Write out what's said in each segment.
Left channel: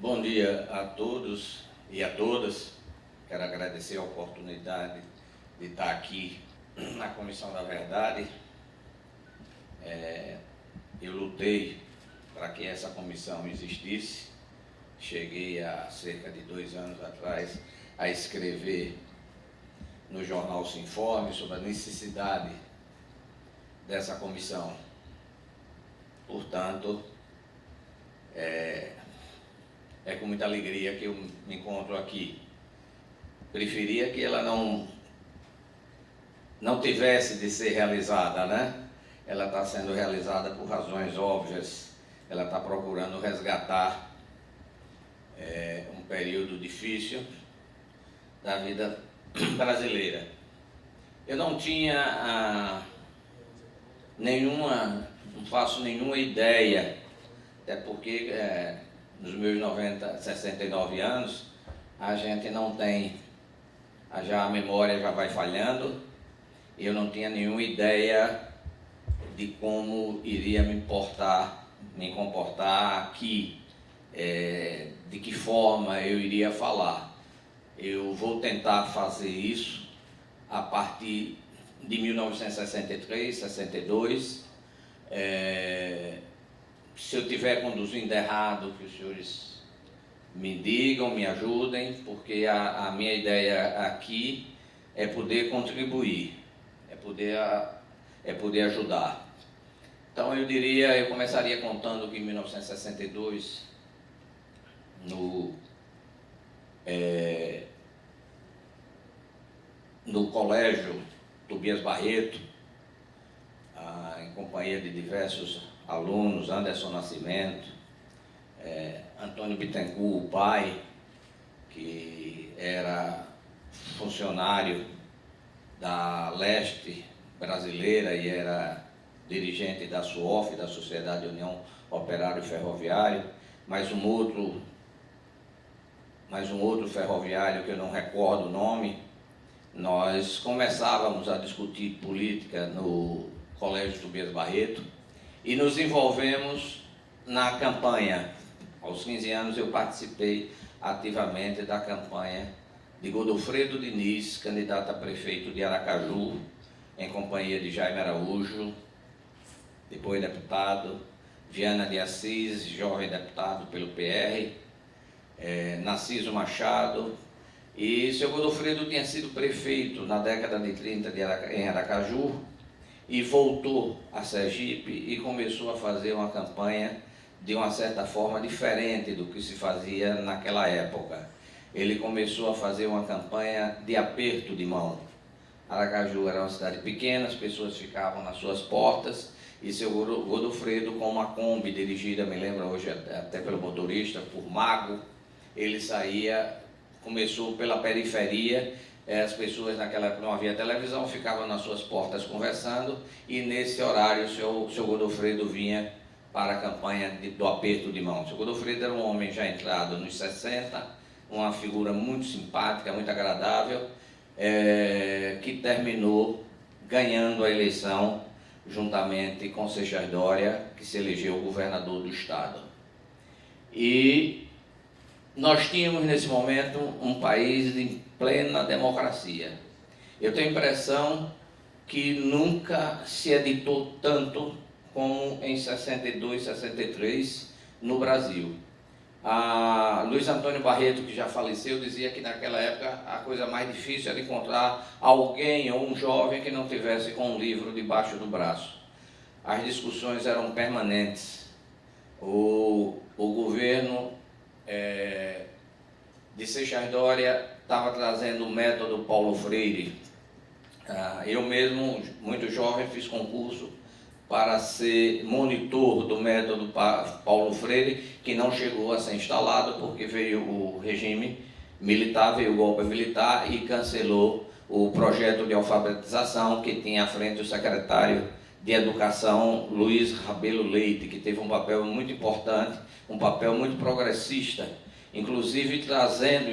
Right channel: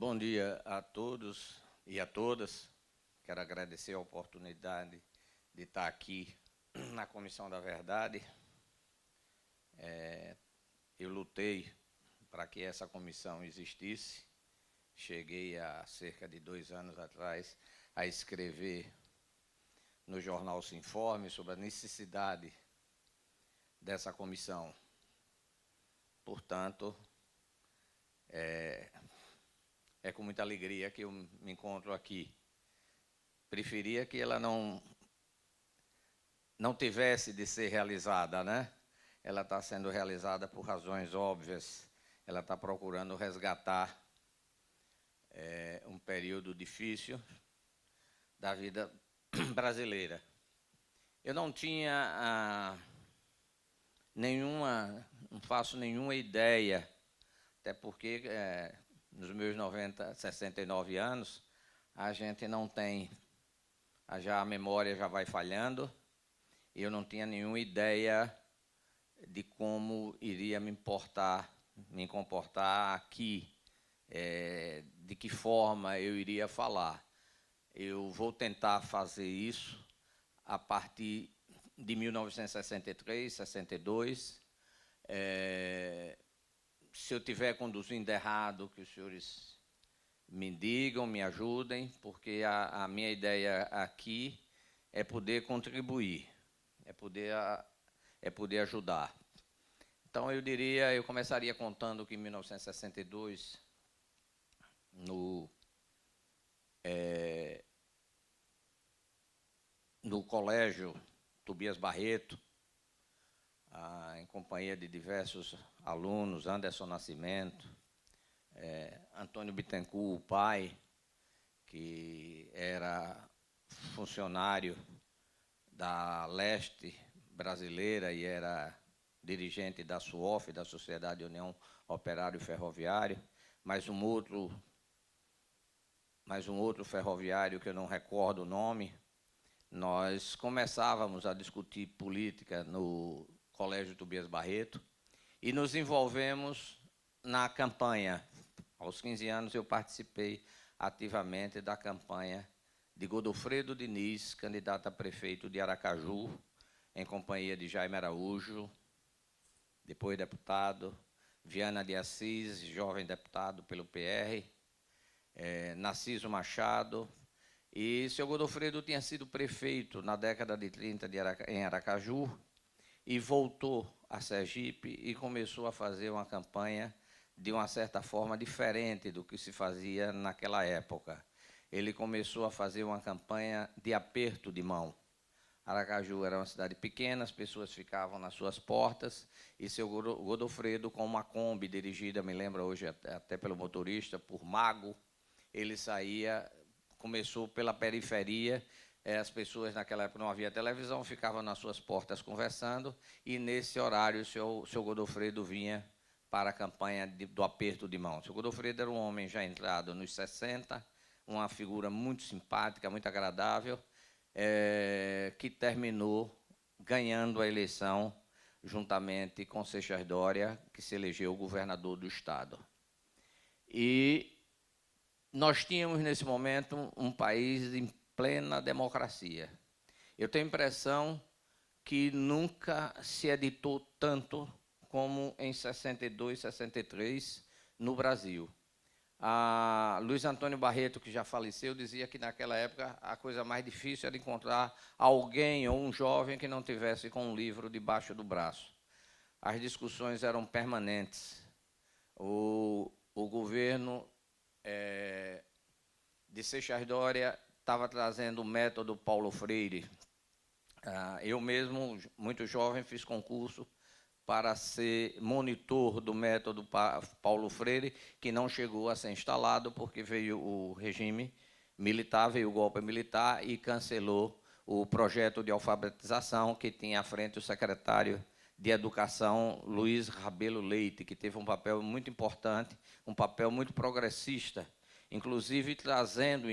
Bom dia a todos e a todas. Quero agradecer a oportunidade de estar aqui na Comissão da Verdade. Eu lutei para que essa comissão existisse. Cheguei há cerca de 2 anos atrás a escrever no jornal Sinforme sobre a necessidade dessa comissão. Portanto, é com muita alegria que eu me encontro aqui. Preferia que ela não tivesse de ser realizada, né? Ela está sendo realizada por razões óbvias. Ela está procurando resgatar um período difícil da vida brasileira. Eu não tinha não faço nenhuma ideia, até porque nos meus 69 anos, a gente não tem, já a memória já vai falhando, eu não tinha nenhuma ideia de como iria me comportar aqui, de que forma eu iria falar. Eu vou tentar fazer isso a partir de 1963, 62. Se eu estiver conduzindo errado, que os senhores me digam, me ajudem, porque a minha ideia aqui é poder contribuir, é poder ajudar. Então eu começaria contando que em 1962, no colégio Tobias Barreto, em companhia de diversos alunos, Anderson Nascimento, Antônio Bittencourt, o pai, que era funcionário da Leste brasileira e era dirigente da SUOF, da Sociedade União Operário Ferroviário, mais um outro ferroviário que eu não recordo o nome. Nós começávamos a discutir política no Colégio Tobias Barreto e nos envolvemos na campanha. Aos 15 anos eu participei ativamente da campanha de Godofredo Diniz, candidato a prefeito de Aracaju, em companhia de Jaime Araújo, depois deputado, Viana de Assis, jovem deputado pelo PR, Narciso Machado, e seu Godofredo tinha sido prefeito na década de 30 em Aracaju e voltou a Sergipe e começou a fazer uma campanha de uma certa forma diferente do que se fazia naquela época. Ele começou a fazer uma campanha de aperto de mão. Aracaju era uma cidade pequena, as pessoas ficavam nas suas portas e seu Godofredo, com uma Kombi dirigida, me lembro hoje até pelo motorista, por Mago, ele começou pela periferia, as pessoas naquela época não havia televisão, ficavam nas suas portas conversando e nesse horário o seu Godofredo vinha para a campanha do aperto de mão. O seu Godofredo era um homem já entrado nos 60, uma figura muito simpática, muito agradável, que terminou ganhando a eleição juntamente com Seixas Dória, que se elegeu governador do estado. E nós tínhamos nesse momento um país em plena democracia. Eu tenho a impressão que nunca se editou tanto como em 62, 63 no Brasil. Luiz Antônio Barreto, que já faleceu, dizia que naquela época a coisa mais difícil era encontrar alguém ou um jovem que não tivesse com um livro debaixo do braço. As discussões eram permanentes. O governo de Seixas Dória estava trazendo o método Paulo Freire. Eu mesmo, muito jovem, fiz concurso para ser monitor do método Paulo Freire, que não chegou a ser instalado porque veio o regime militar, veio o golpe militar e cancelou o projeto de alfabetização que tinha à frente o secretário de Educação, Luiz Rabelo Leite, que teve um papel muito importante, um papel muito progressista, inclusive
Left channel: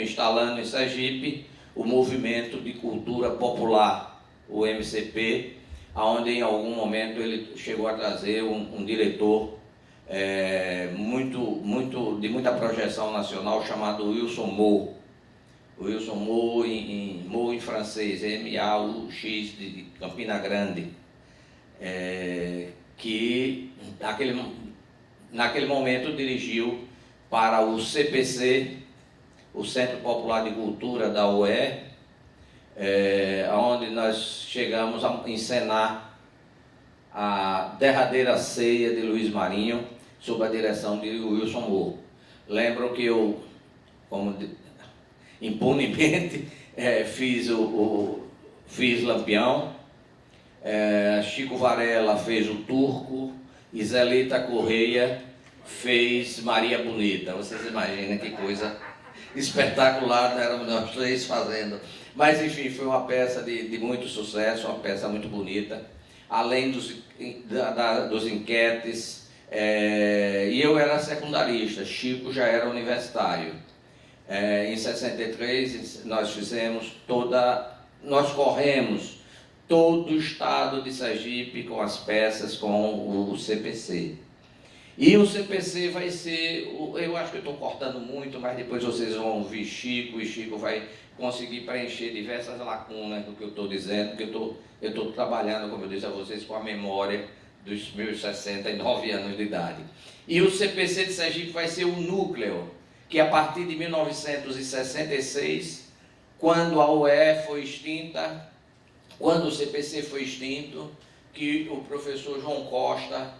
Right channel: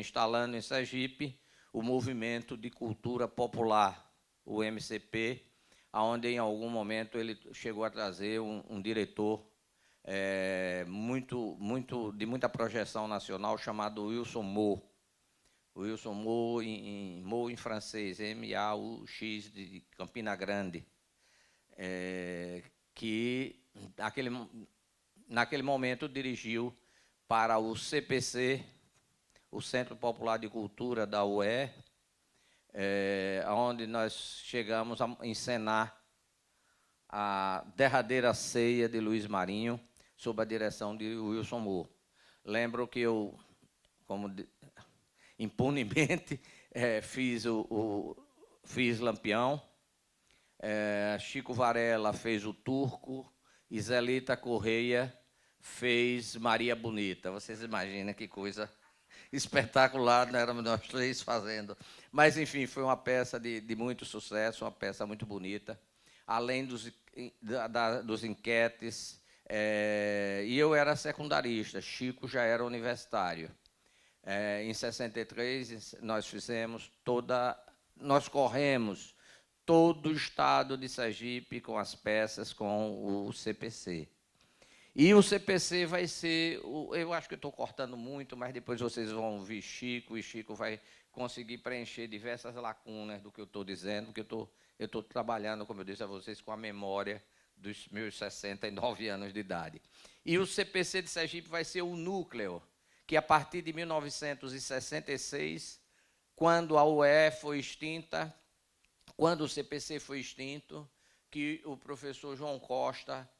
instalando em Sergipe o Movimento de Cultura Popular, o MCP, onde em algum momento ele chegou a trazer um diretor de muita projeção nacional, chamado Wilson Moore. Wilson Moore, Moore em francês, M-A-U-X, de Campina Grande, que naquele momento dirigiu para o CPC, o Centro Popular de Cultura da UE, onde nós chegamos a encenar a derradeira ceia de Luiz Marinho, sob a direção de Wilson Moore. Lembro que eu, impunemente, fiz Lampião, Chico Varela fez o Turco e Zelita Correia fez Maria Bonita. Vocês imaginem que coisa espetacular eram nós três fazendo. Mas, enfim, foi uma peça de muito sucesso, uma peça muito bonita, além dos enquetes, e eu era secundarista, Chico já era universitário. Em 63, nós corremos todo o estado de Sergipe com as peças, com o CPC. E o CPC vai ser, eu acho que eu estou cortando muito, mas depois vocês vão ouvir Chico, e Chico vai conseguir preencher diversas lacunas do que eu estou dizendo, porque eu estou trabalhando, como eu disse a vocês, com a memória dos meus 69 anos de idade. E o CPC de Sergipe vai ser o núcleo, que a partir de 1966, quando a UE foi extinta, quando o CPC foi extinto, que o professor João Costa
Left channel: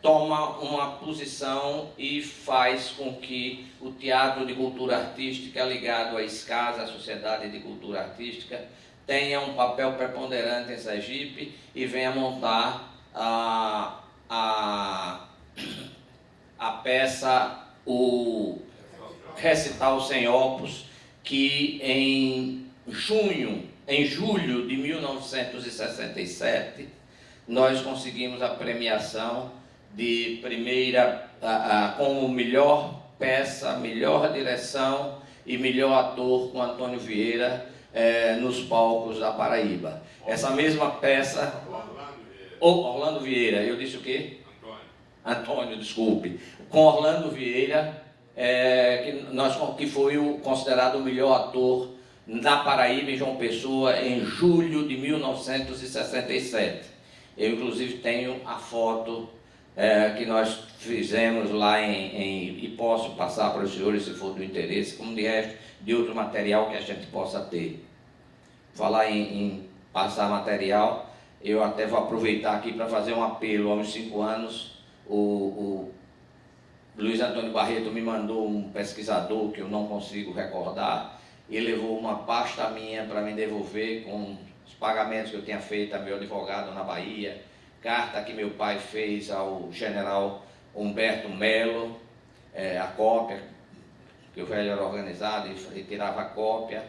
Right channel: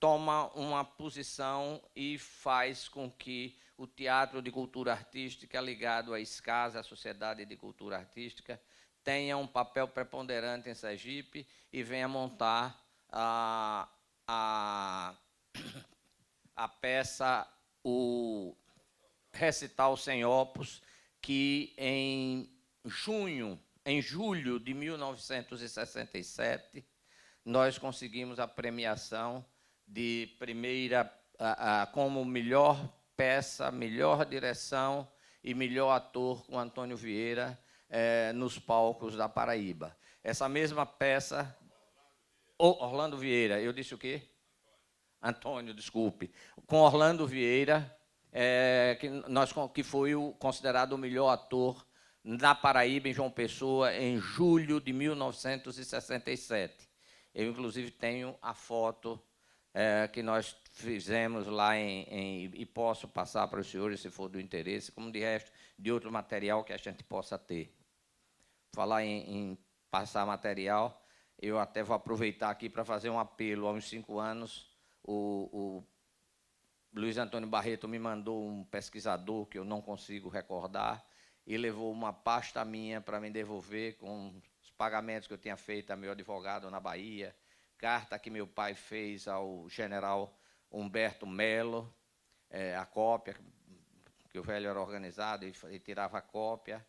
toma uma posição e faz com que o Teatro de Cultura Artística, ligado à SCAS, a Sociedade de Cultura Artística, tenha um papel preponderante em Sergipe e venha montar a peça, o Recital Sem Opus, que em julho de 1967, nós conseguimos a premiação de primeira, como melhor peça, melhor direção e melhor ator com Antônio Vieira nos palcos da Paraíba. Essa mesma peça... Orlando Vieira, eu disse o quê? Antônio, desculpe. Com Orlando Vieira, que foi considerado o melhor ator na Paraíba e João Pessoa em julho de 1967. Eu, inclusive, tenho a foto que nós fizemos lá e posso passar para os senhores, se for do interesse, como de outro material que a gente possa ter. Falar em passar material, eu até vou aproveitar aqui para fazer um apelo. Há uns 5 anos, o Luiz Antônio Barreto me mandou um pesquisador que eu não consigo recordar, e levou uma pasta minha para me devolver com os pagamentos que eu tinha feito a meu advogado na Bahia, carta que meu pai fez ao general Humberto Melo, a cópia, que o velho era organizado e tirava a cópia,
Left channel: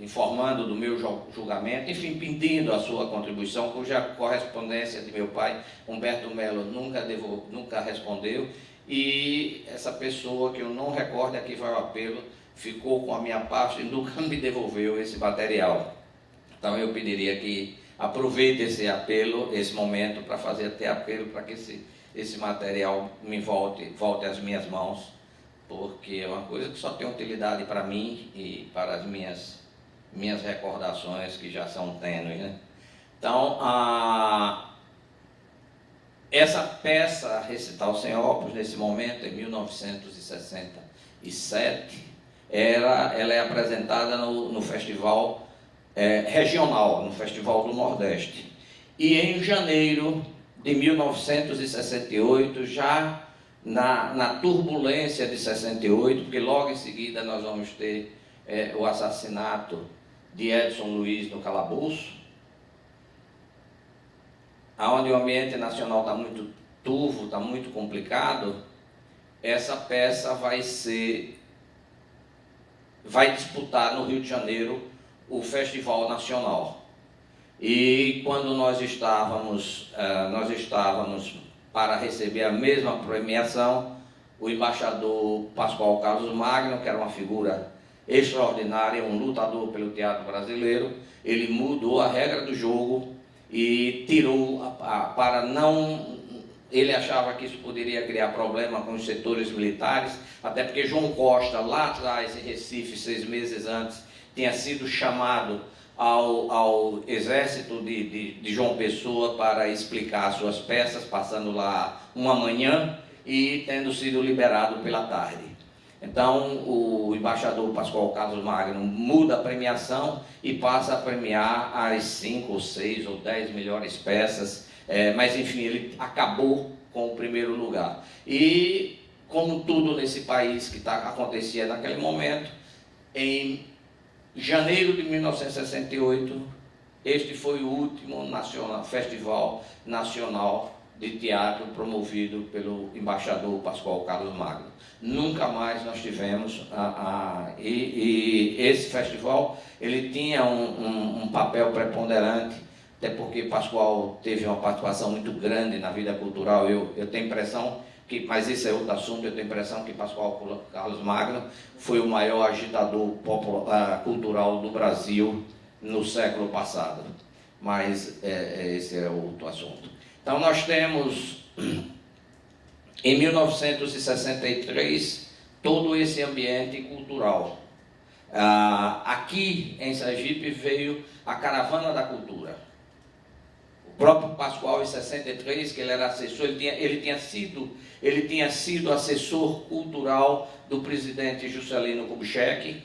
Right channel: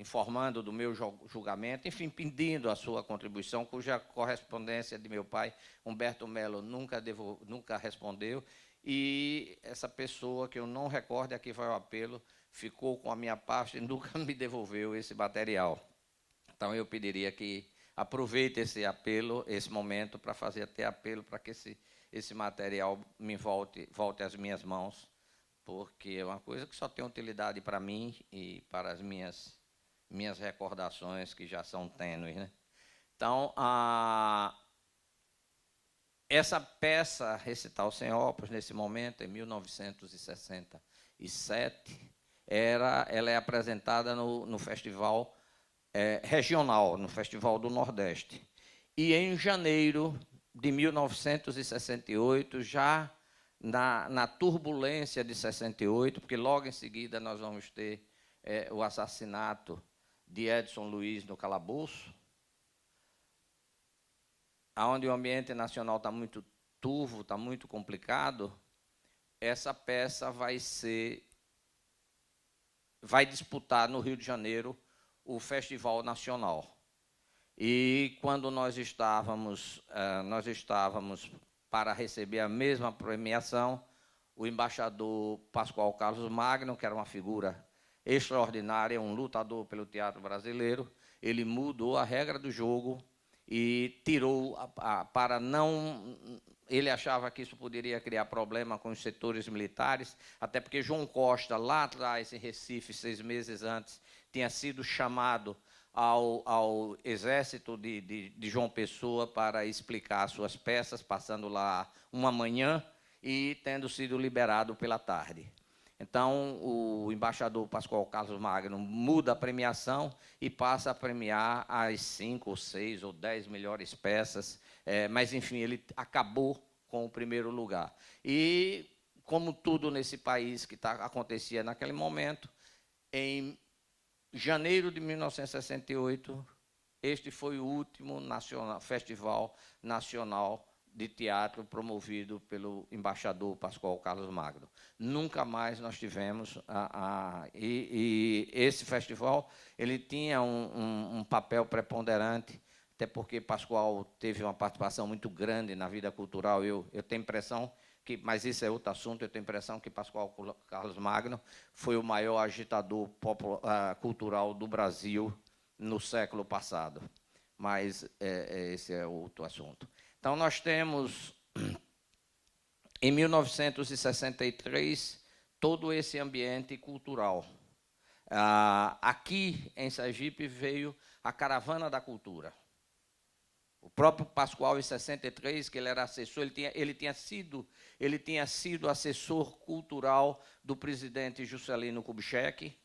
informando do meu julgamento, enfim, pedindo a sua contribuição, cuja correspondência de meu pai, Humberto Melo, nunca respondeu, e essa pessoa, que eu não recordo, aqui vai o apelo, ficou com a minha parte e nunca me devolveu esse material. Então eu pediria que aproveite esse apelo, esse momento, para fazer até apelo para que esse material me volte às minhas mãos, porque é uma coisa que só tem utilidade para mim e para as minhas recordações, que já são tênues, né? Então, essa peça, Recital Sem Opus, nesse momento, em 1967, ela é apresentada no festival regional, no Festival do Nordeste. E em janeiro de 1968, já na turbulência de 68, porque logo em seguida nós vamos ter o assassinato de Edson Luiz no calabouço, onde o ambiente nacional está muito turvo, está muito complicado. Essa peça vai disputar no Rio de Janeiro o Festival Nacional. E quando nós estávamos para receber a mesma premiação, o embaixador Pascoal Carlos Magno, que era uma figura extraordinária, um lutador pelo teatro brasileiro, ele mudou a regra do jogo e tirou, para não... Ele achava que isso poderia criar problema com os setores militares, até porque João Costa, lá atrás, em Recife, 6 meses antes, tinha sido chamado ao exército de João Pessoa para explicar suas peças, passando lá uma manhã e tendo sido liberado pela tarde. Então, o embaixador Pascoal Carlos Magno muda a premiação e passa a premiar as 5 ou 6 ou 10 melhores peças, mas enfim, ele acabou com o primeiro lugar. E, como tudo nesse país que acontecia naquele momento, em janeiro de 1968, este foi o último Festival Nacional de Teatro promovido pelo embaixador Pascoal Carlos Magno. Nunca mais nós tivemos, e esse festival ele tinha um papel preponderante, até porque Pascoal teve uma participação muito grande na vida cultural. Eu tenho a impressão que, mas isso é outro assunto, eu tenho a impressão que Pascoal Carlos Magno foi o maior agitador cultural do Brasil no século passado. Mas esse é outro assunto. Então nós temos, em 1963, todo esse ambiente cultural. Aqui em Sergipe veio a Caravana da Cultura. O próprio Pascoal, em 63, que ele era assessor, ele tinha sido assessor cultural do presidente Juscelino Kubitschek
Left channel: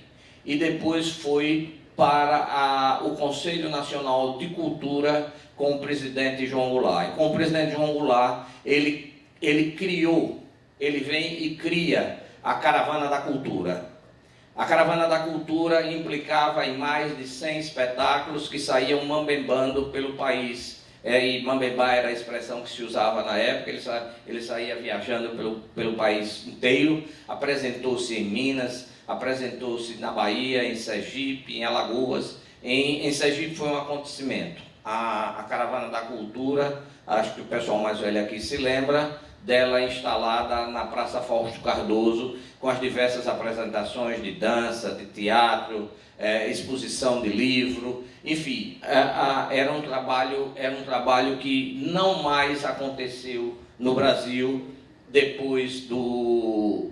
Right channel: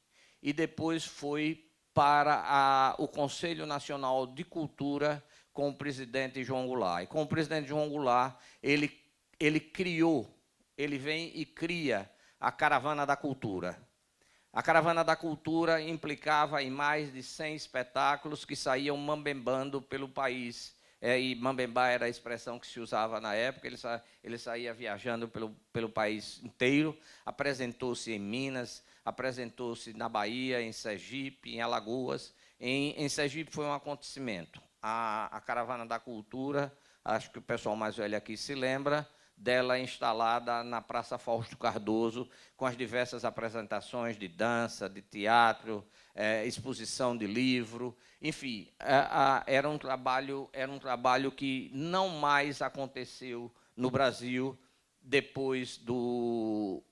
e depois foi para o Conselho Nacional de Cultura com o presidente João Goulart. E com o presidente João Goulart, ele vem e cria a Caravana da Cultura. A Caravana da Cultura implicava em mais de 100 espetáculos que saíam mambembando pelo país. E mambembar era a expressão que se usava na época. Ele saía viajando pelo país inteiro. Apresentou-se em Minas, apresentou-se na Bahia, em Sergipe, em Alagoas. Em Sergipe foi um acontecimento. A Caravana da Cultura, acho que o pessoal mais velho aqui se lembra, dela instalada na Praça Fausto Cardoso, com as diversas apresentações de dança, de teatro, exposição de livro, enfim, era um trabalho que não mais aconteceu no Brasil depois do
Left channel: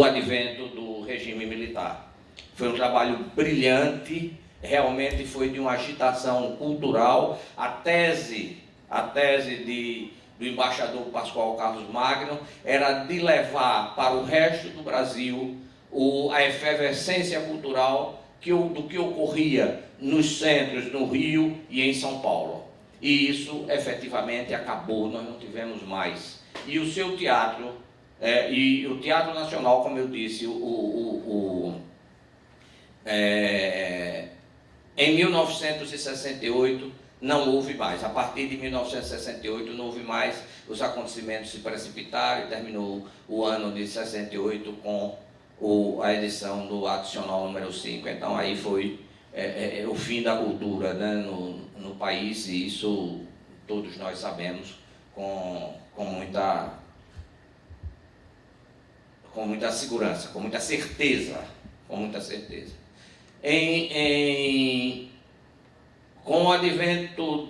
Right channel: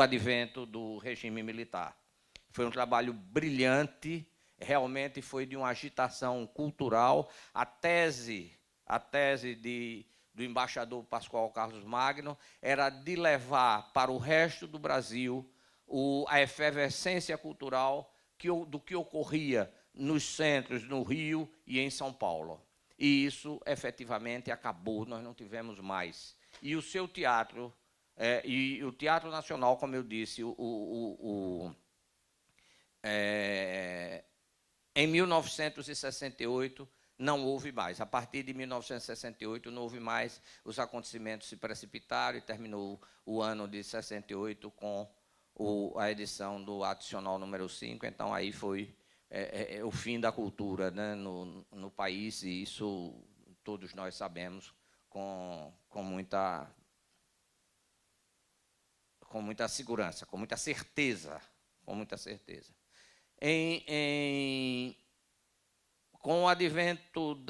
advento do regime militar. Foi um trabalho brilhante, realmente foi de uma agitação cultural. A tese do embaixador Pascoal Carlos Magno era de levar para o resto do Brasil a efervescência cultural do que ocorria nos centros, no Rio e em São Paulo. E isso efetivamente acabou, nós não tivemos mais. E o seu teatro, e o Teatro Nacional, como eu disse, em 1968, não houve mais. A partir de 1968 não houve mais, os acontecimentos se precipitaram e terminou o ano de 68 com a edição do adicional número 5. Então aí foi o fim da cultura, né, no país, e isso todos nós sabemos com muita segurança, com muita certeza. Com o advento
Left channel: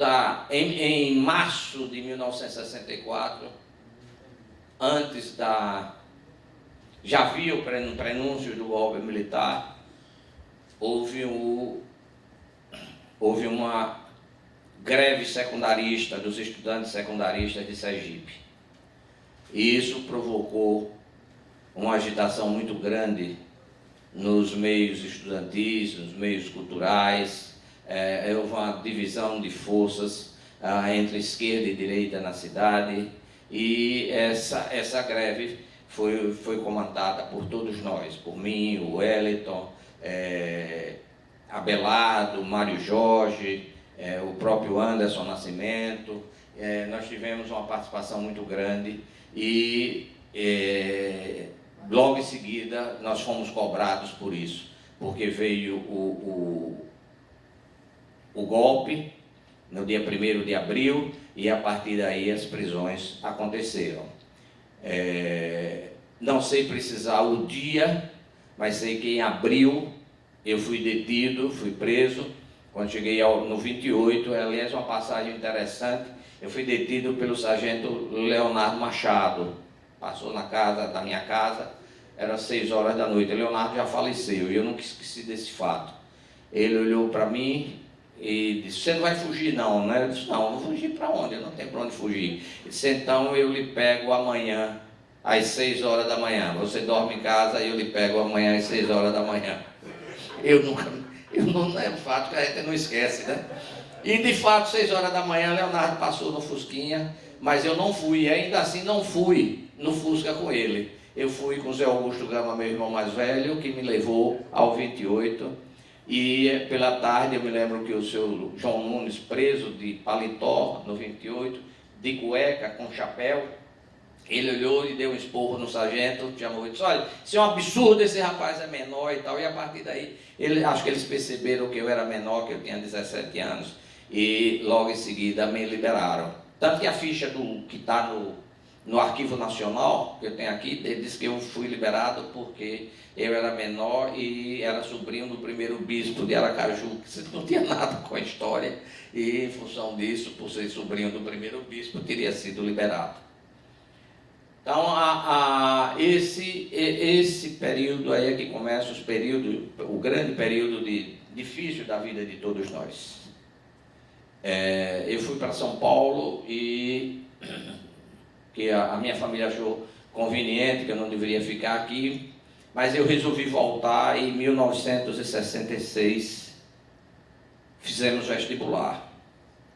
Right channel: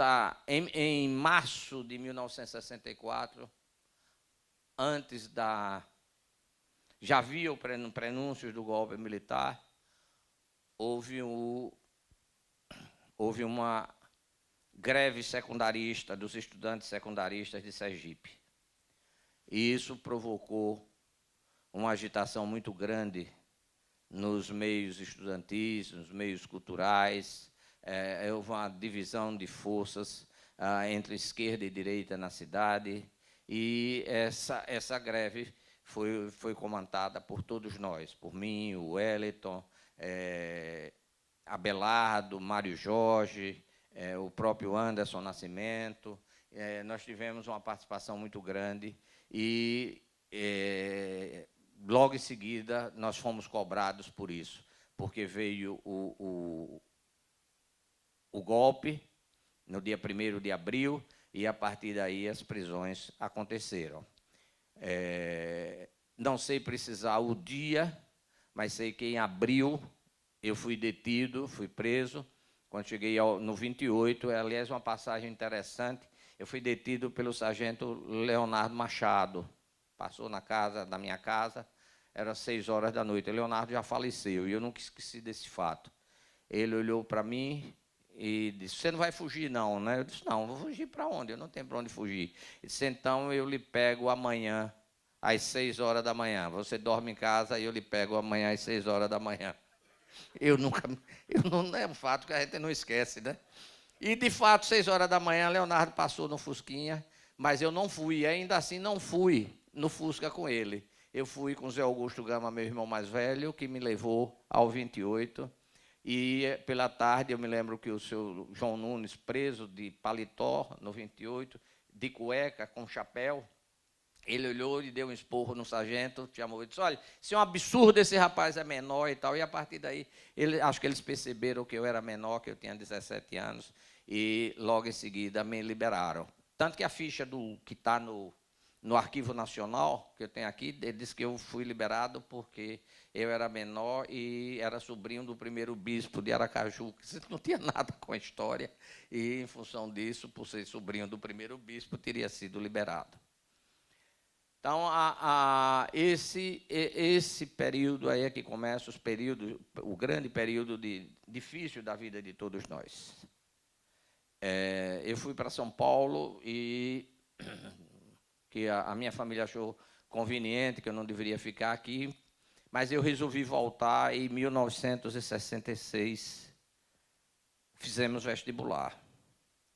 em março de 1964, já havia o prenúncio do golpe militar, houve uma greve secundarista dos estudantes secundaristas de Sergipe. E isso provocou uma agitação muito grande nos meios estudantis, nos meios culturais. Houve uma divisão de forças entre esquerda e direita na cidade, e essa greve foi comandada por todos nós, por mim, o Wellington, Abelardo, Mário Jorge, o próprio Anderson Nascimento. Nós tivemos uma participação muito grande e logo em seguida nós fomos cobrados por isso, porque veio o golpe no dia 1º de abril e a partir daí as prisões aconteceram. Não sei precisar o dia, mas sei que em abril eu fui detido, fui preso Quando cheguei no 28, aliás, uma passagem interessante, eu fui detido pelo sargento Leonardo Machado. Passou da minha casa, era 6 horas da noite. O Leonardo já faleceu e eu nunca esqueci desse fato. Ele olhou para mim e disse: você não vai fugir não, né? Eu disse: não, vou fugir para onde? Eu não tenho para onde fugir. Ele disse: então eu lhe pego amanhã, às 6 horas da manhã. Você dorme em casa e eu lhe pego amanhã às 6 horas da manhã. Não é fato que a gente não esquece, né? E de fato, 6 horas da manhã, Leonardo passou no Fusquinha, mas eu não fui, e ainda assim não fui no Fusca com ele. Eu fui com o Zé Augusto Gama, meu irmão mais velho, que me levou ao 28, e pela tarde eu me lembro que o seu João Nunes, preso de paletó no 28, de cueca, com chapéu, ele olhou e deu um esporro no sargento, chamou e disse: olha, isso é um absurdo, esse rapaz é menor e tal. E a partir daí, acho que eles perceberam que eu era menor, que eu tinha 17 anos, e logo em seguida me liberaram. Tanto que a ficha que está no Arquivo Nacional, que eu tenho aqui, ele diz que eu fui liberado porque eu era menor e era sobrinho do primeiro bispo de Aracaju, que não tinha nada com a história, e em função disso, por ser sobrinho do primeiro bispo, teria sido liberado. Então, esse período aí é que começa o grande período difícil da vida de todos nós. Eu fui para São Paulo e a minha família achou conveniente que eu não deveria ficar aqui, mas eu resolvi voltar e em 1966 fizemos vestibular.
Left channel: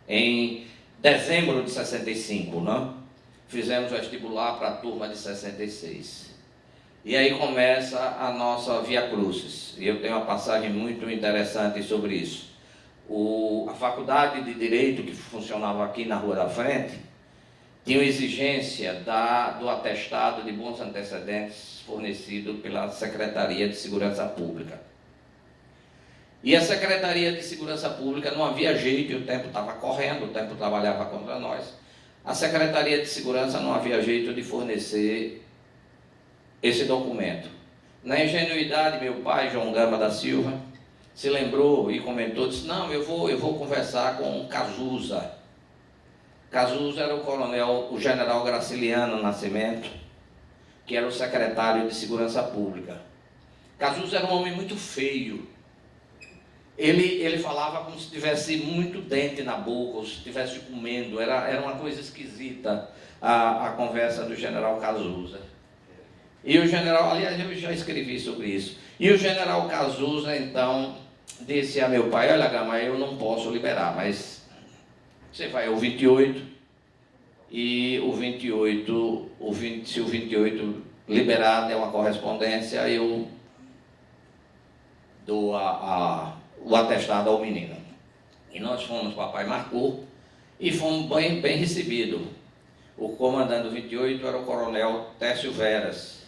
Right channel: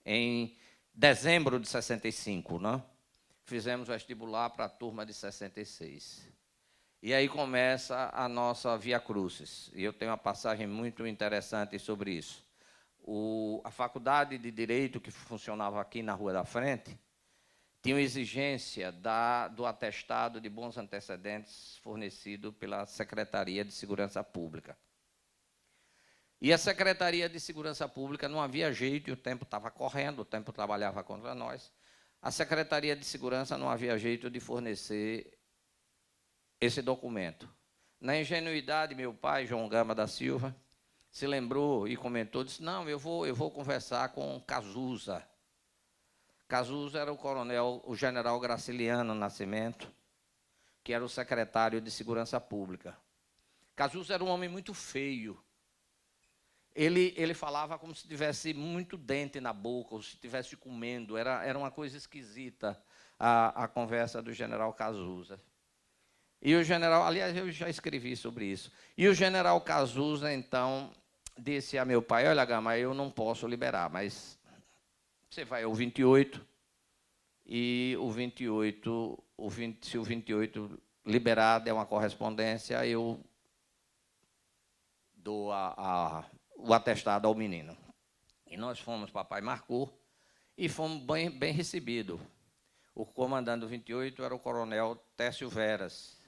Em dezembro de 65, não? Fizemos vestibular para a turma de 66. E aí começa a nossa Via Crucis. E eu tenho uma passagem muito interessante sobre isso. A faculdade de Direito, que funcionava aqui na Rua da Frente, tinha exigência do atestado de bons antecedentes fornecido pela Secretaria de Segurança Pública. E a Secretaria de Segurança Pública não havia jeito, o tempo estava correndo, o tempo trabalhava contra nós. A Secretaria de Segurança não havia jeito de fornecer esse documento. Na ingenuidade, meu pai, João Gama da Silva, se lembrou e comentou, disse: não, eu vou conversar com Cazuza. Cazuza era o general Graciliano Nascimento, que era o secretário de Segurança Pública. Cazuza era um homem muito feio. Ele falava como se tivesse muito dente na boca, ou se estivesse comendo. Era uma coisa esquisita a conversa do general Cazuza. E o general, aliás, eu já escrevi sobre isso. E o general Cazuza, então, disse a meu pai: olha, Gama, eu não posso liberar, mas você vai ao 28, e se o 28 liberado é uma correspondência, eu dou o atestado ao menino. E nós fomos, papai marcou, e fomos bem recebidos. O comandante do 28 era o coronel Técio Veras,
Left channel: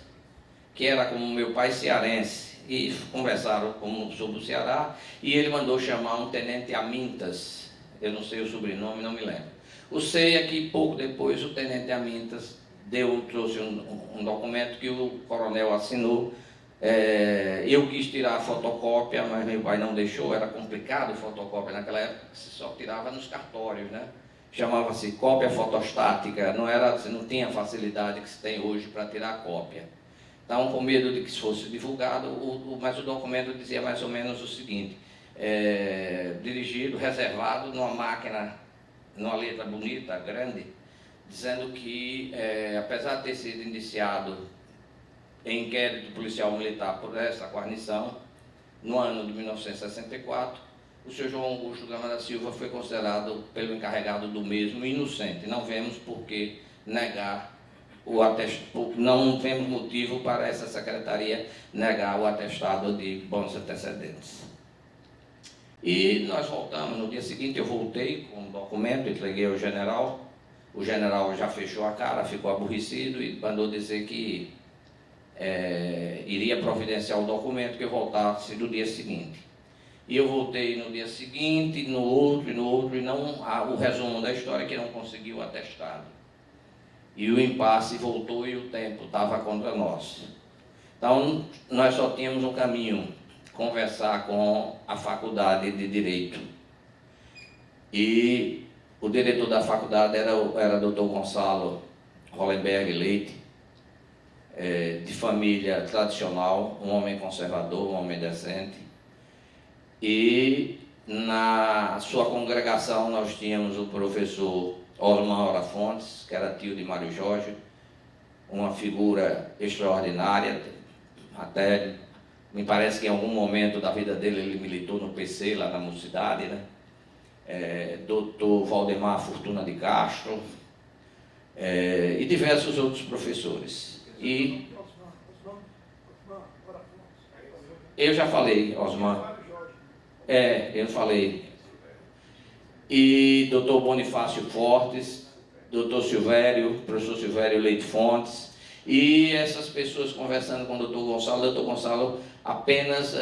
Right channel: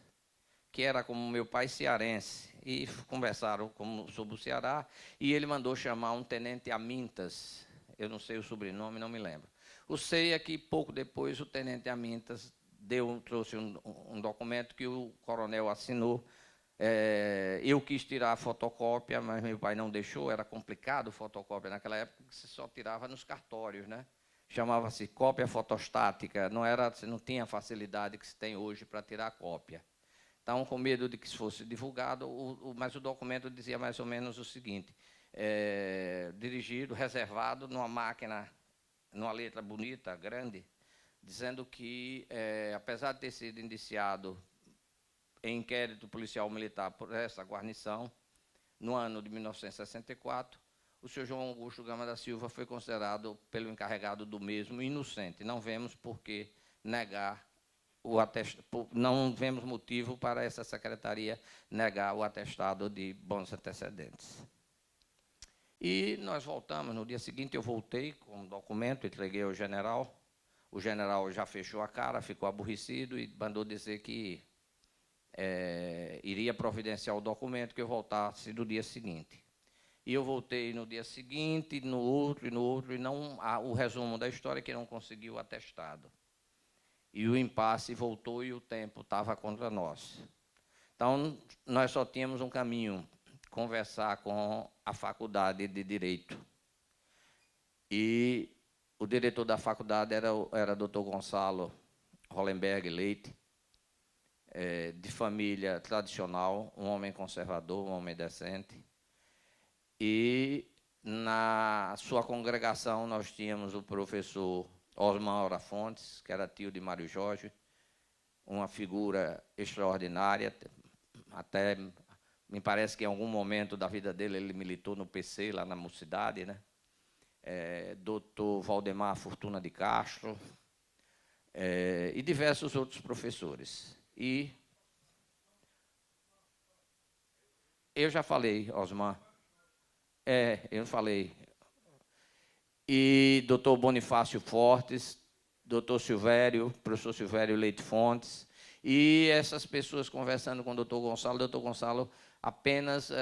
que era como meu pai cearense, e conversaram sobre o Ceará, e ele mandou chamar um tenente Amintas, eu não sei o sobrenome, não me lembro. O sei é que pouco depois o tenente Amintas trouxe um documento que o coronel assinou. Eu quis tirar a fotocópia, mas meu pai não deixou, era complicado fotocópia naquela época, se só tirava nos cartórios, né? Chamava-se cópia fotostática, não tinha a facilidade que se tem hoje para tirar cópia. Então, com medo de que isso fosse divulgado, mas o documento dizia mais ou menos o seguinte: dirigido, reservado numa máquina, numa letra bonita, grande, dizendo que, apesar de ter sido iniciado em inquérito policial militar por essa guarnição, no ano de 1964, o senhor João Augusto Gama da Silva foi considerado pelo encarregado do mesmo inocente. Não vemos por que negar o atestado, não vemos motivo para essa secretaria negar o atestado de bons antecedentes. E nós voltamos, no dia seguinte eu voltei com o documento, entreguei ao general. O general já fechou a cara, ficou aborrecido e mandou dizer que iria providenciar o documento, que eu voltasse no dia seguinte. E eu voltei no dia seguinte, no outro, e não o resumo da história, que não conseguiu o atestado. E o impasse voltou e o tempo estava contra nós. Então, nós só tínhamos um caminho: conversar com a faculdade de Direito. E o diretor da faculdade era o Dr. Gonçalo Hollenberg Leite, de família tradicional, um homem conservador, um homem decente. E na sua congregação nós tínhamos o professor Osmar Ora Fontes, que era tio de Mário Jorge, uma figura extraordinária, até me parece que em algum momento da vida dele ele militou no PC, lá na Mocidade, né? Dr. Valdemar Fortuna de Castro, e diversos outros professores. E eu já falei, Osmar. Eu falei. E Dr. Bonifácio Fortes, Dr. Silvério, professor Silvério Leite Fontes, e essas pessoas conversando com o Dr. Gonçalo apenas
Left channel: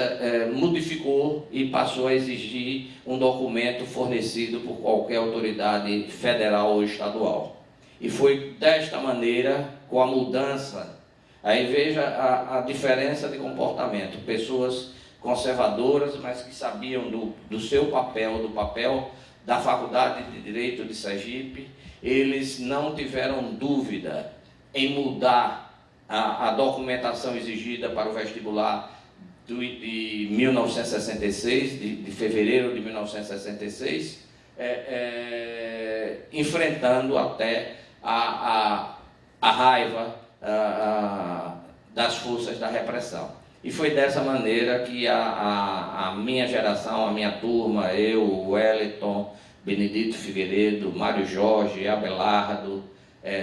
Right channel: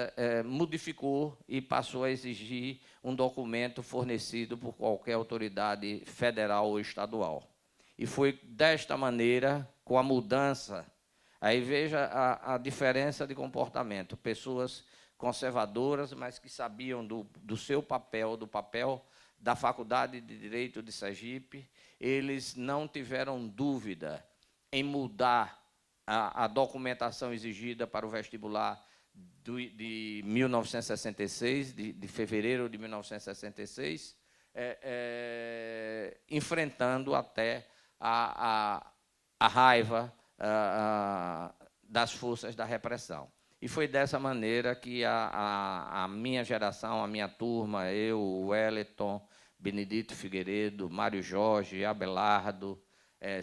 modificou e passou a exigir um documento fornecido por qualquer autoridade federal ou estadual. E foi desta maneira, com a mudança, aí veja a diferença de comportamento. Pessoas conservadoras, mas que sabiam do seu papel, do papel da Faculdade de Direito de Sergipe, eles não tiveram dúvida em mudar a documentação exigida para o vestibular de 1966, de fevereiro de 1966, enfrentando até a raiva das forças da repressão. E foi dessa maneira que a minha geração, a minha turma, eu, o Wellington, Benedito Figueiredo, Mário Jorge, Abelardo,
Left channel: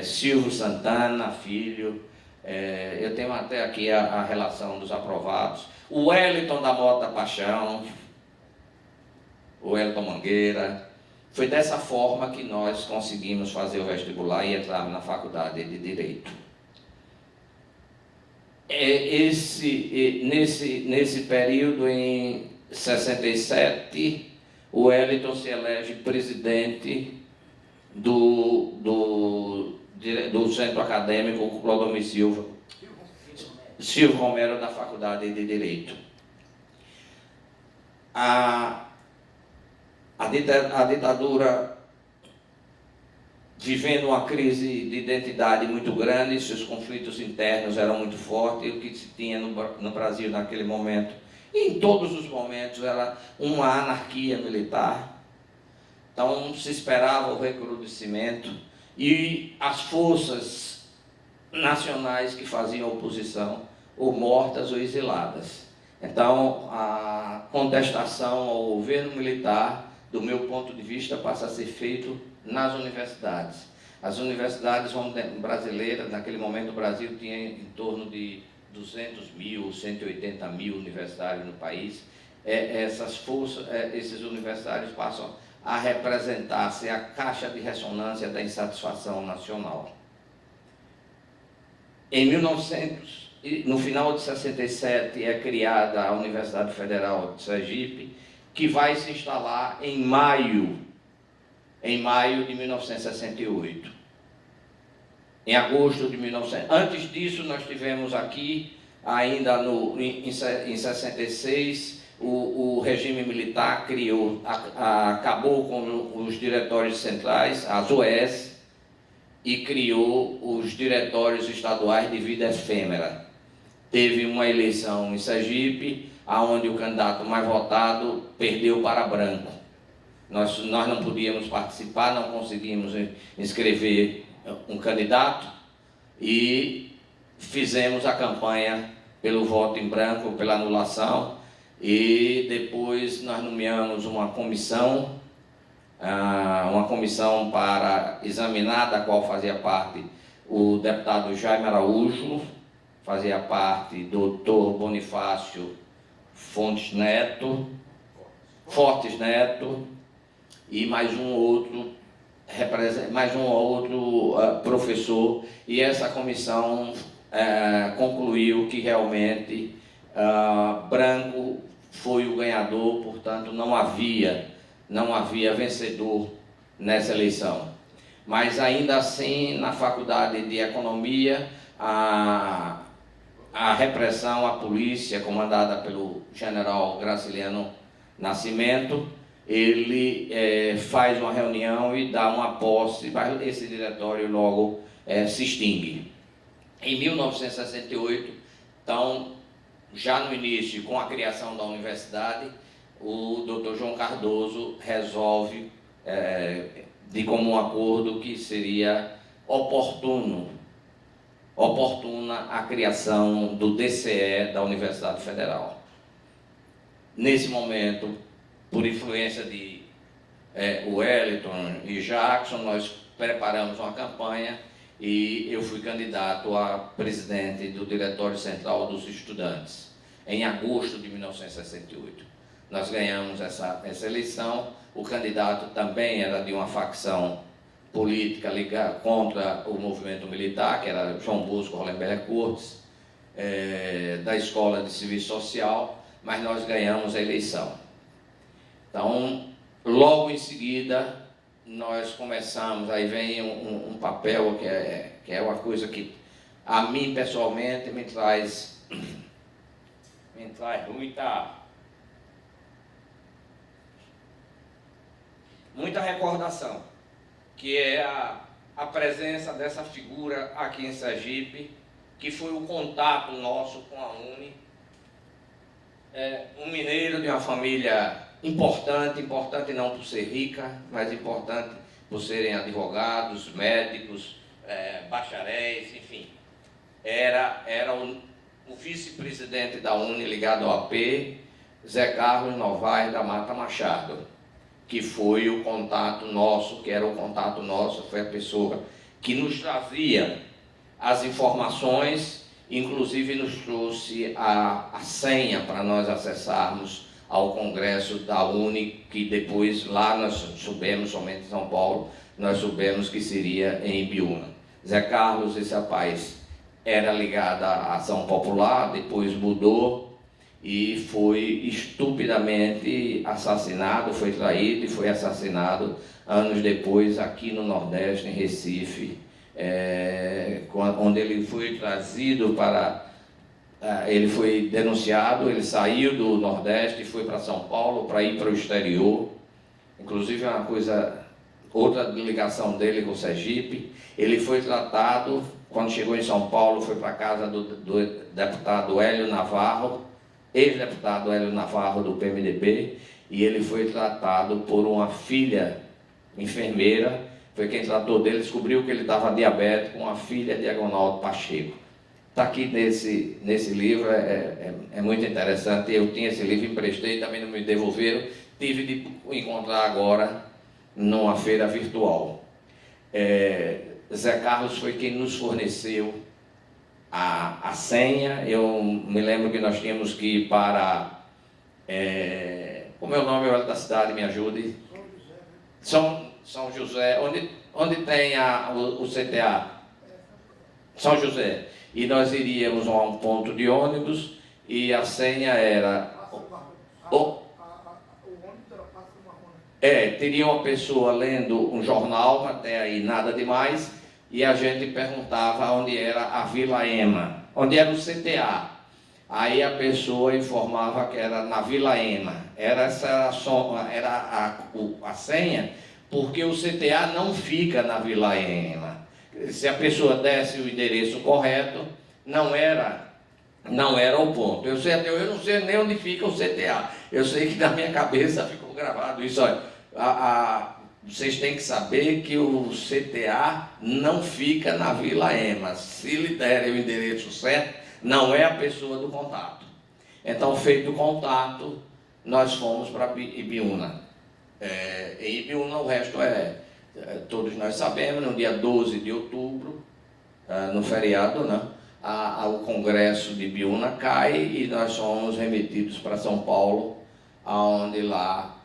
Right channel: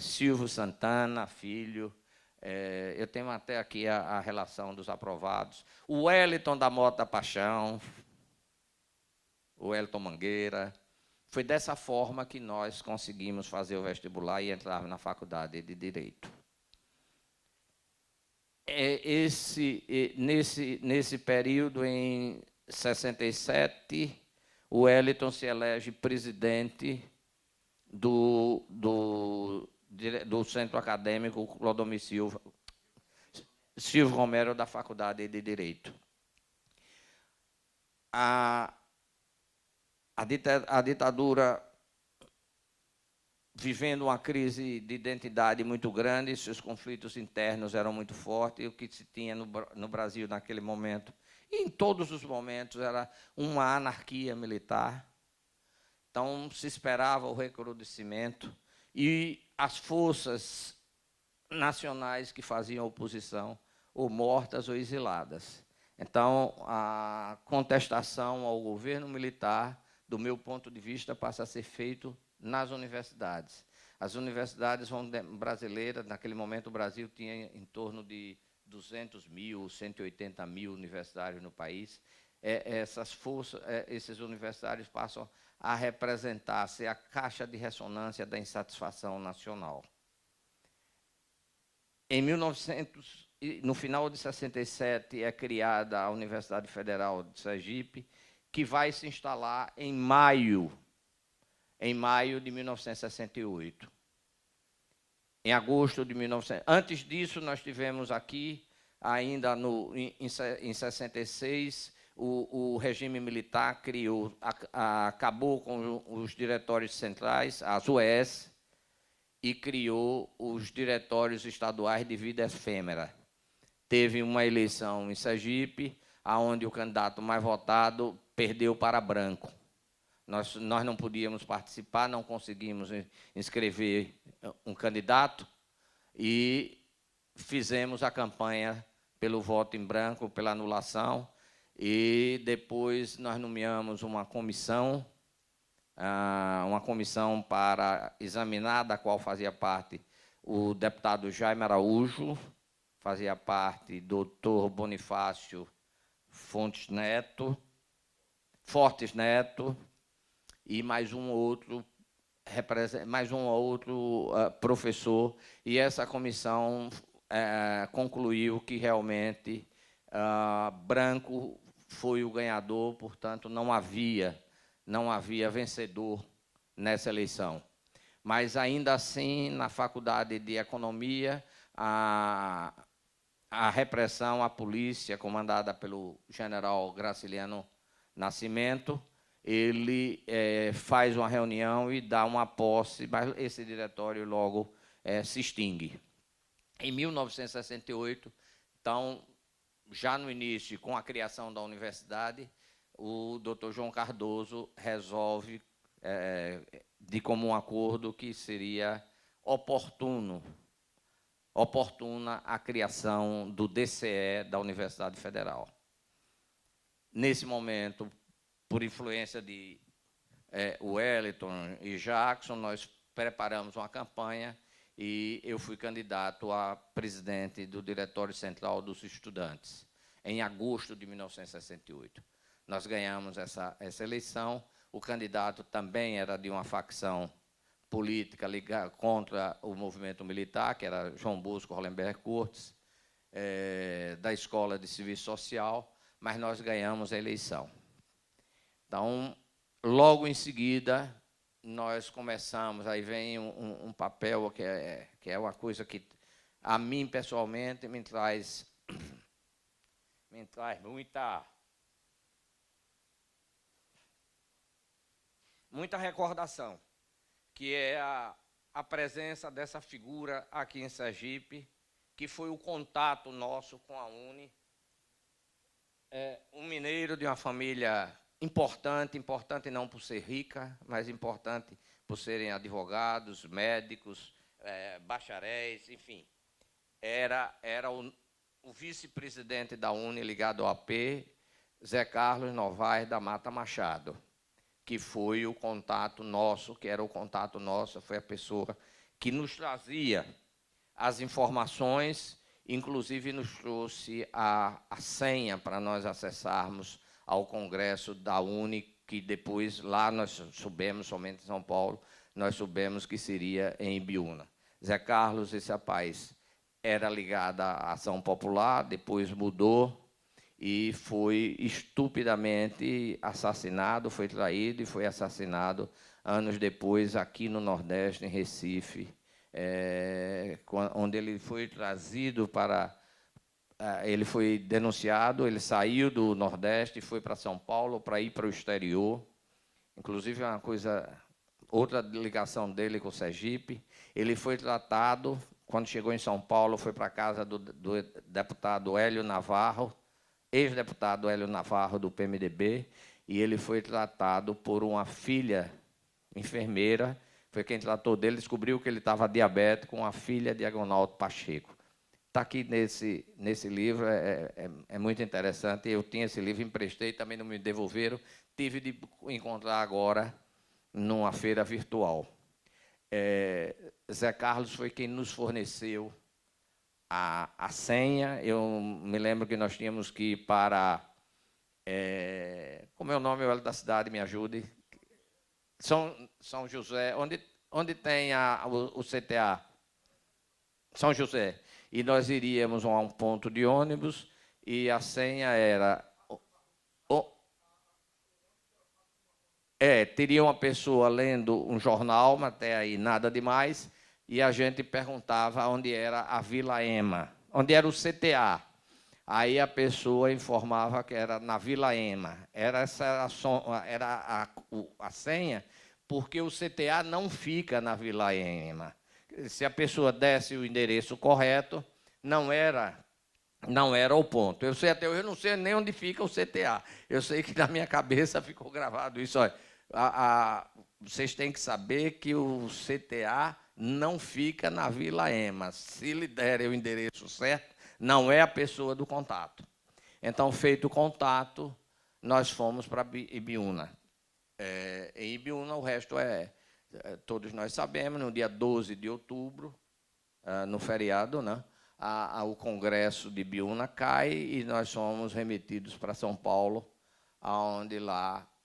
Silvio Santana, filho, eu tenho até aqui a relação dos aprovados, o Wellington da Mota Paixão, o Wellington Mangueira. Foi dessa forma que nós conseguimos fazer o vestibular e entrar na Faculdade de Direito. Nesse período, em 67, o Wellington se elege presidente do Centro Acadêmico Clodomir Silva Romero, da Faculdade de Direito. A ditadura, vivendo uma crise de identidade muito grande, seus conflitos internos eram muito fortes, e o que se tinha no Brasil naquele momento, e em todos os momentos, era uma anarquia militar. Então se esperava o recrudescimento, e as forças nacionais que faziam oposição, ou mortas ou exiladas. Então a contestação ao governo militar, do meu ponto de vista, passa a ser feito nas universidades. As universidades brasileiras, naquele momento o Brasil tinha em torno de 200 mil, 180 mil universitários no país. Essas forças, esses universitários passam a representar, ser a caixa de ressonância da insatisfação nacional. No final de 67 é criada a Universidade Federal de Sergipe, que vai se instalar em maio de 1968. Em agosto de 1968. Antes disso, nós tivemos aqui, ainda em 66, o regime militar acabou com os diretórios centrais, as UES, e criou os diretórios estaduais de vida efêmera. Teve uma eleição em Sergipe, onde o candidato mais votado perdeu para branco. Nós não podíamos participar, não conseguimos inscrever um candidato e fizemos a campanha pelo voto em branco, pela anulação, e depois nós nomeamos uma comissão para examinar, da qual fazia parte o deputado Jaime Araújo, fazia parte do Dr. Bonifácio Fortes Neto, e mais um outro professor, e essa comissão concluiu que realmente branco foi o ganhador, portanto não havia vencedor nessa eleição. Mas ainda assim, na Faculdade de Economia, a repressão, a polícia, comandada pelo general Graciliano Nascimento, ele faz uma reunião e dá uma posse, mas esse diretório logo se extingue. Em 1968, então, já no início, com a criação da universidade, o Dr. João Cardoso resolve, de comum acordo, que seria oportuna a criação do DCE da Universidade Federal. Nesse momento, por influência de Wellington e Jackson, nós preparamos uma campanha e eu fui candidato a presidente do Diretório Central dos Estudantes, em agosto de 1968. Nós ganhamos essa eleição. O candidato também era de uma facção política ligada contra o movimento militar, que era João Bosco Hollenberg Cortes, da Escola de Serviço Social, mas nós ganhamos a eleição. Então, logo em seguida, nós começamos, aí vem um papel que é uma coisa que a mim pessoalmente me traz muita recordação, que é a presença dessa figura aqui em Sergipe, que foi o contato nosso com a UNE. Um mineiro de uma família importante não por ser rica, mas importante por serem advogados, médicos, bacharéis, enfim. Era o vice-presidente da UNE ligado ao AP, Zé Carlos Novaes da Mata Machado, que foi o contato nosso, foi a pessoa que nos trazia as informações, inclusive nos trouxe a senha para nós acessarmos ao Congresso da UNE, que depois lá nós soubemos, somente em São Paulo, nós soubemos que seria em Ibiúna. Zé Carlos, esse rapaz, era ligado à Ação Popular, depois mudou e foi estupidamente assassinado, foi traído e foi assassinado anos depois aqui no Nordeste, em Recife, onde ele foi trazido para... ele foi denunciado, ele saiu do Nordeste e foi para São Paulo para ir para o exterior. Inclusive, uma coisa, outra ligação dele com o Sergipe. Ele foi tratado, quando chegou em São Paulo, foi para a casa do deputado Hélio Navarro, ex-deputado Hélio Navarro do PMDB, e ele foi tratado por uma filha enfermeira, foi quem tratou dele, descobriu que ele estava diabético, uma filha de Agonaldo Pacheco. Está aqui nesse livro, é muito interessante. Eu tinha esse livro, emprestei, também não me devolveram, tive de encontrar agora numa feira virtual. Zé Carlos foi quem nos forneceu a senha. Eu me lembro que nós tínhamos que ir para... o meu nome é da cidade, me ajude. São José, onde tem o CTA? São José. E nós iríamos a um ponto de ônibus e a senha era... teria uma pessoa lendo um jornal, até aí nada demais, e a gente perguntava onde era a Vila Ema, onde era o CTA. Aí a pessoa informava que era na Vila Ema. Essa era a senha, porque o CTA não fica na Vila Ema. Se a pessoa desse o endereço correto, não era o ponto. Eu não sei nem onde fica o CTA. Eu sei que na minha cabeça ficou gravado isso. Olha, vocês têm que saber que o CTA não fica na Vila Ema. Se lhe derem o endereço certo, não é a pessoa do contato. Então, feito o contato, nós fomos para Ibiúna. Em Ibiúna, o resto todos nós sabemos, no dia 12 de outubro, no feriado, né, o Congresso de Ibiúna cai e nós somos remetidos para São Paulo, onde lá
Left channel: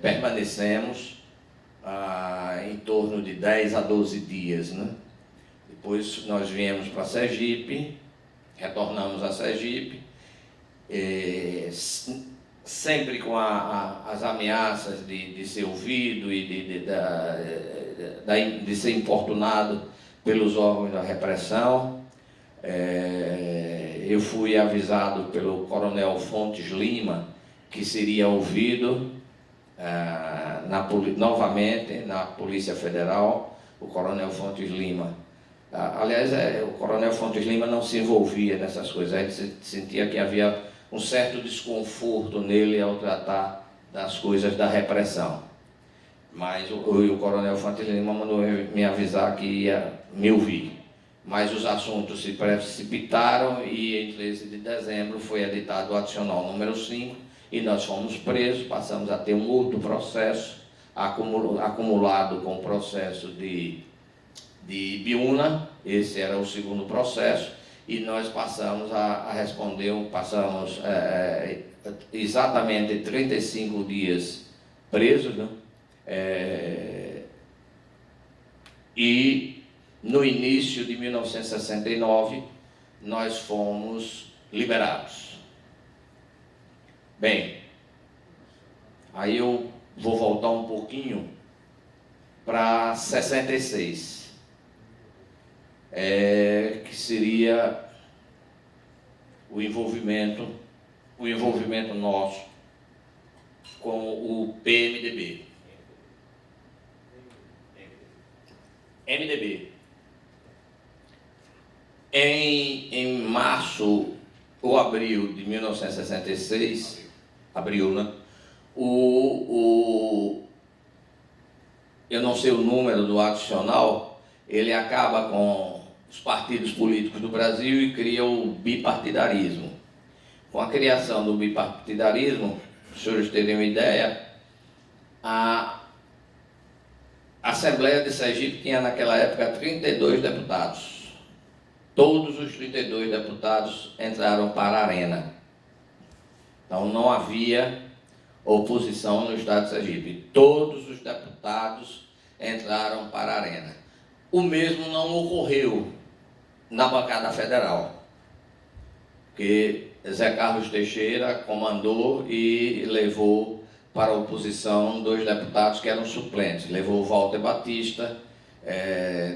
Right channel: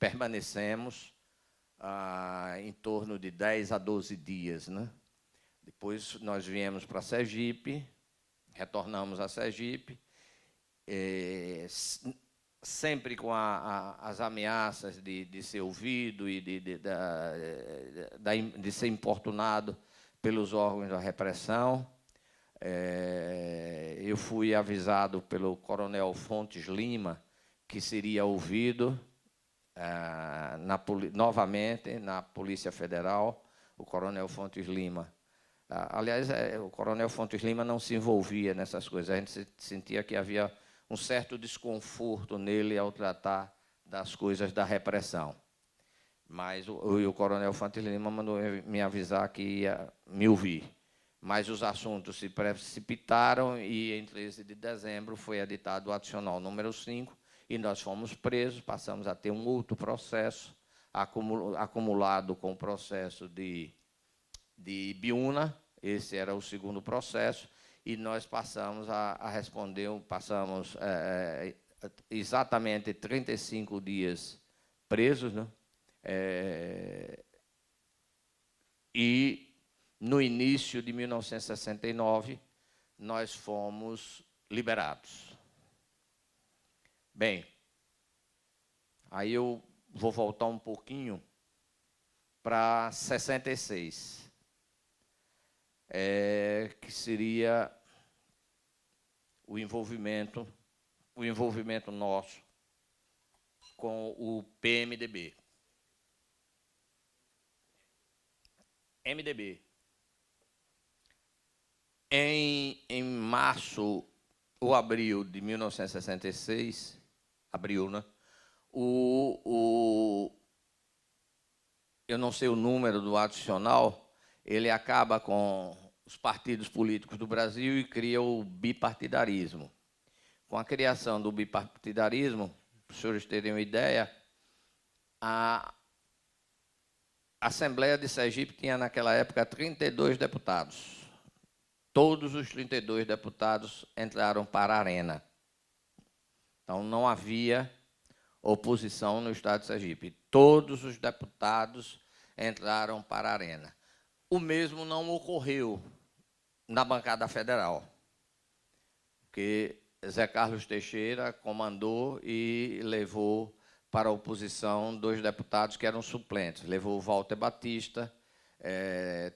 permanecemos em torno de 10 a 12 dias. Né? Depois nós viemos para Sergipe, retornamos a Sergipe, sempre com as ameaças de ser ouvido e de ser importunado pelos órgãos da repressão. Eu fui avisado pelo coronel Fontes Lima, que seria ouvido novamente na Polícia Federal, o Coronel Fontes Lima. Aliás, o Coronel Fontes Lima não se envolvia nessas coisas, a gente sentia que havia um certo desconforto nele ao tratar das coisas da repressão. Mas o Coronel Fontes Lima mandou me avisar que ia me ouvir. Mas os assuntos se precipitaram e em 13 de dezembro foi editado o adicional número 5 e nós fomos presos, passamos a ter um outro processo acumulado com o processo de Ibiúna, esse era o segundo processo, e nós passamos a responder, passamos exatamente 35 dias presos, né? E no início de 1969 nós fomos liberados. Bem, aí eu vou voltar um pouquinho para 66. Que seria o envolvimento nosso com o PMDB. MDB. Em março ou abril de 1966, abril, né? Eu não sei o número do adicional, ele acaba com os partidos políticos do Brasil e cria o bipartidarismo. Com a criação do bipartidarismo, para os senhores terem uma ideia, a Assembleia de Sergipe tinha naquela época 32 deputados. Todos os 32 deputados entraram para a Arena. Então não havia oposição no Estado de Sergipe. Todos os deputados entraram para a Arena. O mesmo não ocorreu na bancada federal, que Zé Carlos Teixeira comandou e levou para a oposição 2 deputados que eram suplentes. Levou o Walter Batista,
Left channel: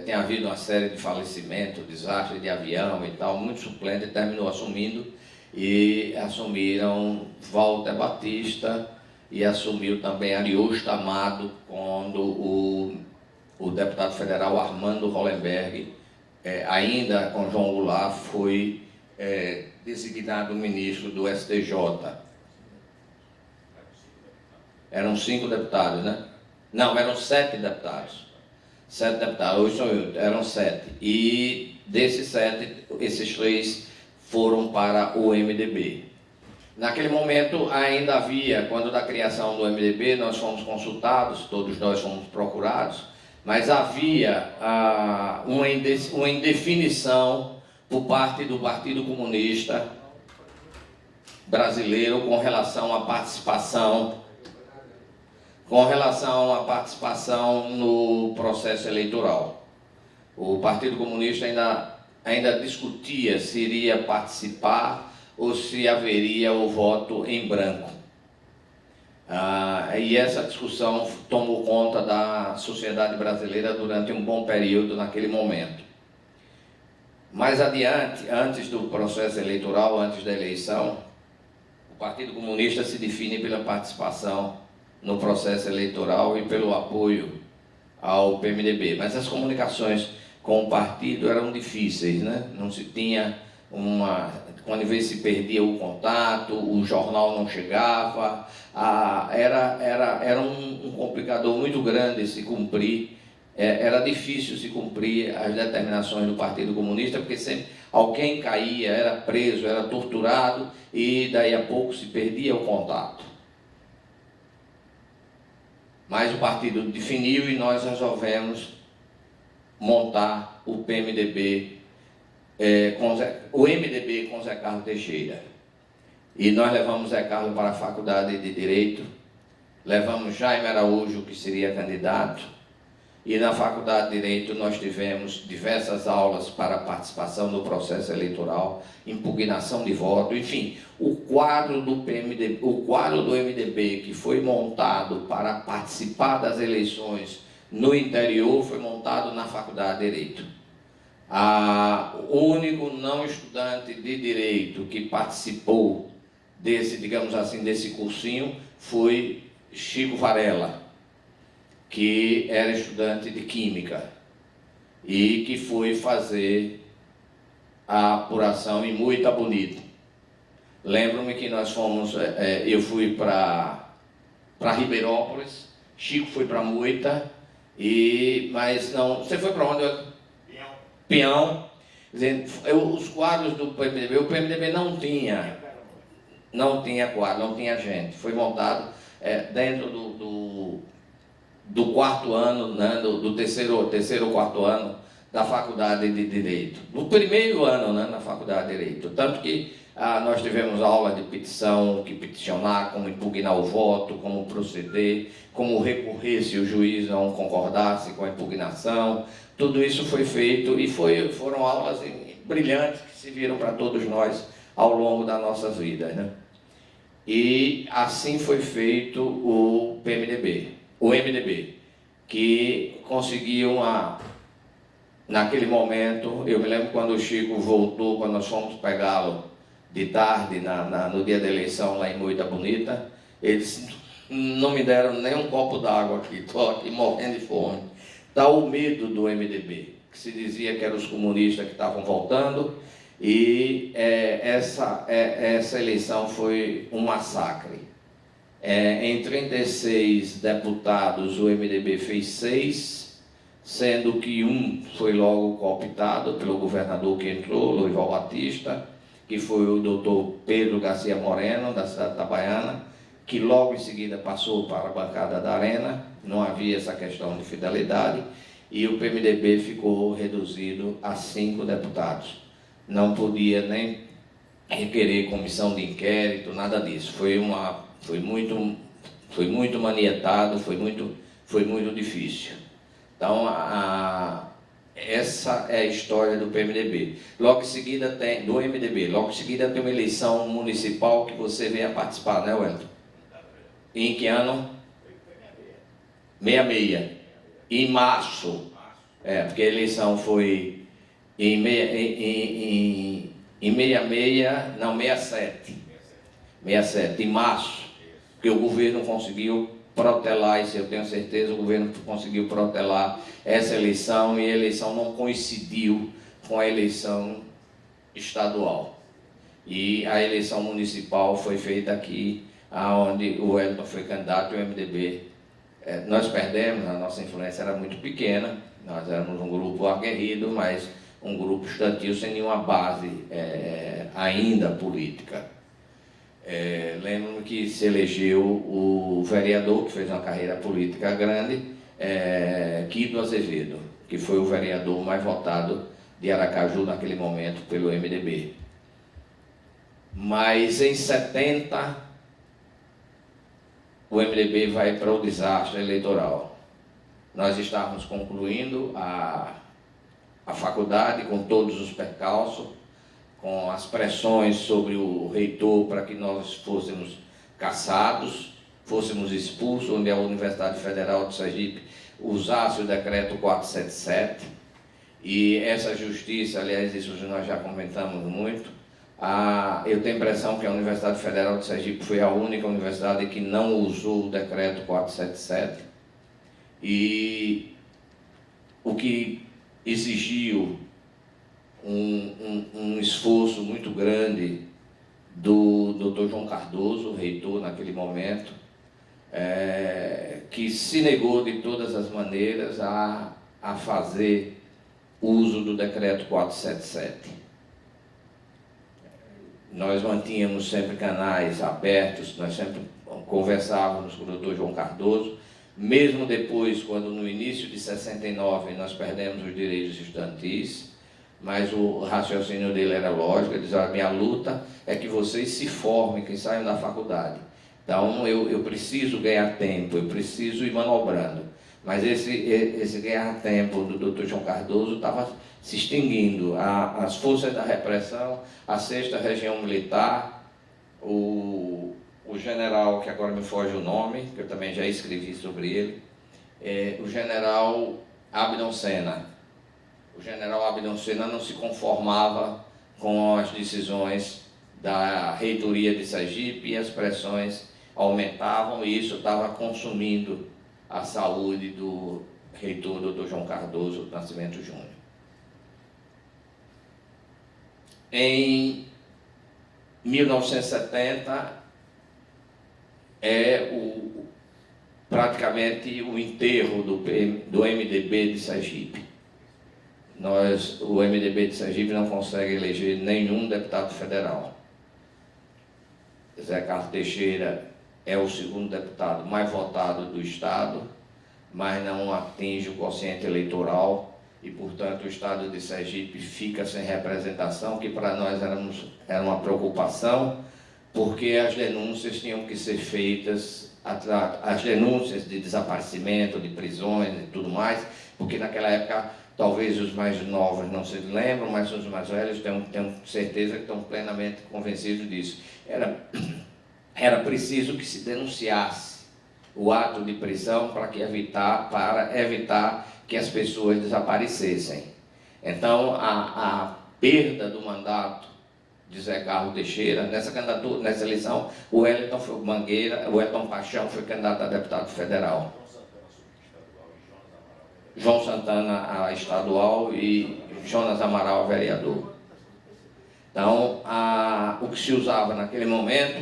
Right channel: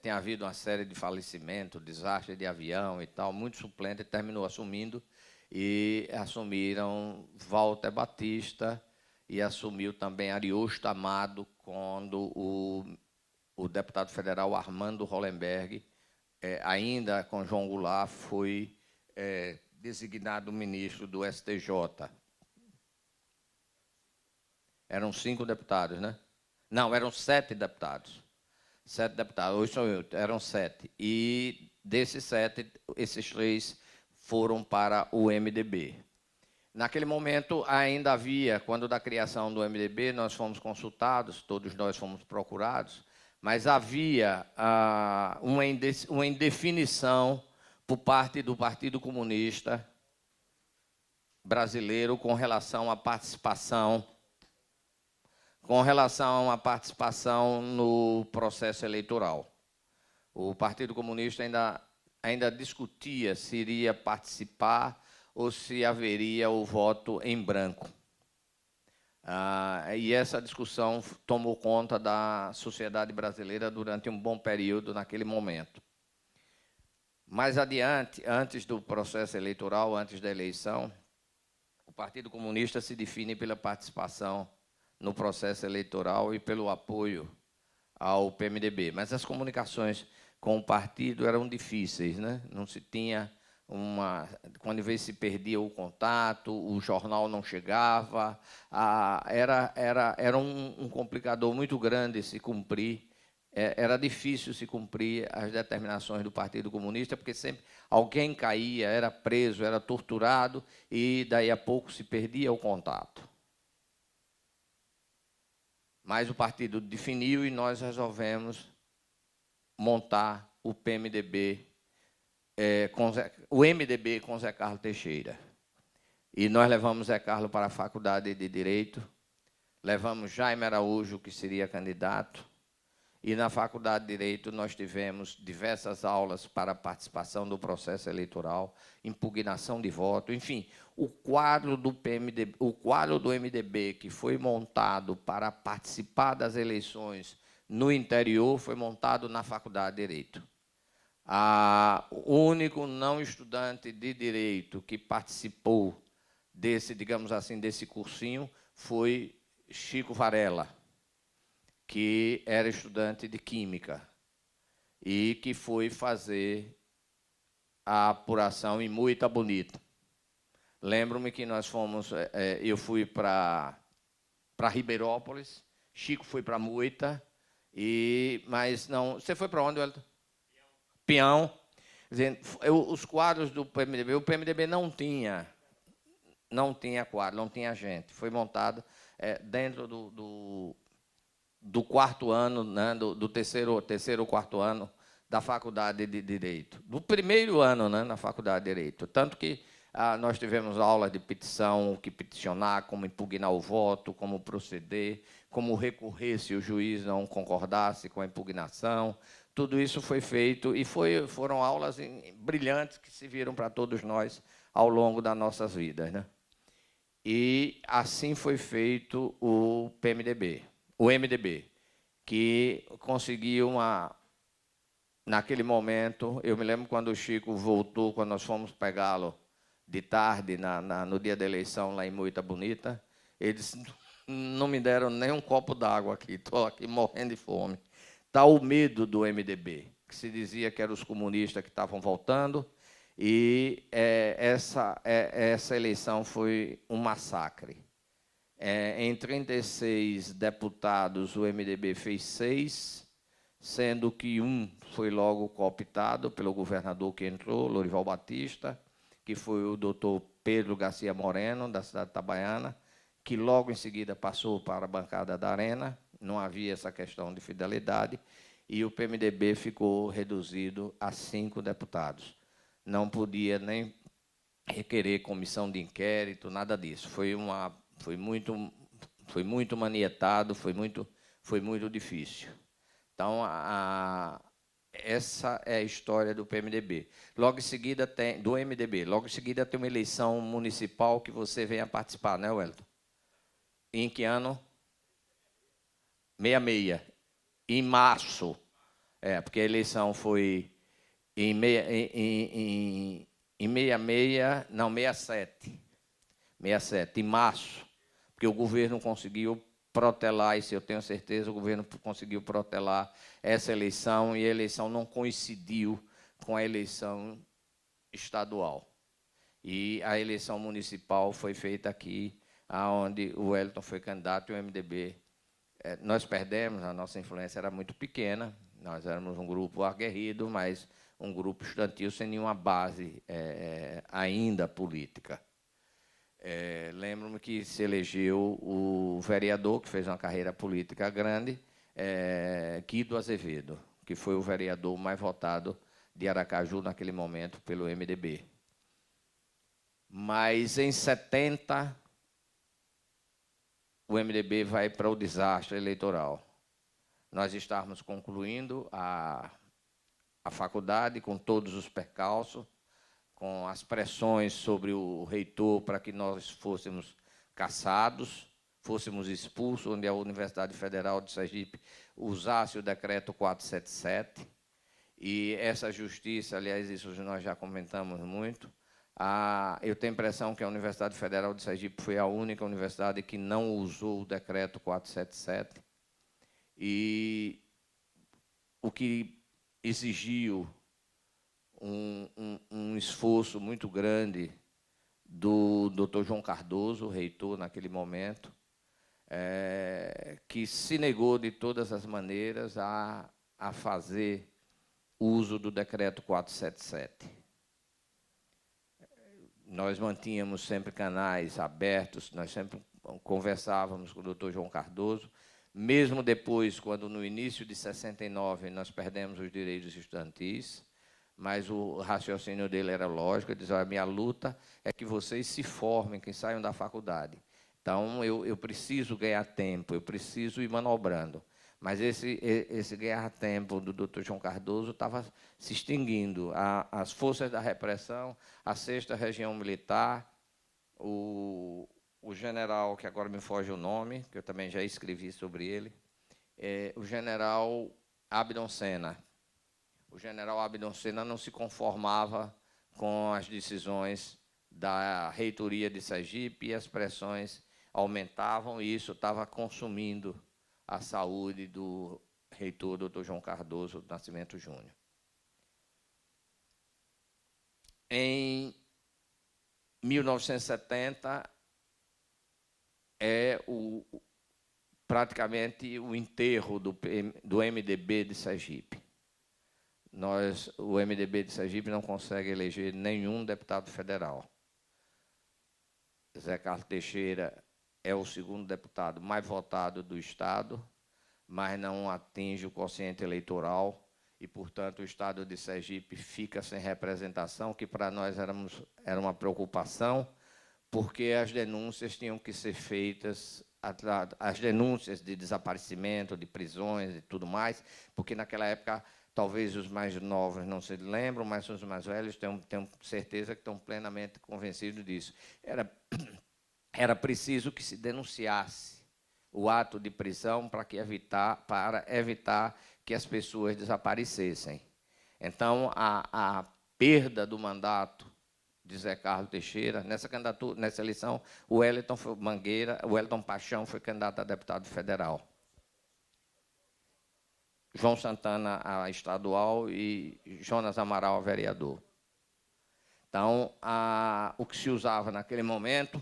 tem havido uma série de falecimentos, desastre de avião e tal, muito suplente, terminou assumindo, e assumiram Walter Batista e assumiu também Ariosto Amado, quando o deputado federal Armando Hollenberg, ainda com João Goulart, foi designado ministro do STJ. Eram 5 deputados, né? Não, eram 7 deputados. 7 deputados, hoje sou eu, eram 7. E desses 7, esses 3 foram para o MDB. Naquele momento ainda havia, quando da criação do MDB, nós fomos consultados, todos nós fomos procurados, mas havia uma indefinição por parte do Partido Comunista Brasileiro com relação à participação no processo eleitoral. O Partido Comunista ainda discutia se iria participar ou se haveria o voto em branco. E essa discussão tomou conta da sociedade brasileira durante um bom período naquele momento. Mais adiante, antes do processo eleitoral, antes da eleição, o Partido Comunista se define pela participação no processo eleitoral e pelo apoio ao PMDB. Mas as comunicações com o partido eram difíceis, né? Não se tinha quando se perdia o contato, o jornal não chegava, era um complicador muito grande se cumprir, era difícil se cumprir as determinações do Partido Comunista, porque sempre alguém caía, era preso, era torturado e daí a pouco se perdia o contato. Mas o partido definiu e nós resolvemos montar o PMDB, o MDB com Zé Carlos Teixeira. E nós levamos Zé Carlos para a Faculdade de Direito, levamos Jaime Araújo, que seria candidato, e na Faculdade de Direito nós tivemos diversas aulas para participação no processo eleitoral, impugnação de voto, enfim, o quadro do MDB que foi montado para participar das eleições no interior foi montado na Faculdade de Direito. O único não estudante de Direito que participou digamos assim, desse cursinho foi Chico Varela, que era estudante de Química e que foi fazer a apuração em Moita Bonito. Lembro-me que nós fomos, eu fui para Ribeirópolis, Chico foi para Moita, mas não... Você foi para onde? Peão. Os quadros do PMDB, o PMDB não tinha quadro, não tinha gente. Foi montado dentro do quarto ano, né, do terceiro ou quarto ano da Faculdade de Direito. No primeiro ano, né, na Faculdade de Direito. Tanto que nós tivemos aula de petição, que peticionar, como impugnar o voto, como proceder, como recorrer se o juiz não concordasse com a impugnação. Tudo isso foi feito e foram aulas brilhantes que serviram para todos nós ao longo das nossas vidas, né? E assim foi feito o MDB, que conseguiu naquele momento, eu me lembro quando o Chico voltou, quando nós fomos pegá-lo de tarde, no dia da eleição lá em Moita Bonita, eles não me deram nem um copo d'água aqui, estou aqui morrendo de fome. Está o medo do MDB, que se dizia que eram os comunistas que estavam voltando, e essa eleição foi um massacre. Em 36 deputados, o MDB fez 6, sendo que um foi logo cooptado pelo governador que entrou, Lourival Batista, que foi o doutor Pedro Garcia Moreno, da cidade de Itabaiana, que logo em seguida passou para a bancada da Arena, não havia essa questão de fidelidade, e o PMDB ficou reduzido a 5 deputados. Não podia nem requerer comissão de inquérito, nada disso. Foi muito manietado, foi muito difícil. Então, essa é a história do PMDB. Logo em seguida tem uma eleição municipal que você veio a participar, né, Wellington? Em que ano? 66. Em março. Porque a eleição foi em 67. 67, em março, que o governo conseguiu protelar, isso eu tenho certeza, o governo conseguiu protelar essa eleição, e a eleição não coincidiu com a eleição estadual. E a eleição municipal foi feita aqui, onde o Wellington foi candidato, o MDB. Nós perdemos, a nossa influência era muito pequena, nós éramos um grupo aguerrido, mas um grupo estudantil sem nenhuma base ainda política. Lembro-me que se elegeu o vereador, que fez uma carreira política grande, Guido Azevedo, que foi o vereador mais votado de Aracaju naquele momento pelo MDB. Mas em 70, o MDB vai para o desastre eleitoral. Nós estávamos concluindo a faculdade com todos os percalços, com as pressões sobre o reitor para que nós fôssemos cassados, fôssemos expulsos, onde a Universidade Federal de Sergipe usasse o decreto 477, e essa justiça, aliás, isso nós já comentamos muito, eu tenho a impressão que a Universidade Federal de Sergipe foi a única universidade que não usou o decreto 477, e o que exigiu um esforço muito grande do Dr. João Cardoso, reitor naquele momento, que se negou de todas as maneiras a fazer uso do decreto 477. Nós mantínhamos sempre canais abertos, nós sempre conversávamos com o Dr. João Cardoso, mesmo depois, quando no início de 69 nós perdemos os direitos estudantis, mas o raciocínio dele era lógico, ele dizia: a minha luta é que vocês se formem, que saiam da faculdade. Então eu preciso ganhar tempo, eu preciso ir manobrando. Mas esse ganhar tempo do Dr. João Cardoso estava se extinguindo. As forças da repressão, a 6ª Região Militar, o general, que agora me foge o nome, que eu também já escrevi sobre ele, o general Abdon Senna. O general Abdon Senna não se conformava com as decisões da reitoria de Sergipe e as pressões aumentavam e isso estava consumindo a saúde do reitor Dr. João Cardoso Nascimento Júnior. Em 1970 é praticamente o enterro do MDB de Sergipe. O MDB de Sergipe não consegue eleger nenhum deputado federal. Zé Carlos Teixeira é o segundo deputado mais votado do Estado, mas não atinge o quociente eleitoral e, portanto, o Estado de Sergipe fica sem representação, que para nós era uma preocupação, porque as denúncias tinham que ser feitas, as denúncias de desaparecimento, de prisões e tudo mais, porque naquela época, talvez os mais novos não se lembram, mas os mais velhos tenho certeza que estão plenamente convencidos disso. Era preciso que se denunciasse o ato de prisão para evitar que as pessoas desaparecessem. Então, a perda do mandato de Zé Carlos Teixeira, nessa eleição, o Wellington Paixão foi candidato a deputado federal. João Santana a estadual e Jonas Amaral a vereador. Então, o que se usava naquele momento,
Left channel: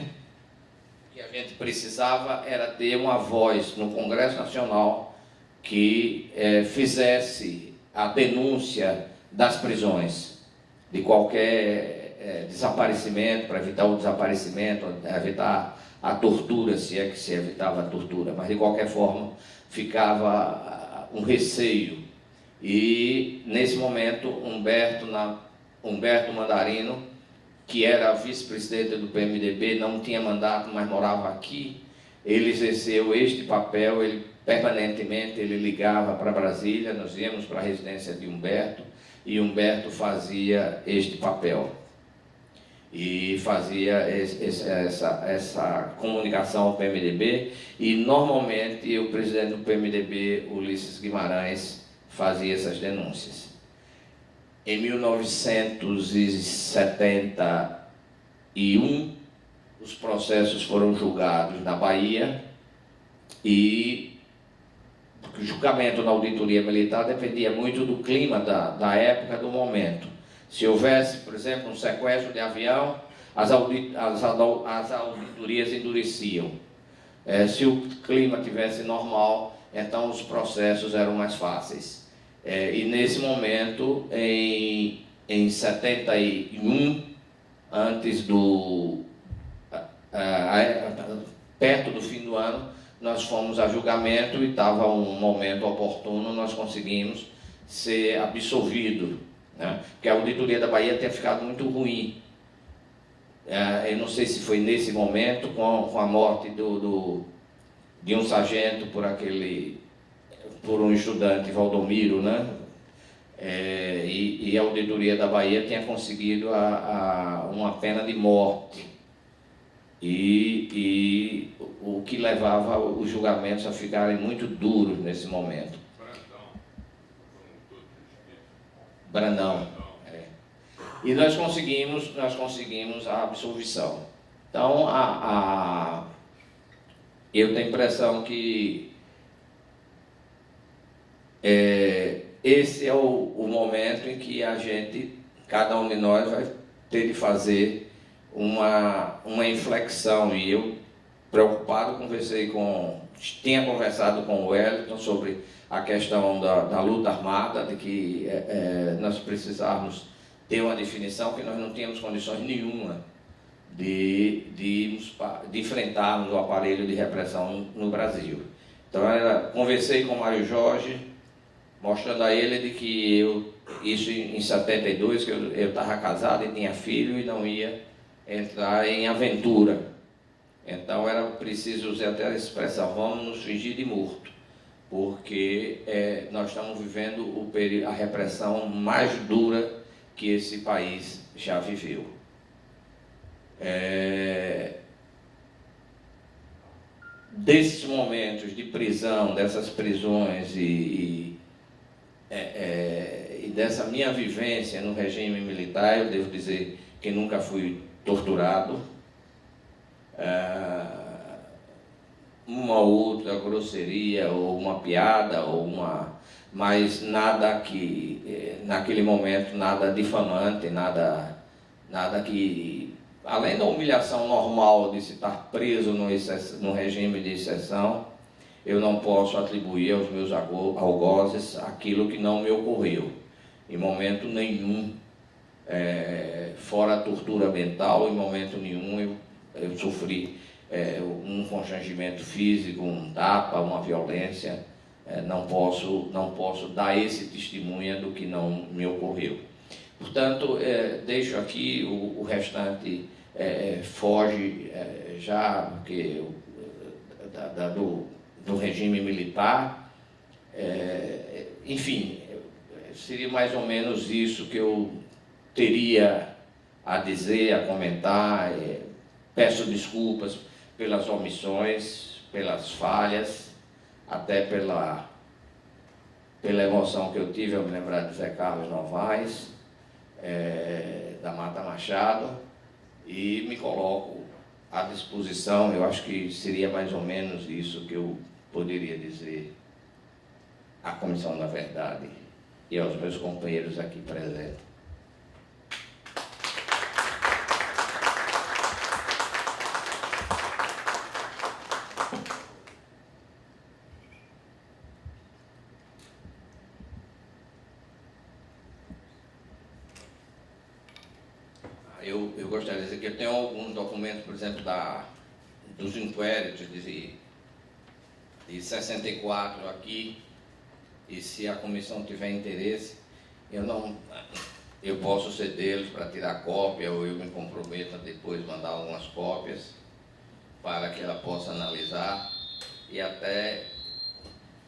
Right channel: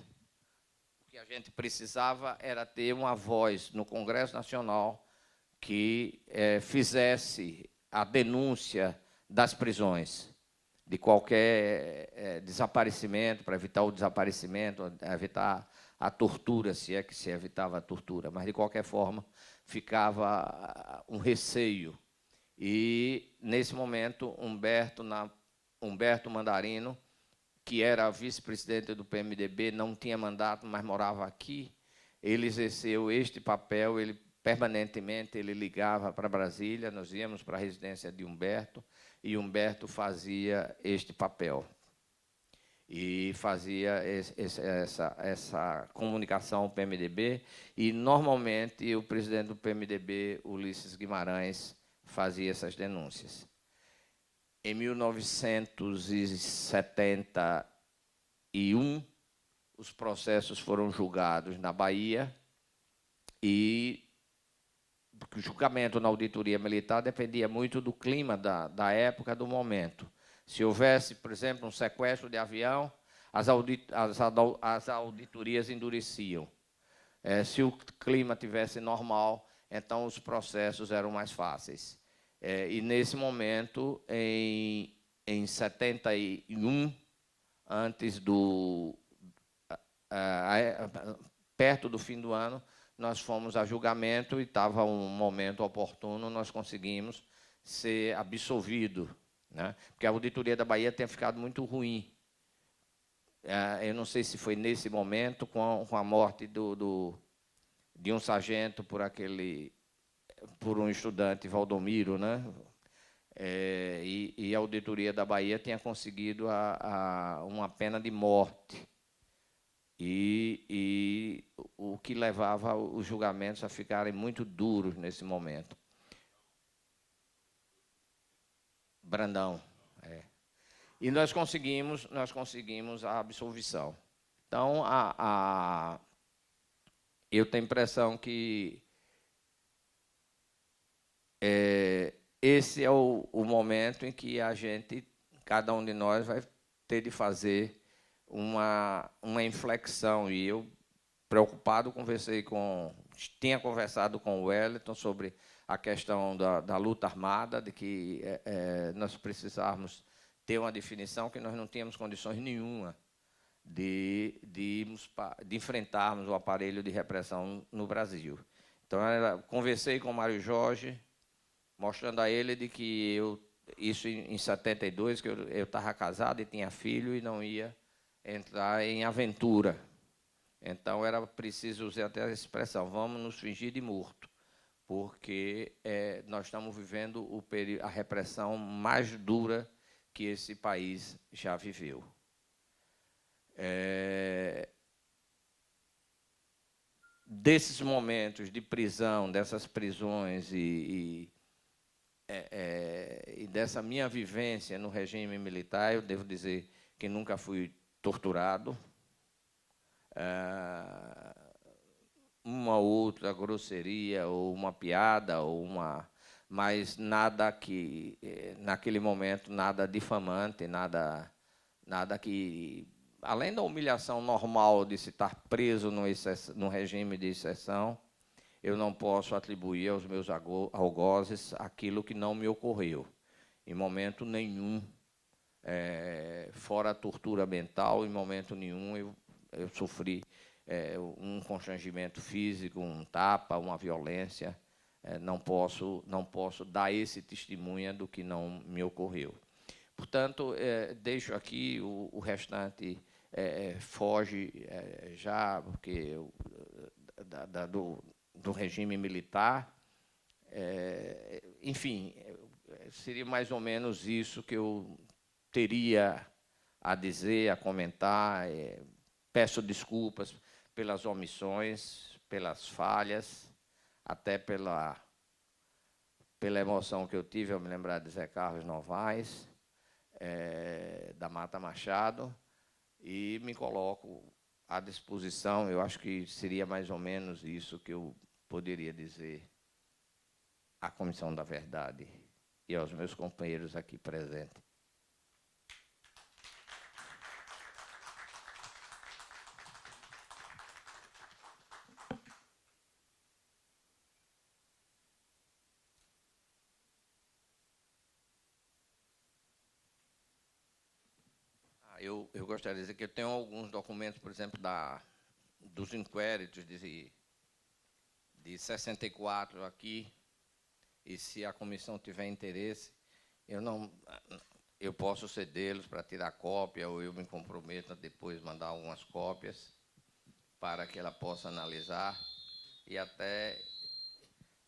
que a gente precisava, era ter uma voz no Congresso Nacional que fizesse a denúncia das prisões, de qualquer desaparecimento, para evitar o desaparecimento, evitar a tortura, se é que se evitava a tortura, mas de qualquer forma ficava um receio. E nesse momento Humberto Mandarino, que era vice-presidente do PMDB, não tinha mandato, mas morava aqui, ele exerceu este papel, permanentemente ele ligava para Brasília, nós íamos para a residência de Humberto, e Humberto fazia este papel. E fazia essa comunicação ao PMDB, e normalmente o presidente do PMDB, Ulisses Guimarães, fazia essas denúncias. Em 1971, os processos foram julgados na Bahia e o julgamento na auditoria militar dependia muito do clima da época, do momento. Se houvesse, por exemplo, um sequestro de avião, as auditorias endureciam. Se o clima tivesse normal, então os processos eram mais fáceis. E nesse momento, em 71, perto do fim do ano, nós fomos a julgamento e estava um momento oportuno, nós conseguimos ser absolvidos, né? Porque a auditoria da Bahia tinha ficado muito ruim. Eu não sei se foi nesse momento, com a morte de um sargento por um estudante, Valdomiro, né? E a auditoria da Bahia tinha conseguido uma pena de morte. E o que levava os julgamentos a ficarem muito duros nesse momento. Brandão. E nós conseguimos a absolvição. Então, eu tenho a impressão que esse é o momento em que cada um de nós vai ter de fazer uma inflexão. E eu, preocupado, tinha conversado com o Wellington sobre a questão da luta armada, de que nós precisávamos ter uma definição, que nós não tínhamos condições nenhuma de enfrentarmos o aparelho de repressão no Brasil. Então, conversei com o Mário Jorge, mostrando a ele de que isso em 72, que eu estava casado e tinha filho e não ia entrar em aventura. Então era preciso usar até a expressão, vamos nos fingir de morto, porque nós estamos vivendo a repressão mais dura que esse país já viveu. Desses momentos de prisão, dessas prisões e dessa minha vivência no regime militar, eu devo dizer que nunca fui torturado, uma outra grosseria, ou uma piada, mas nada que, naquele momento, nada difamante, nada que, além da humilhação normal de se estar preso num regime de exceção, eu não posso atribuir aos meus algozes aquilo que não me ocorreu, em momento nenhum, fora a tortura mental, em momento nenhum eu sofri um constrangimento físico, um tapa, uma violência. Não posso dar esse testemunho do que não me ocorreu. Portanto, deixo aqui o restante, foge já porque, do regime militar. Enfim, seria mais ou menos isso que eu teria a dizer, a comentar. Peço desculpas pelas omissões, pelas falhas, até pela emoção que eu tive ao me lembrar de Zé Carlos Novaes, da Mata Machado, e me coloco à disposição. Eu acho que seria mais ou menos isso que eu poderia dizer à Comissão da Verdade e aos meus companheiros aqui presentes. Eu gostaria de dizer que eu tenho alguns documentos, por exemplo, dos inquéritos de 64 aqui, e se a comissão tiver interesse, eu posso cedê-los para tirar cópia, ou eu me comprometo a depois mandar algumas cópias para que ela possa analisar e até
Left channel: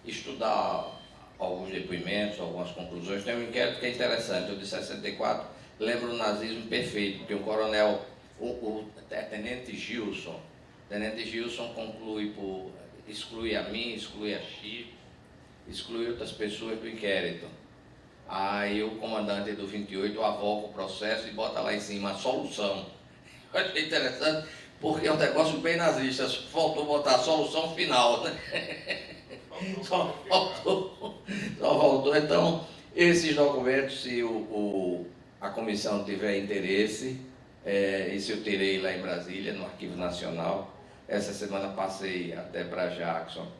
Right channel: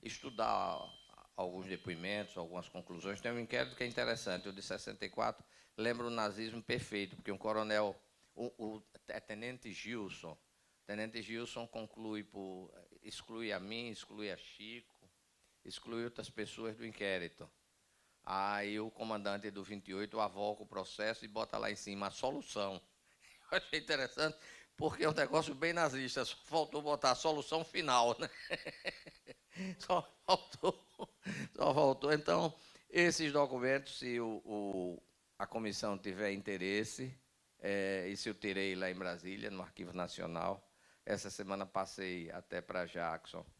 estudar alguns depoimentos, algumas conclusões. Tem um inquérito que é interessante, o de 64, lembra o nazismo perfeito, que o coronel, o tenente Gilson exclui a mim, exclui a Chico, exclui outras pessoas do inquérito. Aí o comandante do 28 avoca o processo e bota lá em cima a solução. Eu achei interessante, porque é um negócio bem nazista, faltou botar a solução final, né? Só faltou. Então, esses documentos, se a comissão tiver interesse, e se eu terei lá em Brasília, no Arquivo Nacional. Essa semana passei até para Jackson.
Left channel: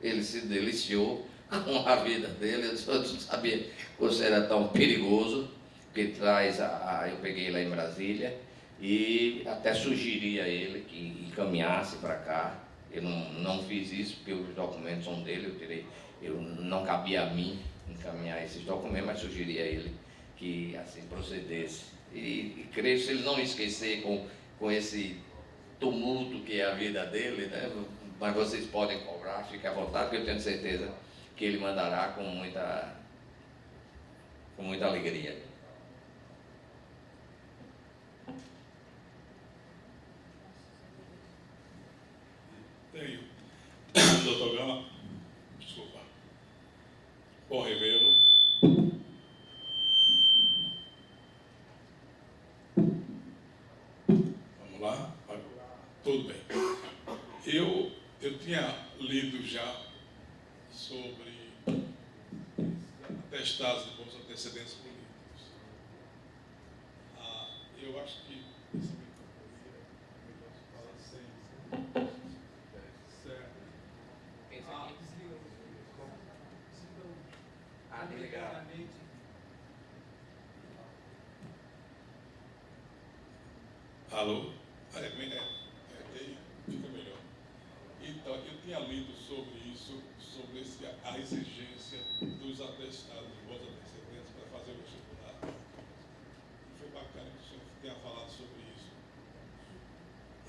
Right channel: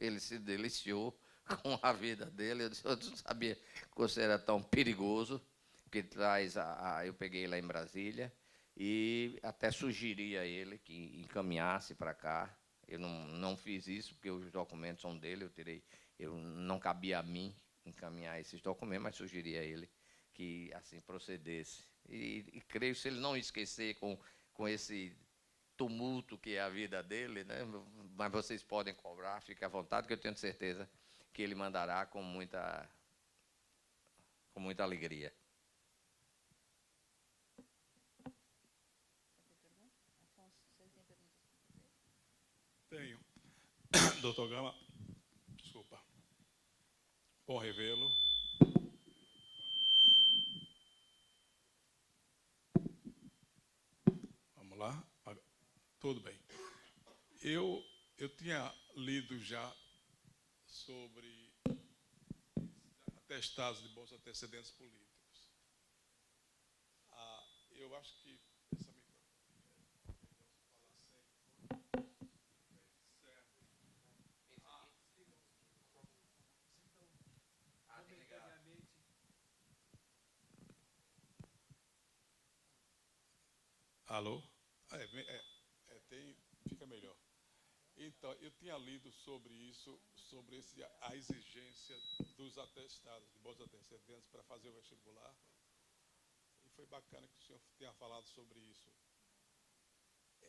Ele se deliciou com a vida dele. Eu não sabia que você era tão perigoso, que eu peguei lá em Brasília e até sugeri a ele que encaminhasse para cá. Eu não fiz isso porque os documentos são dele, não cabia a mim encaminhar esses documentos, mas sugeri a ele que assim procedesse. E creio que se ele não esquecer com esse tumulto que é a vida dele, né? Mas vocês podem cobrar, fique à vontade, que eu tenho certeza que ele mandará com muita alegria. Tenho. Doutor Gama, desculpa. Bom revê-lo. Vamos lá? Tudo bem. Eu tinha lido já sobre atestados de bons antecedentes políticos. Eu acho que esse microfone fala sem. Certo. Desligar. Alô? Fica melhor. Então, eu tinha lido sobre isso, sobre a exigência dos atestados de bons antecedentes para fazer o vestibular. E foi bacana que o senhor tenha falado sobre isso.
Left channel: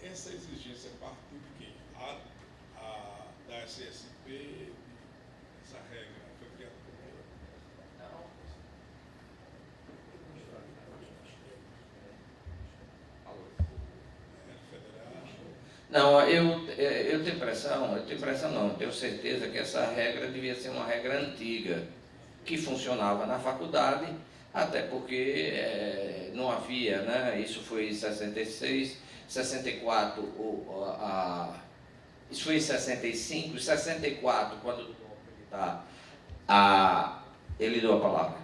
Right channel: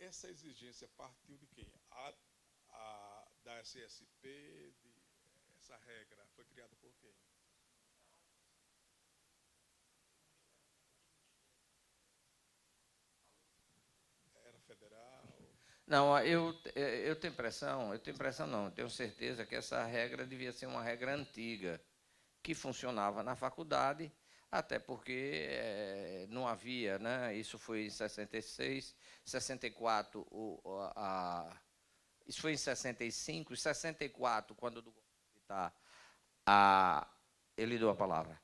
Essa exigência partiu de quem? Da SSP, essa regra foi criada por quem? Não, eu tenho impressão não, eu tenho certeza que essa regra devia ser uma regra antiga, que funcionava na faculdade, até porque não havia, né? Isso foi em 66, 64, isso foi em 65, 64, quando ele deu a palavra.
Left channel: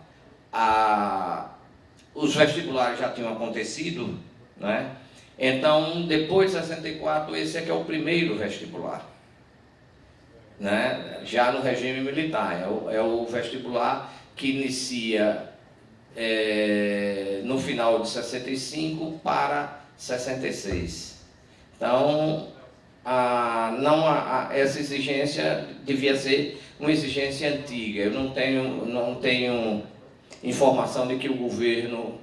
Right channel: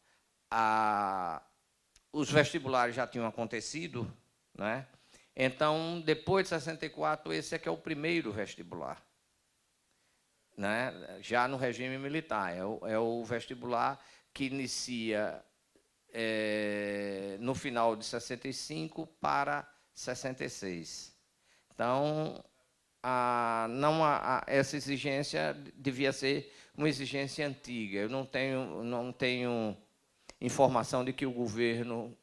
Os vestibulares já tinham acontecido, né? Então, depois de 64, esse é que é o primeiro vestibular, né? Já no regime militar, é o vestibular que inicia no final de 65 para 66. Então, essa exigência devia ser uma exigência antiga. Eu não tenho informação de que o governo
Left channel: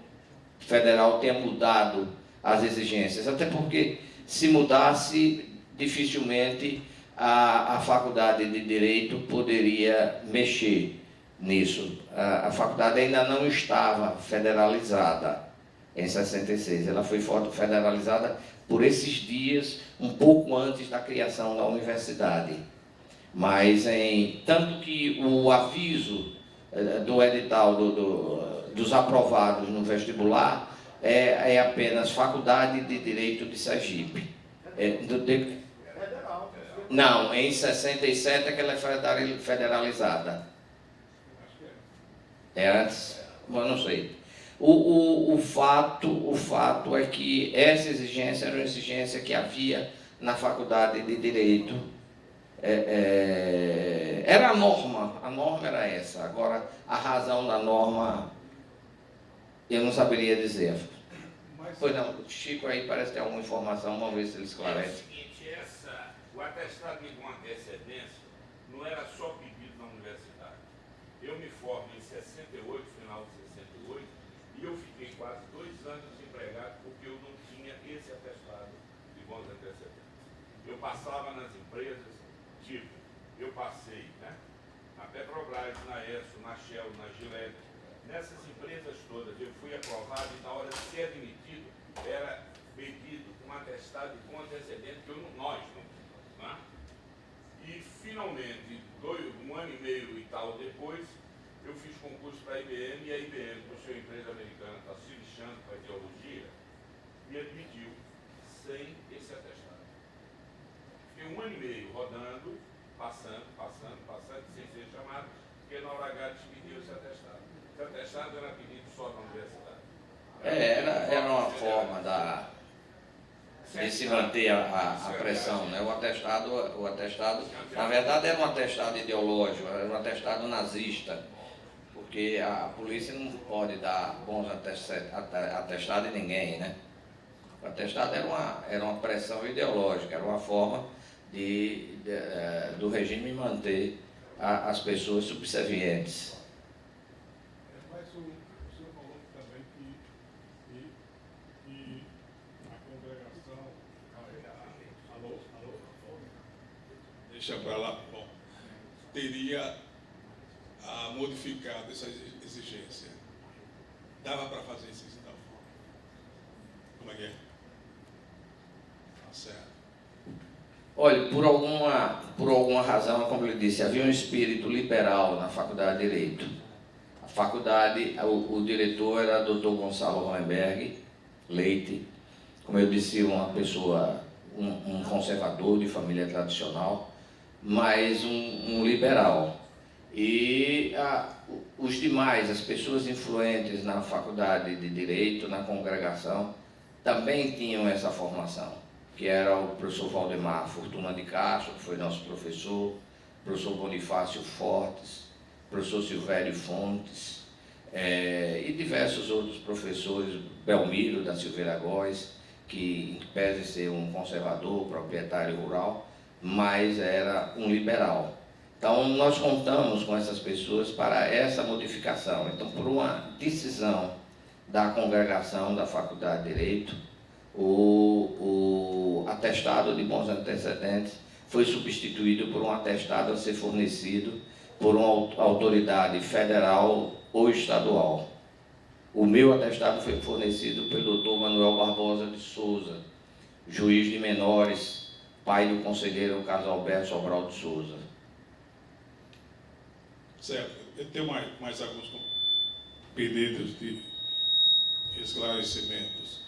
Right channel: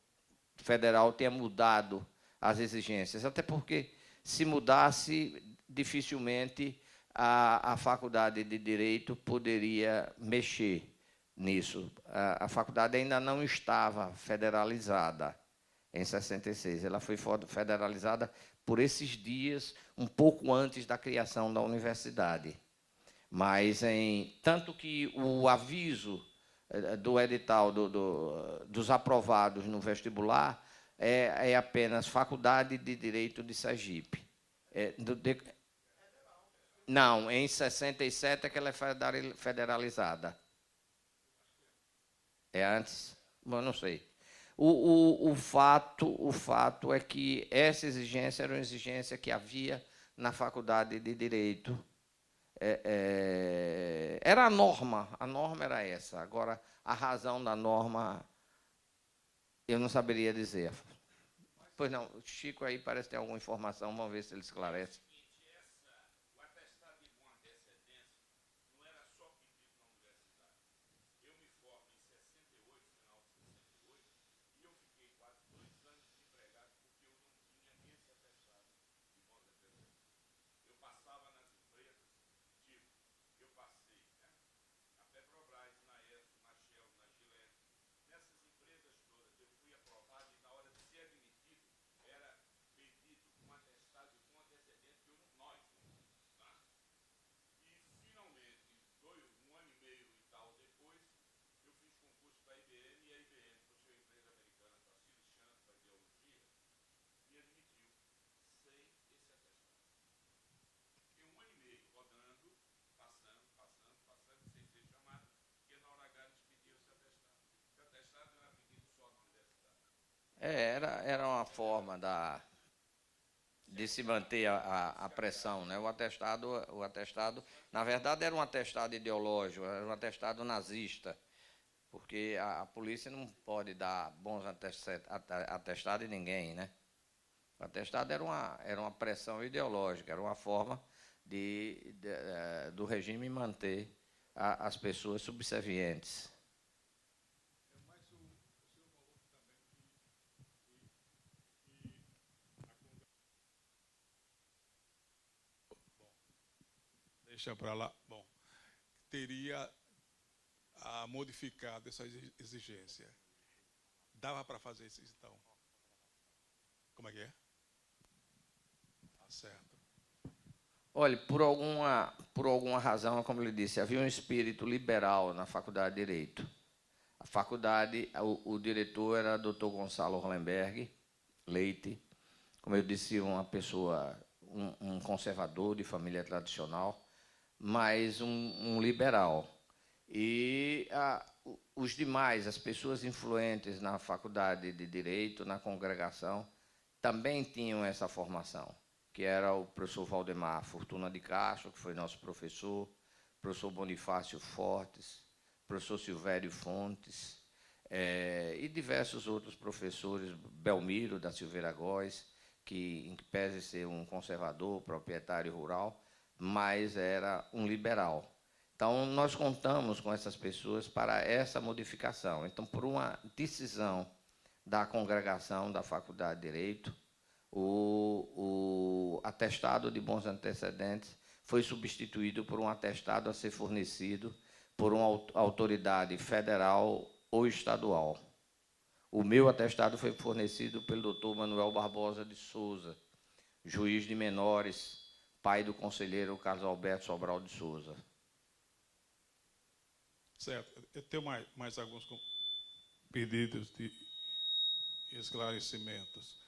federal tenha mudado as exigências, até porque, se mudasse, dificilmente a Faculdade de Direito poderia mexer nisso. A faculdade ainda não estava federalizada em 66, ela foi federalizada por esses dias, um pouco antes da criação da universidade. Mas, tanto que o aviso do edital dos aprovados no vestibular é apenas Faculdade de Direito de Sergipe. Não, em 67 é que ela é federalizada. Antes, eu não sei. O fato é que essa exigência era uma exigência que havia na Faculdade de Direito. Era a norma era essa. Agora, a razão da norma, eu não saberia dizer. Pois não, o Chico aí parece ter alguma informação, vamos ver se ele esclarece. É o seguinte, o atestado de com antecedência não era só pedido na universidade. Eu me formo em 68, final de 68, e eu fiquei quase 2 anos desempregado porque eu não tinha esse atestado de bons antecedentes. Eu passava nas empresas, tipo, eu passei, né, na Petrobras, na ESSO, na Shell, na Gillette, nessas empresas todas eu fui aprovado e na hora de ser admitido era pedido um atestado de bom antecedente que nós não tínhamos, né? E finalmente, 1 ano e meio e tal depois, eu fiz concurso para a IBM e a IBM, por ser uma empresa americana, está se lixando para a ideologia, me admitiu sem esse atestado. Fiquei 1 ano e meio rodando, passando, sem ser chamado, porque na hora H despediu esse atestado. Esse atestado era pedido só na universidade. Era uma forma de se manter a pressão, né? O atestado, na verdade, era um atestado ideológico, era um atestado nazista, porque a polícia não pode dar bons atestados a ninguém, né? O atestado era uma pressão ideológica, era uma forma do regime manter as pessoas subservientes. Mas o senhor falou também que a congregação... Alô? Deixa para lá. Bom, teria modificado essa exigência. Dava para fazer isso então? Como é que é? Tá certo. Olha, por alguma razão, como eu disse, havia um espírito liberal na Faculdade de Direito. A faculdade, o diretor era o Dr. Gonçalo Weinberg Leite, como eu disse, uma pessoa, um conservador de família tradicional, mas um liberal. E os demais, as pessoas influentes na Faculdade de Direito, na congregação, também tinham essa formação, que era o professor Valdemar Fortuna de Castro, que foi nosso professor, professor Bonifácio Fortes, professor Silvério Fontes, e diversos outros professores, Belmiro da Silveira Góes, que pese ser um conservador, proprietário rural, mas era um liberal. Então, nós contamos com essas pessoas para essa modificação. Então, por uma decisão da congregação da Faculdade de Direito, o atestado de bons antecedentes foi substituído por um atestado a ser fornecido por uma autoridade federal ou estadual. O meu atestado foi fornecido pelo Dr. Manuel Barbosa de Souza, juiz de menores, pai do conselheiro Carlos Alberto Sobral de Souza. Certo. Eu tenho mais alguns pedidos de esclarecimentos.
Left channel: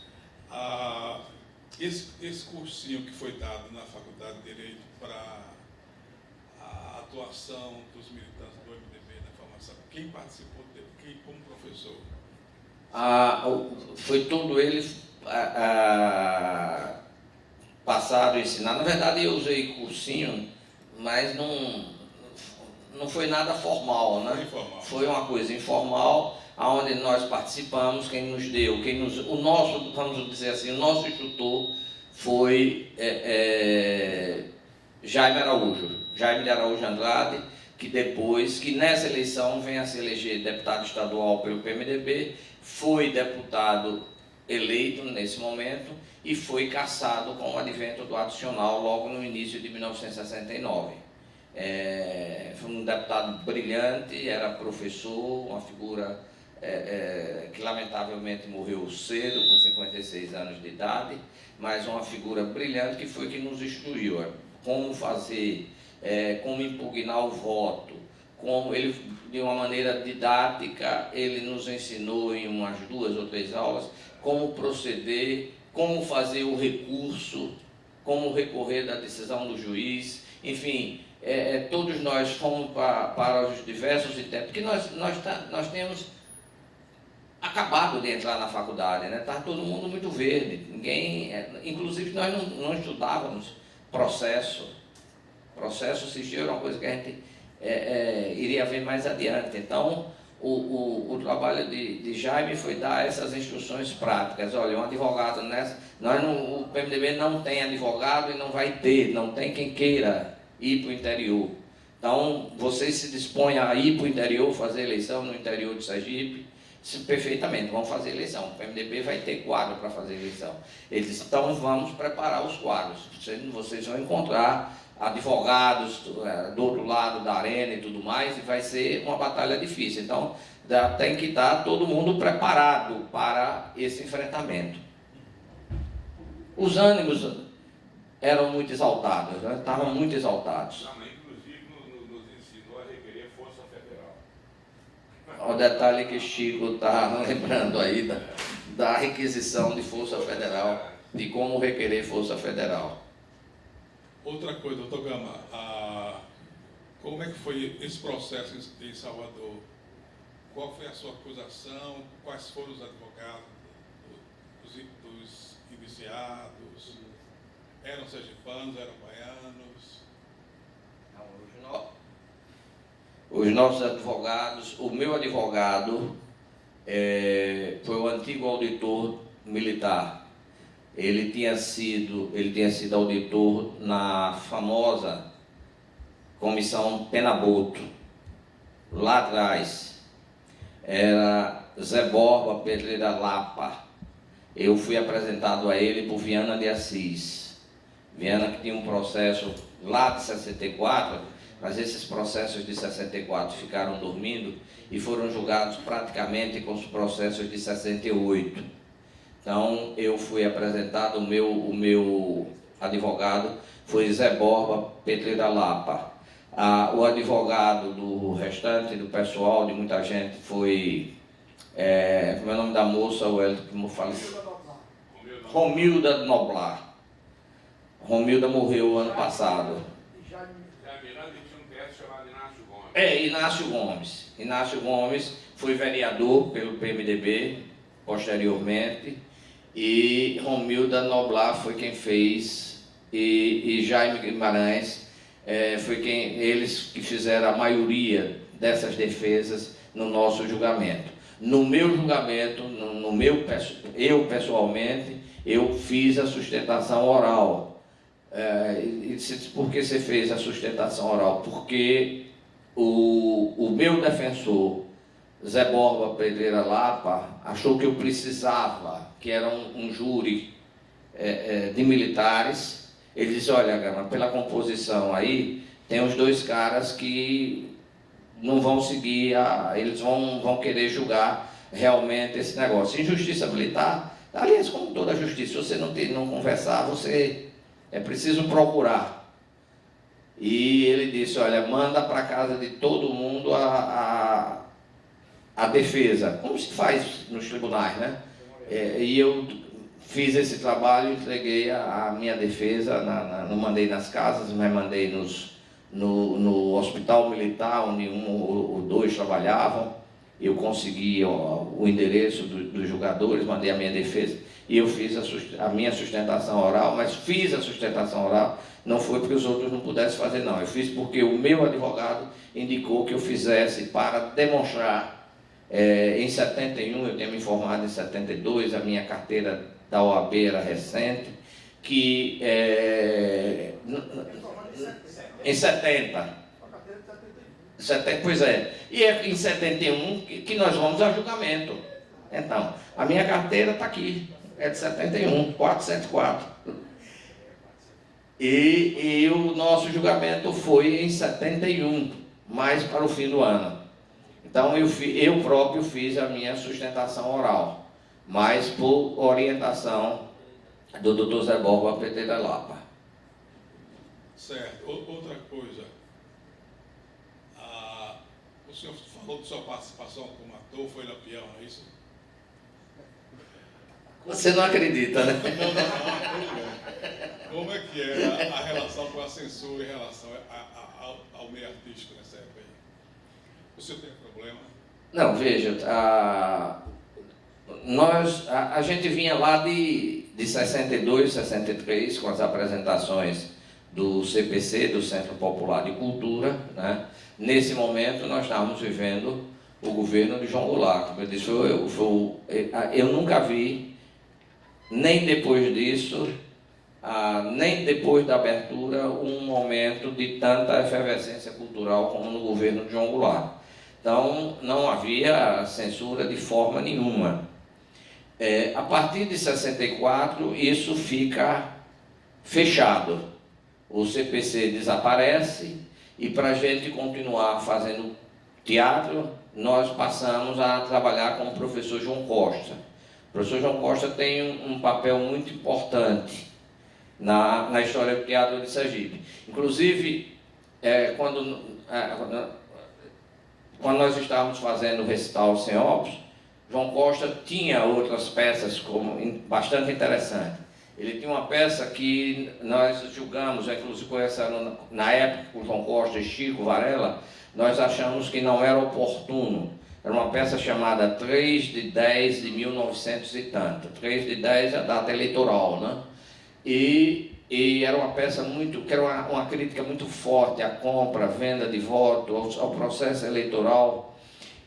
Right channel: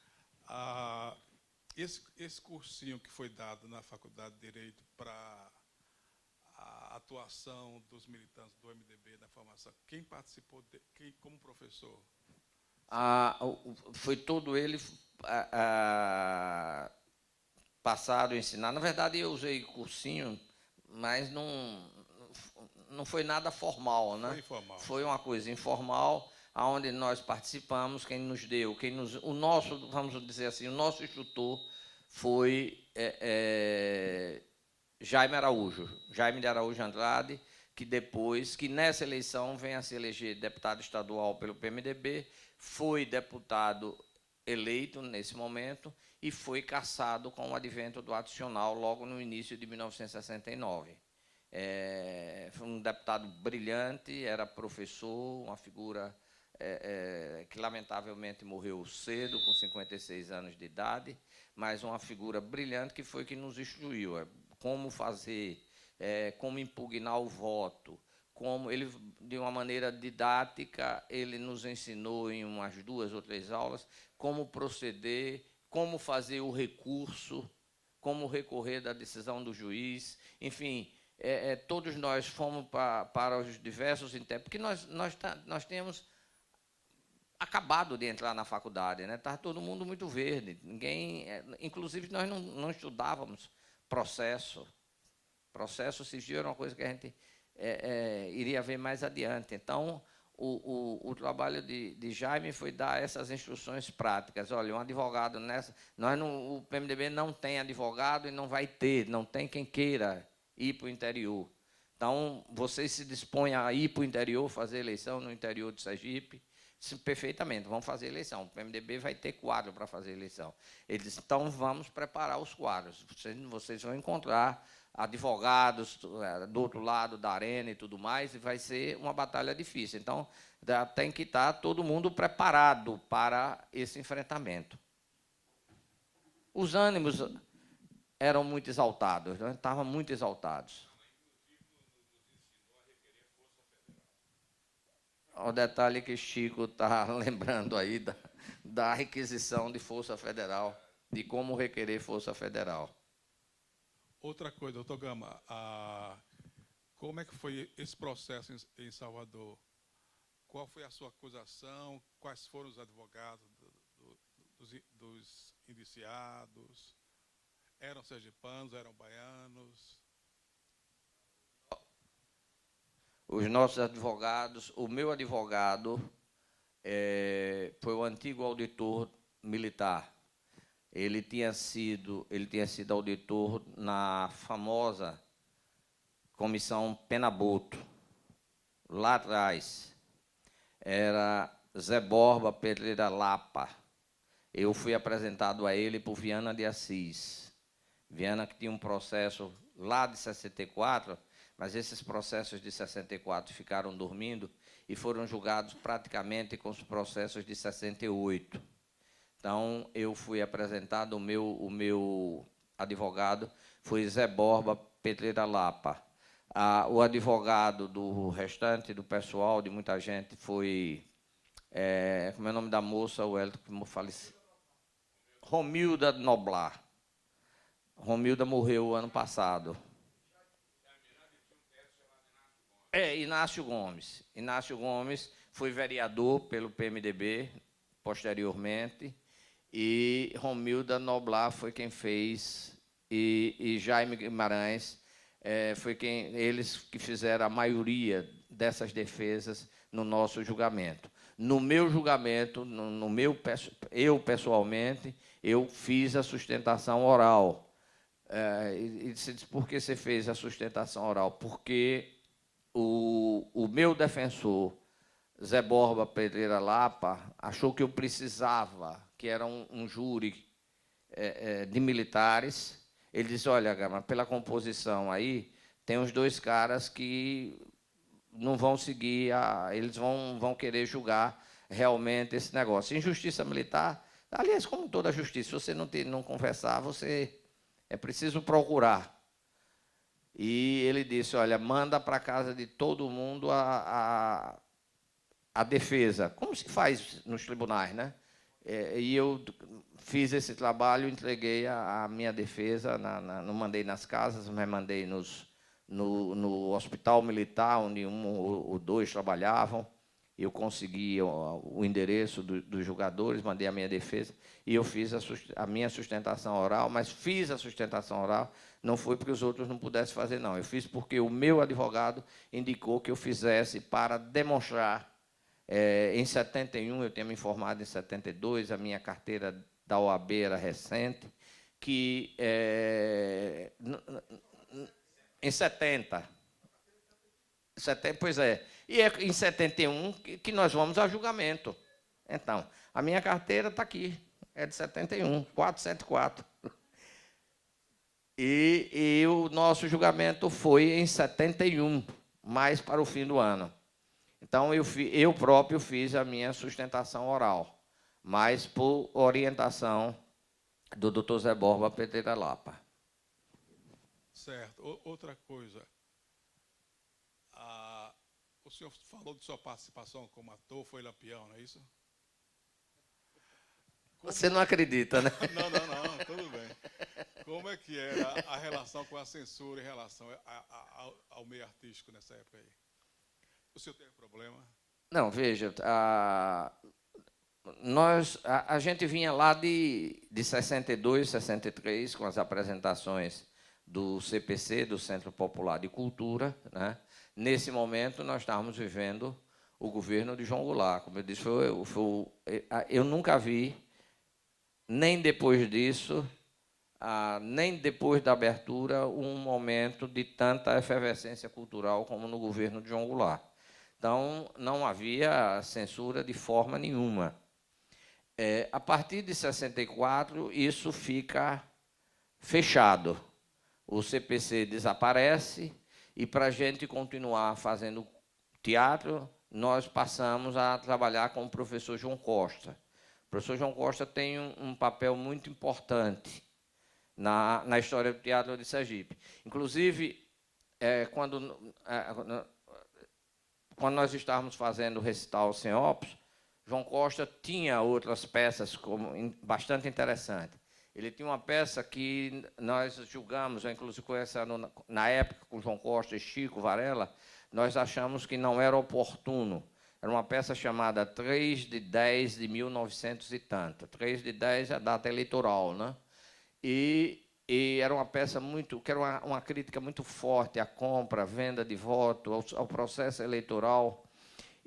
Esse cursinho que foi dado na Faculdade de Direito para a atuação dos militantes do MDB na formação, quem participou dele? Quem como professor? Foi todo ele passado, ensinado. Na verdade, eu usei cursinho, mas não foi nada formal, né? Informal. Foi uma coisa informal, onde nós participamos, quem nos deu, o nosso, vamos dizer assim, o nosso instrutor foi Jaime de Araújo Andrade, que nessa eleição vem a se eleger deputado estadual pelo PMDB, foi deputado eleito nesse momento e foi cassado com o advento do adicional logo no início de 1969. Foi um deputado brilhante, era professor, uma figura que lamentavelmente morreu cedo, com 56 anos de idade, mas uma figura brilhante que foi que nos instruiu como fazer, como impugnar o voto, como ele, de uma maneira didática, ele nos ensinou em umas 2 ou 3 aulas como proceder, como fazer o recurso, como recorrer da decisão do juiz, enfim, todos nós fomos para os diversos itens, porque nós temos acabado de entrar na faculdade, né? Estava todo mundo muito verde, inclusive nós não estudávamos processo civil era uma coisa que a gente iria ver mais adiante. Então, o trabalho de Jaime foi dar essas instruções práticas. Olha, um advogado o PMDB não tem advogado e não vai ter, não tem quem queira ir para o interior. Então, vocês se dispõem a ir para o interior, fazer eleição no interior de Sergipe, perfeitamente, vão fazer eleição. O PMDB vai ter quadro para fazer eleição. Eles disse, então vamos preparar os quadros. Vocês vão encontrar advogados do outro lado da arena e tudo mais, e vai ser uma batalha difícil. Então, tem que estar todo mundo preparado para esse enfrentamento. Os ânimos eram muito exaltados, né? Estavam muito exaltados. Inclusive, nos ensinou a requerer Força Federal. O detalhe que Chico está lembrando aí da requisição de Força Federal, de como requerer Força Federal. Outra coisa, doutor Gama, como é que foi esse processo em Salvador? Qual foi a sua acusação? Quais foram os advogados dos indiciados? Eram sergipanos, eram baianos? Os nossos advogados, o meu advogado foi o antigo auditor militar. Ele tinha sido auditor na famosa Comissão Penaboto, lá atrás. Era Zé Borba Pedreira Lapa. Eu fui apresentado a ele por Viana de Assis. Viana que tinha um processo lá de 64, mas esses processos de 64 ficaram dormindo e foram julgados praticamente com os processos de 68. Então, eu fui apresentado, o meu advogado foi Zé Borba Pedreira Lapa. O advogado do restante do pessoal, de muita gente, foi, como é o nome da moça, como fala? Romilda Noblar. Romilda morreu ano passado. Inácio Gomes foi vereador pelo PMDB, posteriormente, e Romilda Noblar foi quem fez, e Jaime Guimarães foi eles que fizeram a maioria dessas defesas no nosso julgamento. No meu julgamento, eu pessoalmente, eu fiz a sustentação oral. Por que você fez a sustentação oral? Porque o meu defensor, Zé Borba Pedreira Lapa, achou que eu precisava, que era um júri de militares. Ele disse, olha, Gama, pela composição aí, tem os 2 caras que não vão seguir, eles vão querer julgar realmente esse negócio. Injustiça militar, aliás, como toda justiça, se você não conversar, é preciso procurar. E ele disse, olha, manda para casa de todo mundo a defesa, como se faz nos tribunais, né? E eu fiz esse trabalho, entreguei a minha defesa, não mandei nas casas, mas mandei no hospital militar, onde um ou dois trabalhavam. Eu consegui o endereço dos jogadores, mandei a minha defesa, e eu fiz a minha sustentação oral, mas fiz a sustentação oral, não foi porque os outros não pudessem fazer, não. Eu fiz porque o meu advogado indicou que eu fizesse para demonstrar. Em 71, eu tinha me formado em 72, a minha carteira da OAB era recente, que em 70, pois é, e é em 71 que nós vamos a julgamento. Então, a minha carteira está aqui, é de 71, 474. E o nosso julgamento foi em 71, mais para o fim do ano. Então, eu próprio fiz a minha sustentação oral, mas por orientação do Dr. Zé Borba Pereira Lapa. Certo. Outra coisa, o senhor falou de sua participação como ator, foi Lampião, é isso? Você não acredita, né? Não. Como é que é a relação com a censura em relação ao meio artístico nessa época aí? O senhor tem problema? Não, veja, a gente vinha lá de 62, 63, com as apresentações do CPC, do Centro Popular de Cultura, né? Nesse momento nós estávamos vivendo o governo de João Goulart. Como eu disse, eu nunca vi, nem depois disso, nem depois da abertura, um momento de tanta efervescência cultural como no governo de João Goulart. Então, não havia censura de forma nenhuma. A partir de 64, isso fica fechado. O CPC desaparece e, para a gente continuar fazendo teatro, nós passamos a trabalhar com o professor João Costa. O professor João Costa tem um papel muito importante na história do teatro de Sergipe. Inclusive, quando nós estávamos fazendo o recital Sem Óbitos, João Costa tinha outras peças bastante interessantes. Ele tinha uma peça que nós julgamos, inclusive na época, com João Costa e Chico Varela, nós achamos que não era oportuno. Era uma peça chamada 3 de 10 de 1900 e tanto. 3 de 10 é a data eleitoral, né? E era uma peça que era uma crítica muito forte à compra, à venda de votos, ao processo eleitoral.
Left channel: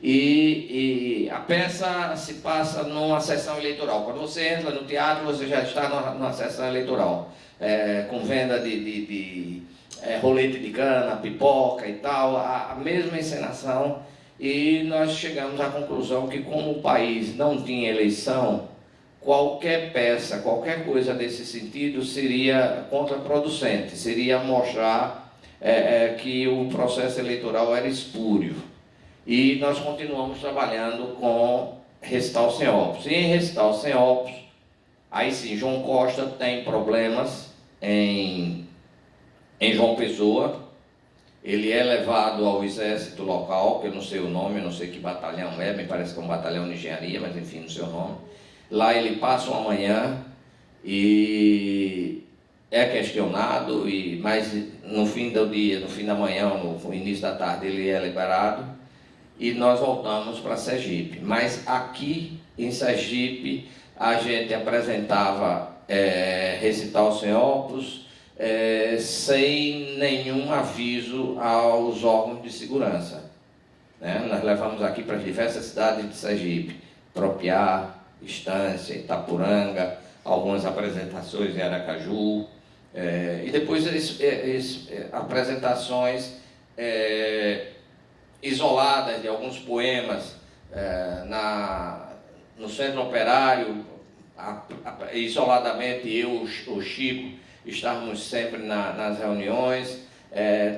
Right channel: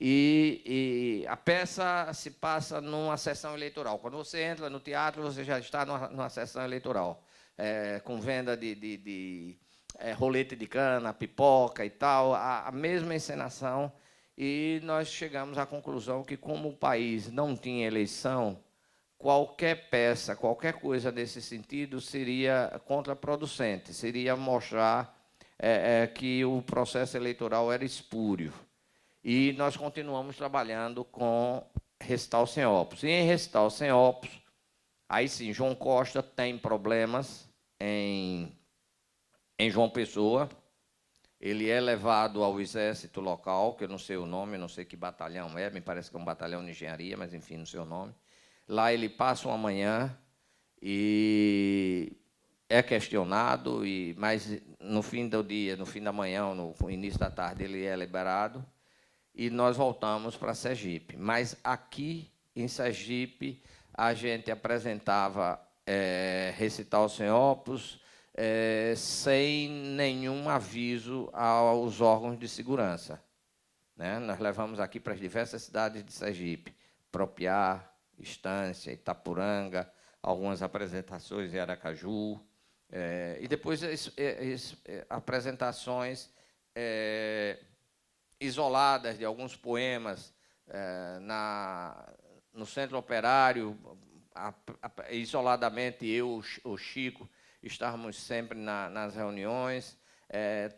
E a peça se passa numa sessão eleitoral. Quando você entra no teatro, você já está numa sessão eleitoral, com venda de rolete de cana, pipoca e tal, a mesma encenação. E nós chegamos à conclusão que, como o país não tinha eleição, qualquer peça, qualquer coisa nesse sentido seria contraproducente, seria mostrar que o processo eleitoral era espúrio. E nós continuamos trabalhando com Recital Sem Óbitos. E em Recital Sem Óbitos, aí sim, João Costa tem problemas em João Pessoa. Ele é levado ao exército local, que eu não sei o nome, eu não sei que batalhão é, me parece que é um batalhão de engenharia, mas enfim, não sei o nome. Lá ele passa uma manhã e é questionado, mas no fim do dia, no fim da manhã, no início da tarde, ele é liberado e nós voltamos para Sergipe. Mas aqui em Sergipe a gente apresentava Recital Sem Óbitos, sem nenhum aviso aos órgãos de segurança. Né? Nós levamos aqui para diversas cidades de Sergipe, Propiá, Estância, Itapuranga, algumas apresentações em Aracaju, e depois apresentações isoladas de alguns poemas no Centro Operário, isoladamente eu, o Chico, estávamos sempre nas reuniões,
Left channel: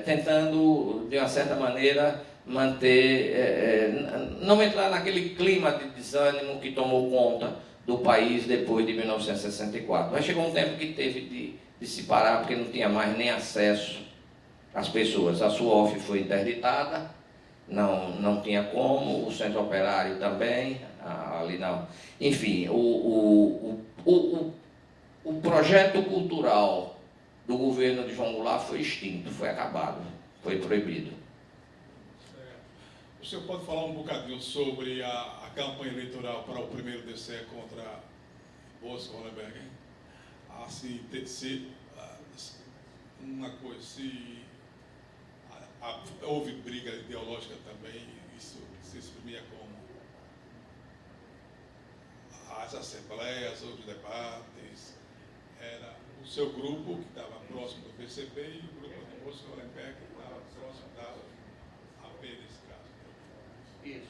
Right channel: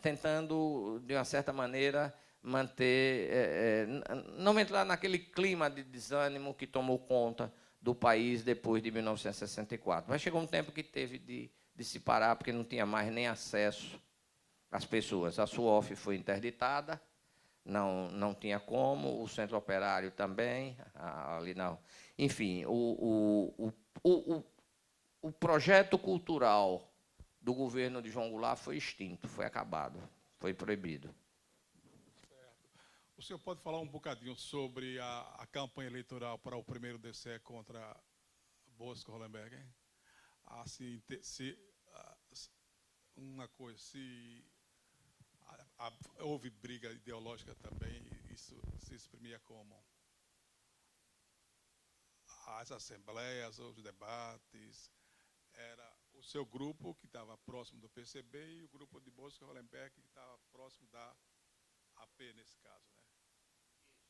tentando, de uma certa maneira, não entrar naquele clima de desânimo que tomou conta do país depois de 1964. Mas chegou um tempo que teve de se parar, porque não tinha mais nem acesso às pessoas. A SUOF foi interditada, não tinha como, o Centro Operário também, Ali não. Enfim, o projeto cultural do governo de João Goulart foi extinto, foi acabado, foi proibido. O senhor pode falar um bocadinho sobre a campanha eleitoral para o primeiro DCE contra Bosco Hollenberg? Assim, uma coisa, houve briga ideológica também, isso se exprimia como as assembleias, os debates, era o seu grupo que estava próximo do PCB e o grupo do Bosco Hollenberg que estava próximo da AP nesse caso. Isso.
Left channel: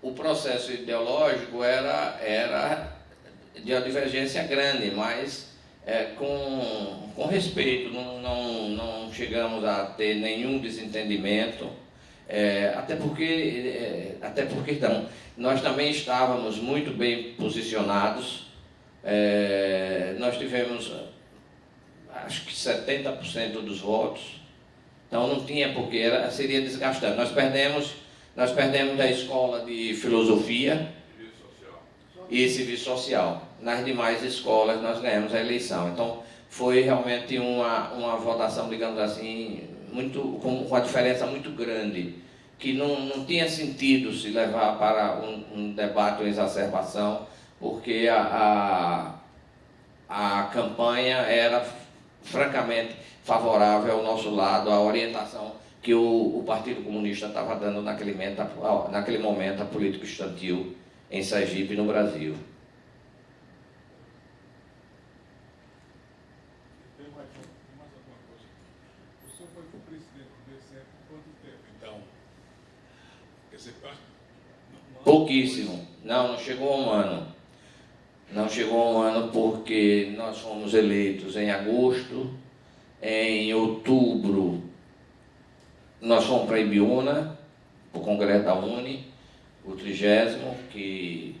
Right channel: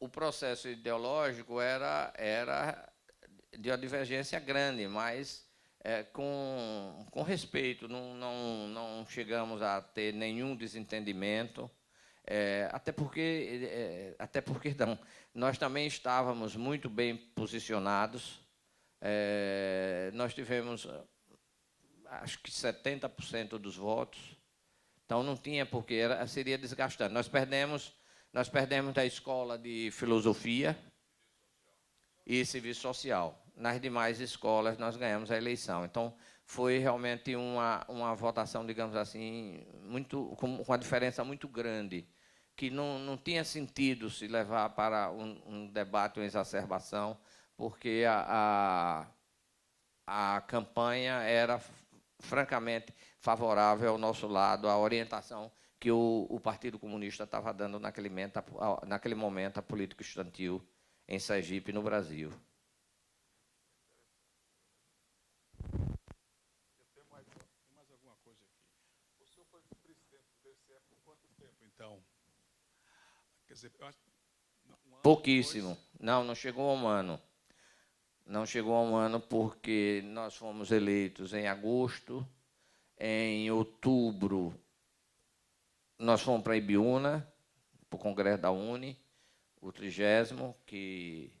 O processo ideológico era de uma divergência grande, mas com respeito, não chegamos a ter nenhum desentendimento, até porque nós também estávamos muito bem posicionados, nós tivemos acho que 70% dos votos, então não tinha porque, seria desgastante. Nós perdemos a escola de filosofia e serviço social. Nas demais escolas nós ganhamos a eleição. Então foi realmente uma votação, digamos assim, com uma diferença muito grande, que não tinha sentido se levar para um debate ou exacerbação, porque a campanha era francamente favorável ao nosso lado, à orientação que o Partido Comunista estava dando naquele momento à política estudantil em Sergipe, no Brasil. Tem mais alguma coisa? O senhor foi o presidente do DCE por quanto tempo, então? Quer dizer, pouquíssimo. Não chegou a um ano. Não chegou a um ano porque nós fomos eleitos em agosto, em outubro nós fomos para Ibiúna, para o Congresso da Uni, o 30º, que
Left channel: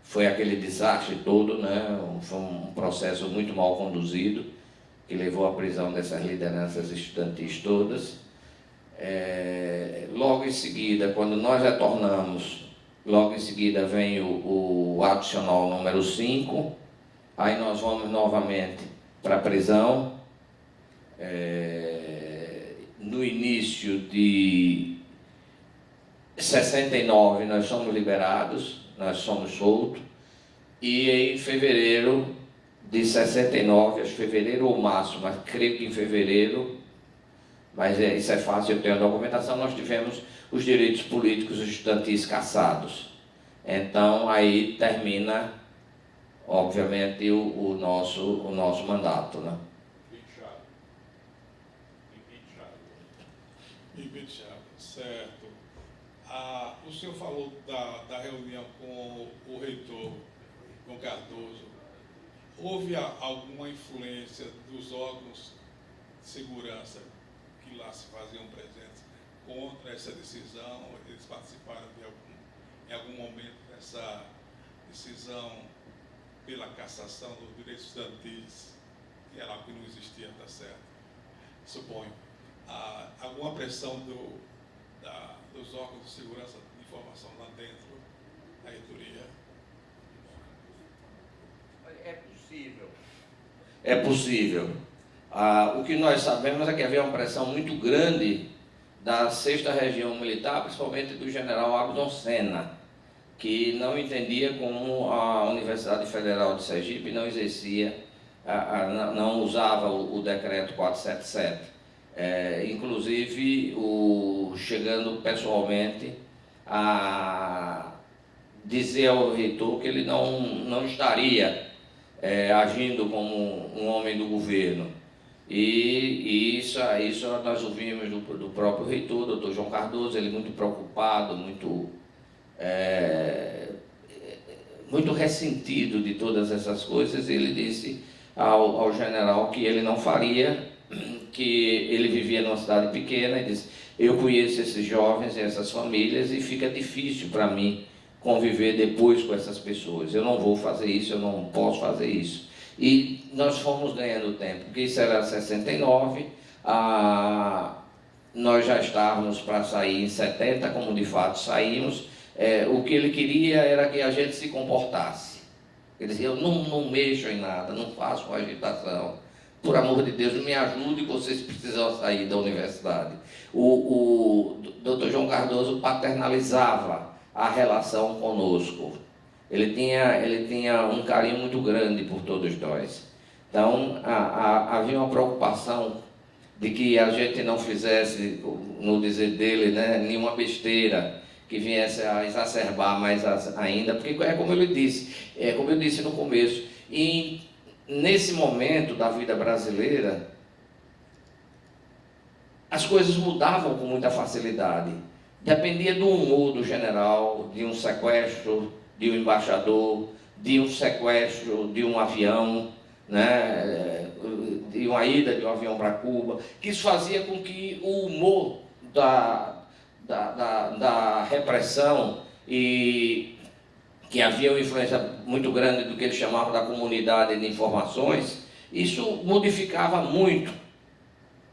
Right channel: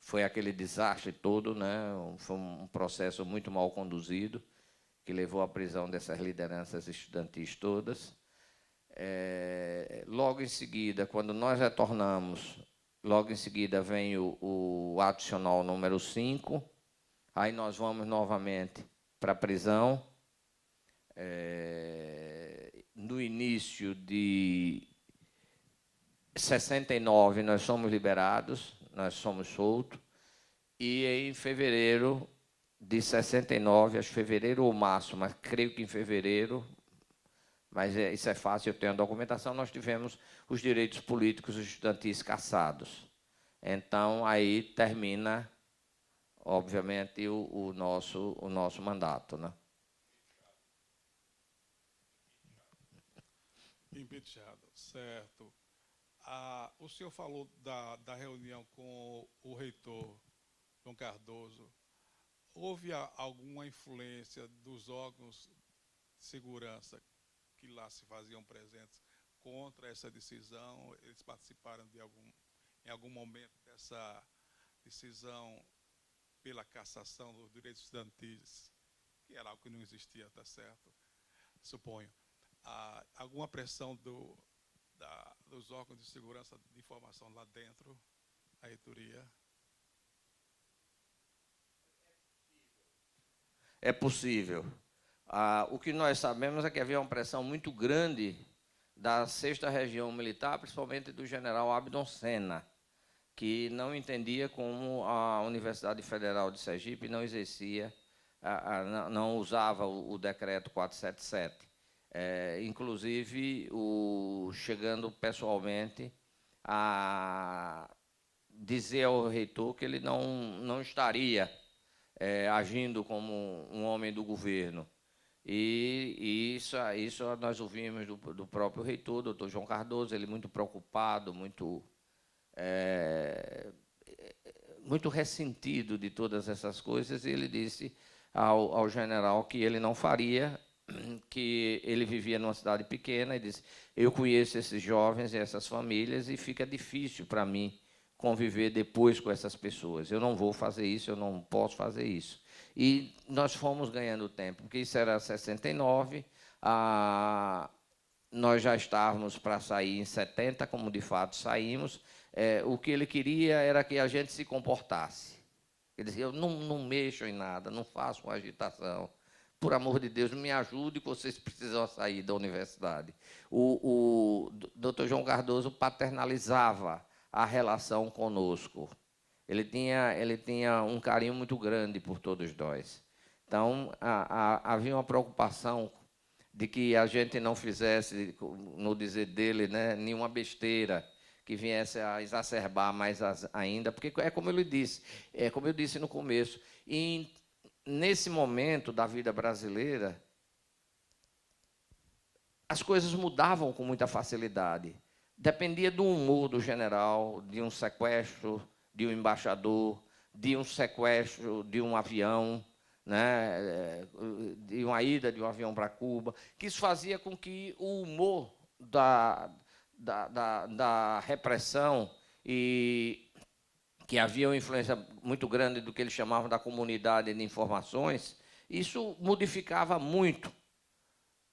foi aquele desastre todo, né? Foi um processo muito mal conduzido, que levou à prisão dessas lideranças estudantis todas. Logo em seguida, quando nós retornamos, logo em seguida vem o adicional número 5, aí nós vamos novamente para a prisão. No início de 69 nós somos liberados, nós somos soltos, e em fevereiro de 69, acho que fevereiro ou março, mas creio que em fevereiro, mas isso é fácil, eu tenho a documentação, nós tivemos os direitos políticos estudantis cassados. Então aí termina, obviamente, o nosso mandato, né? Certo. O senhor falou da reunião com o reitor, com Cardoso. Houve alguma influência dos órgãos de segurança que lá se faziam presentes contra essa decisão? Eles participaram em algum momento dessa decisão pela cassação dos direitos estudantis, que era algo que não existia, tá certo? Suponho. Alguma pressão dos órgãos de segurança de informação lá dentro da reitoria? É possível. O que nós sabemos é que havia uma pressão muito grande da 6ª Região Militar, principalmente do general Agson Senna, que não entendia como a Universidade Federal de Sergipe não exercia, não usava o decreto 477. Inclusive chegando pessoalmente a dizer ao reitor que ele não estaria agindo como um homem do governo. E isso nós ouvimos do próprio reitor, doutor João Cardoso, ele muito preocupado, muito ressentido de todas essas coisas. Ele disse ao general que ele não faria, que ele vivia numa cidade pequena, e disse: eu conheço esses jovens e essas famílias e fica difícil para mim conviver depois com essas pessoas. Eu não vou fazer isso, eu não posso fazer isso. E nós fomos ganhando tempo, porque isso era 69, nós já estávamos para sair em 70, como de fato saímos. O que ele queria era que a gente se comportasse. Ele dizia, eu não mexo em nada, não faço agitação. Por amor de Deus, me ajude, vocês precisam sair da universidade. O Dr. João Cardoso paternalizava a relação conosco. Ele tinha um carinho muito grande por todos nós. Então, havia uma preocupação de que a gente não fizesse, no dizer dele, né, nenhuma besteira que viesse a exacerbar mais ainda, porque como eu disse no começo, e nesse momento da vida brasileira, as coisas mudavam com muita facilidade. Dependia do humor do general, de um sequestro de um embaixador, de um sequestro de um avião, né, de uma ida de um avião para Cuba, que isso fazia com que o humor da repressão, e que havia uma influência muito grande do que eles chamavam da comunidade de informações, isso modificava muito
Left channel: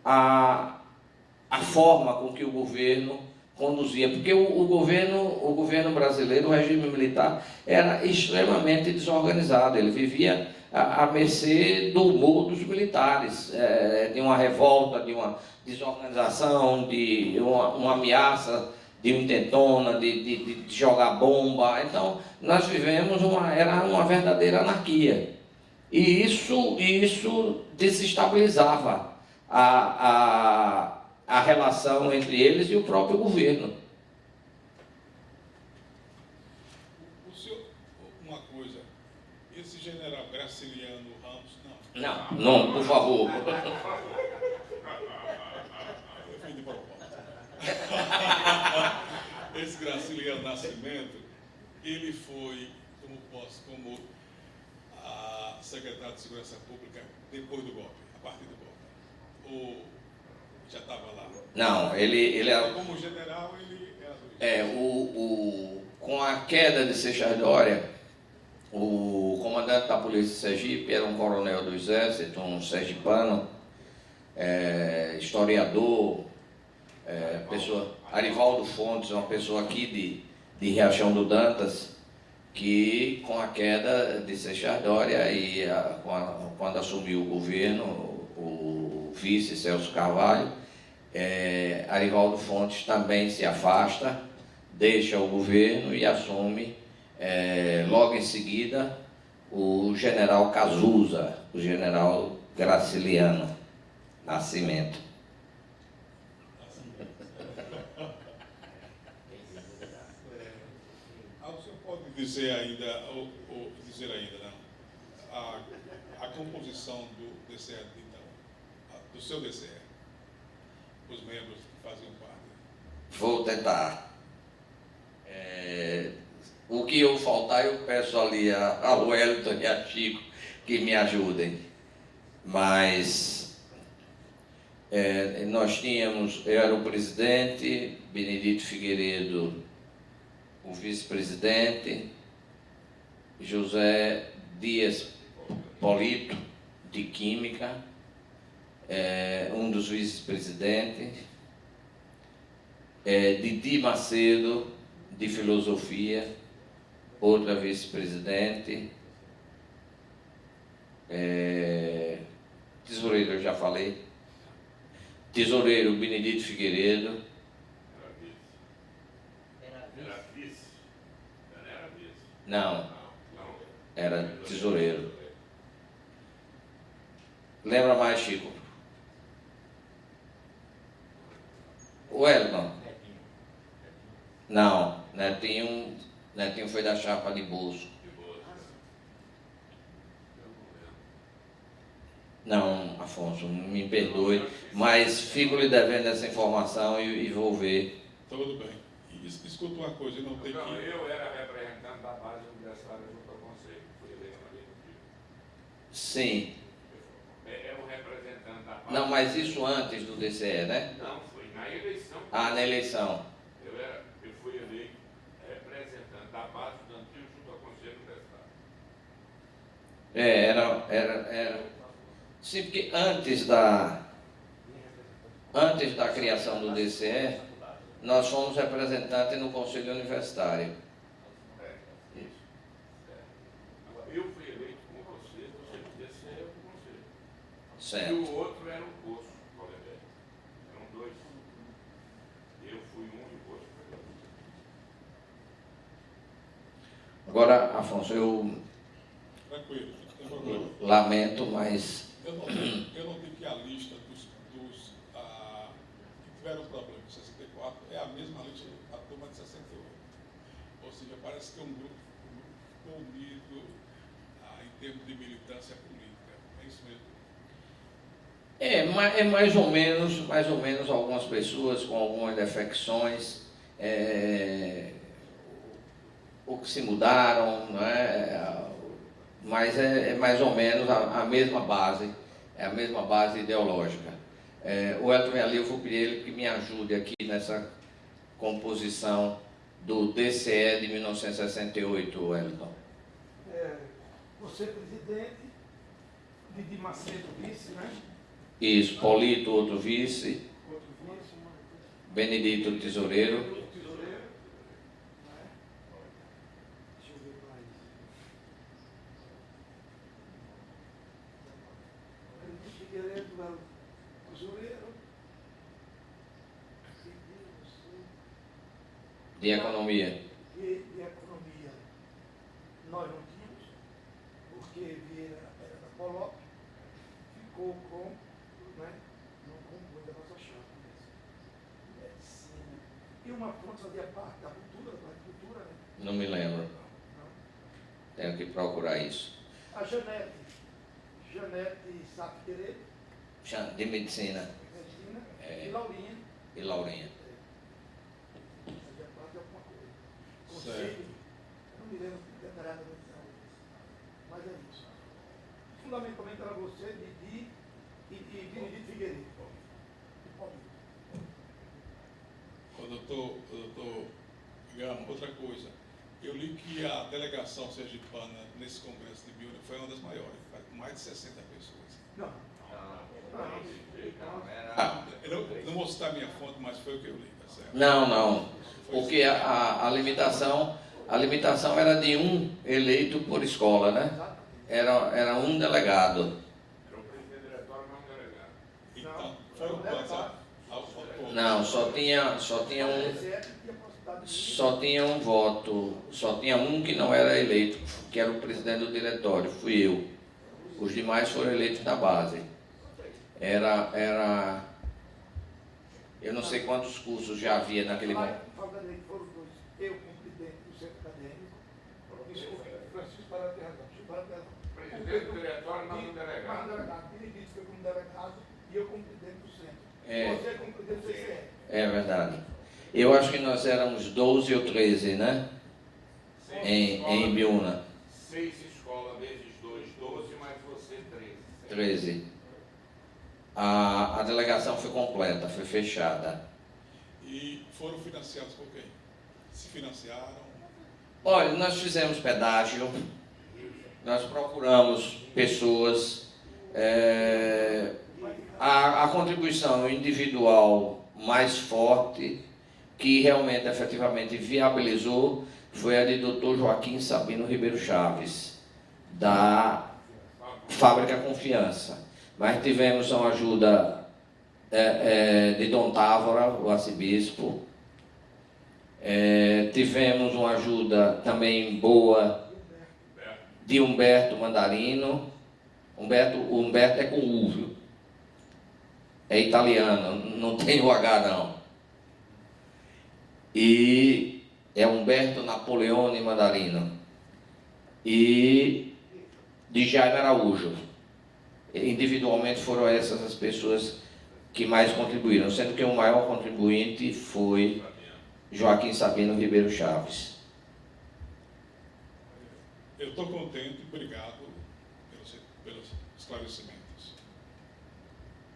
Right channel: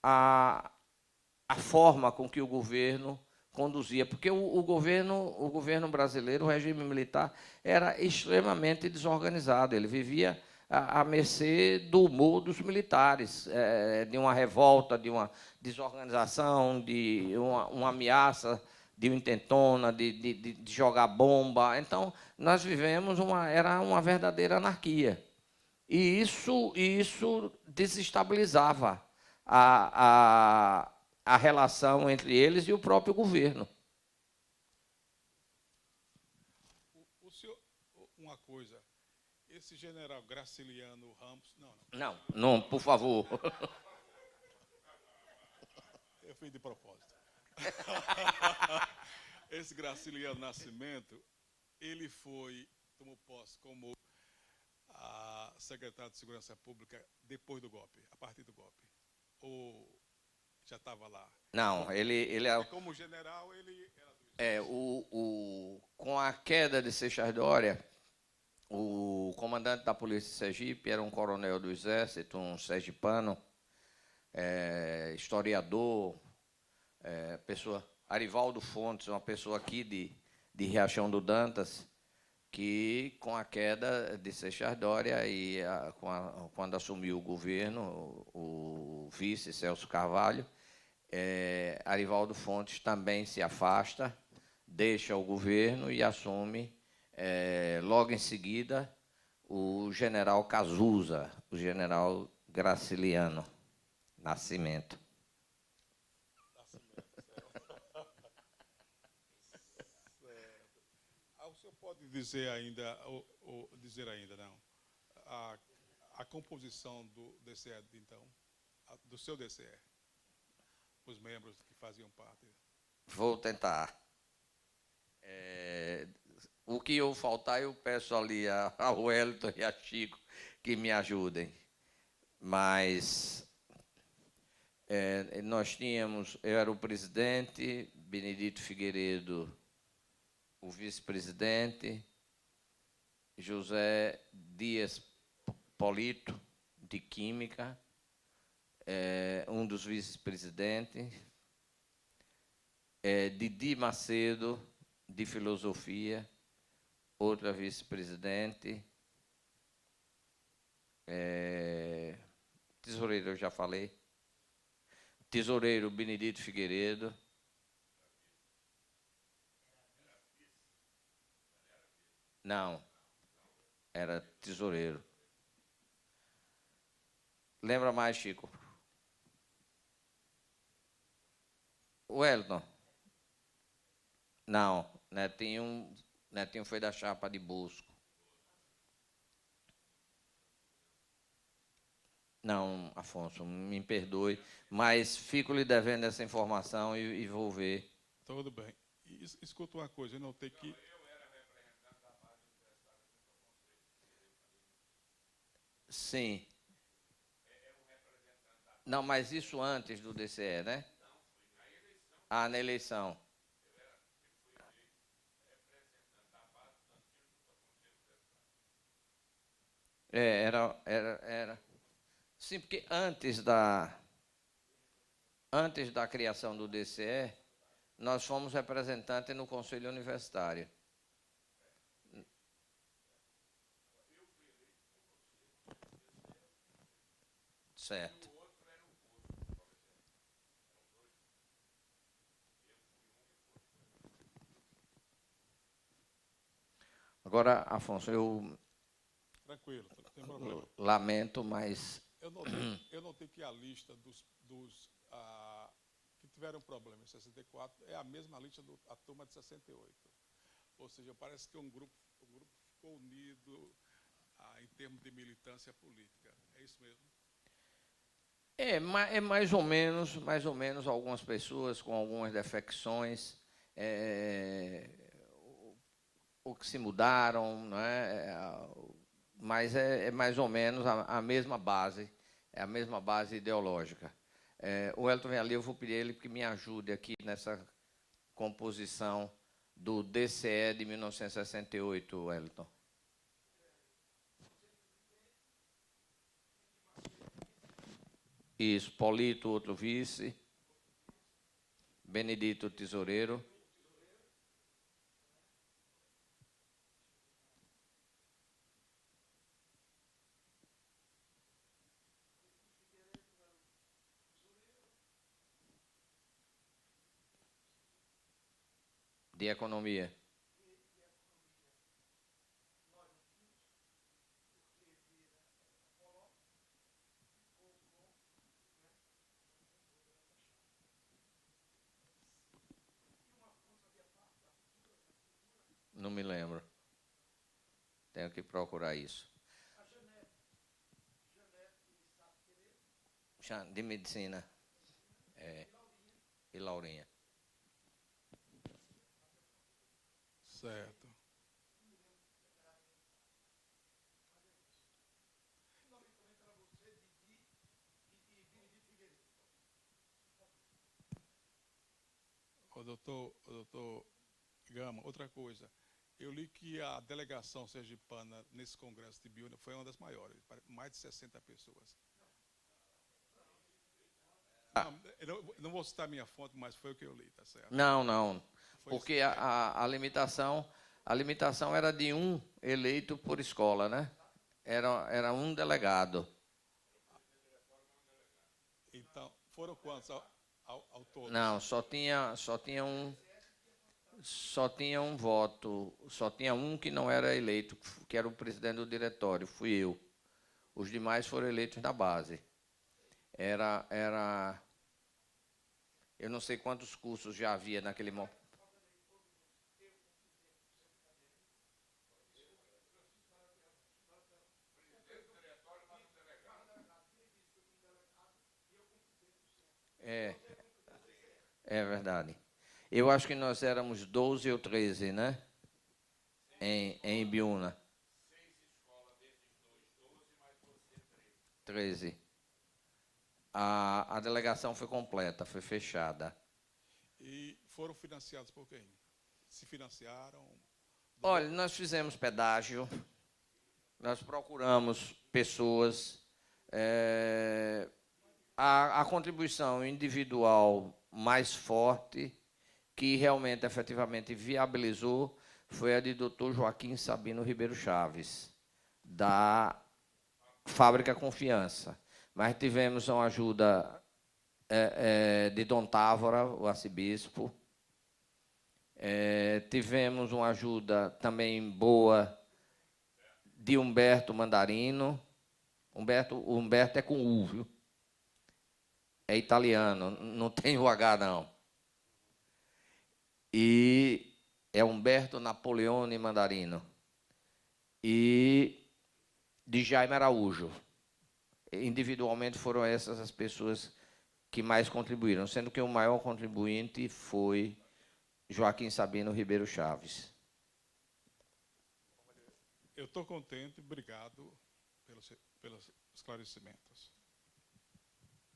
a forma com que o governo conduzia, porque o governo brasileiro, o regime militar, era extremamente desorganizado, ele vivia à mercê do humor dos militares, de uma revolta, de uma desorganização, de uma ameaça, de uma intentona, de jogar bomba. Então, nós vivemos era uma verdadeira anarquia. E isso desestabilizava a relação entre eles e o próprio governo. O senhor, uma coisa, esse general Graciliano Ramos, Não, por favor. Eu fiz de propósito. Esse Graciliano Nascimento, ele foi, como a secretária de Segurança Pública depois do golpe, a partir do golpe. Ou já estava lá? Não, ele era... Como general, ele era... Com a queda de Seixas Dória, o comandante da Polícia de Sergipe era um coronel do Exército, um sergipano, historiador, Arivaldo Fontes, uma pessoa aqui de Riachão do Dantas, que com a queda de Seixas Dória e quando assumiu o governo, o vice Celso Carvalho, Arivaldo Fontes também se afasta, deixa o governo e assume, logo em seguida, o general Cazuza, o general Graciliano Nascimento. O senhor pode dizer ainda, né, a composição do DCE, então, do seu DCE, os membros que faziam parte? Vou tentar. O que eu faltar, eu peço ali ao Wellington e a Chico que me ajudem. Mas nós tínhamos, eu era o presidente, Benedito Figueiredo, o vice-presidente, José Dias Polito, de Química, um dos vice-presidentes, Didi Macedo, de Filosofia, outra vice-presidente, tesoureiro, eu já falei, tesoureiro Benedito Figueiredo. Era vice? Não era vice? Não, era tesoureiro. Lembra mais, Chico? O Wellington? Não, Netinho foi da chapa de bolso. Não, Afonso, me perdoe, mas fico lhe devendo essa informação e vou ver. Tudo bem. E escuta uma coisa, eu não tenho Não, que... eu era representante da base universitária junto ao conselho, fui eleito ali no Rio. Sim. É um representante da base. Não, mas isso antes do DCE, né? Não, foi na eleição. Ah, na eleição. Eu fui eleito representante da base estudantil junto ao conselho universitário. Era. Sim, porque antes antes da criação do DCE, nós fomos representantes no Conselho Universitário. Agora, eu fui eleito com você no DCE com você. Certo. E o outro era o Poço, Colebé. Eram dois. Eu fui um e o Poço foi outro. Agora, Afonso, eu Tranquilo, não tem problema. lamento, mas Eu não digo que a lista dos que tiveram problema em 64 é a mesma lista da turma de 68. Ou seja, parece que é um grupo unido em termos de militância política. É isso mesmo? é mais ou menos algumas pessoas com algumas defecções, ou que se mudaram, não é? Mas é mais ou menos a mesma base, é a mesma base ideológica. O Elton ali, eu vou pedir ele que me ajude aqui nessa composição do DCE de 1968, Elton. Você presidente, Didi Macedo vice, né? Isso, Paulito, outro vice, Outro vice, Benedito, tesoureiro. tesoureiro, né? Deixa eu ver mais. Benedito Figueiredo era o tesoureiro. De economia. E de economia nós não tínhamos, porque Vieira era da Polop, ficou com, né, não compôs da nossa chapa, medicina. E uma fonte fazia parte da cultura, né? Não me lembro. Não. Tenho que procurar isso. A Janete Sapquerê, De medicina. medicina, É. e Laurinha, E Laurinha. fazia parte de alguma coisa. Certo. Conselho, eu não me lembro detalhadamente não, mas é isso. Fundamentalmente era você, Didi e Benedito Figueiredo. Doutor Gama, outra coisa. Eu li que a delegação sergipana nesse congresso de Biúna foi uma das maiores, com mais de 60 pessoas. Não. Eu não vou citar a minha fonte, mas foi o que eu li, tá certo? Não. Porque a limitação era de um eleito por escola, né? Era um delegado. Era o presidente do diretório, mas um delegado. Então, foram quantos ao todo? Não, só tinha um voto, só tinha um que não era eleito, que era o presidente do diretório, fui eu. Os demais foram eleitos da base. Eu não sei quantos cursos já havia naquele momento. Foram dois. Eu, como presidente do centro acadêmico, desculpe, Francisco para ter razão. Presidente do diretório, mas um Mas um delegado. delegado, Benedito foi como delegado e eu como presidente do centro. É. Você como presidente do CCE. É verdade. Eu acho que nós éramos 12 ou 13, né? Em Biúna. 6 escolas vezes 2, 12, mas você 13. 13. A delegação foi completa, foi fechada. E foram financiados por quem? Se financiaram? Olha, nós fizemos pedágio, nós procuramos pessoas, a contribuição individual mais forte, que realmente, efetivamente, viabilizou, foi a de Dr. Joaquim Sabino Ribeiro Chaves, da Fábrica Confiança. Mas tivemos uma ajuda de Dom Távora, o arcebispo. Tivemos uma ajuda também boa de Humberto Mandarino. Humberto é com U, viu? É italiano, não tem o H não. E é Humberto Napoleone Mandarino. E de Jaime Araújo. Individualmente foram essas as pessoas que mais contribuíram, sendo que o maior contribuinte foi Joaquim Sabino Ribeiro Chaves. Eu estou contente, obrigado pelos esclarecimentos.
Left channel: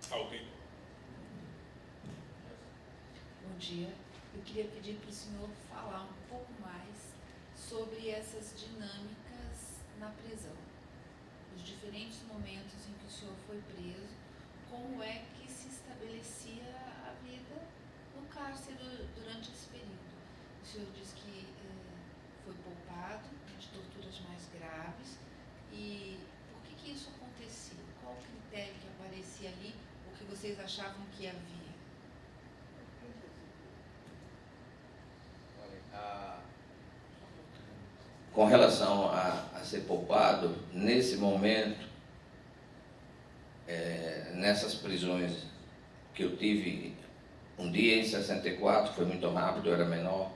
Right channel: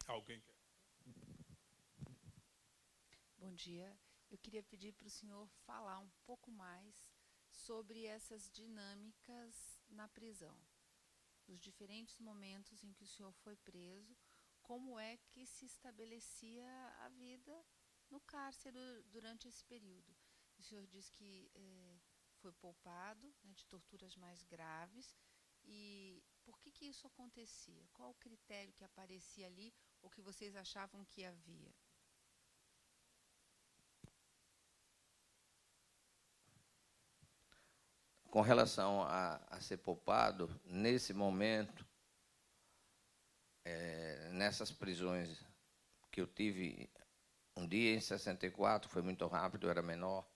Alguém? Bom dia. Eu queria pedir para o senhor falar um pouco mais sobre essas dinâmicas na prisão. Os diferentes momentos em que o senhor foi preso, como é que se estabelecia achavam que havia? Com relação a ser poupado, nesse momento, nessas prisões que eu tive, um dia em 64, foi muito rápido, eu era menor.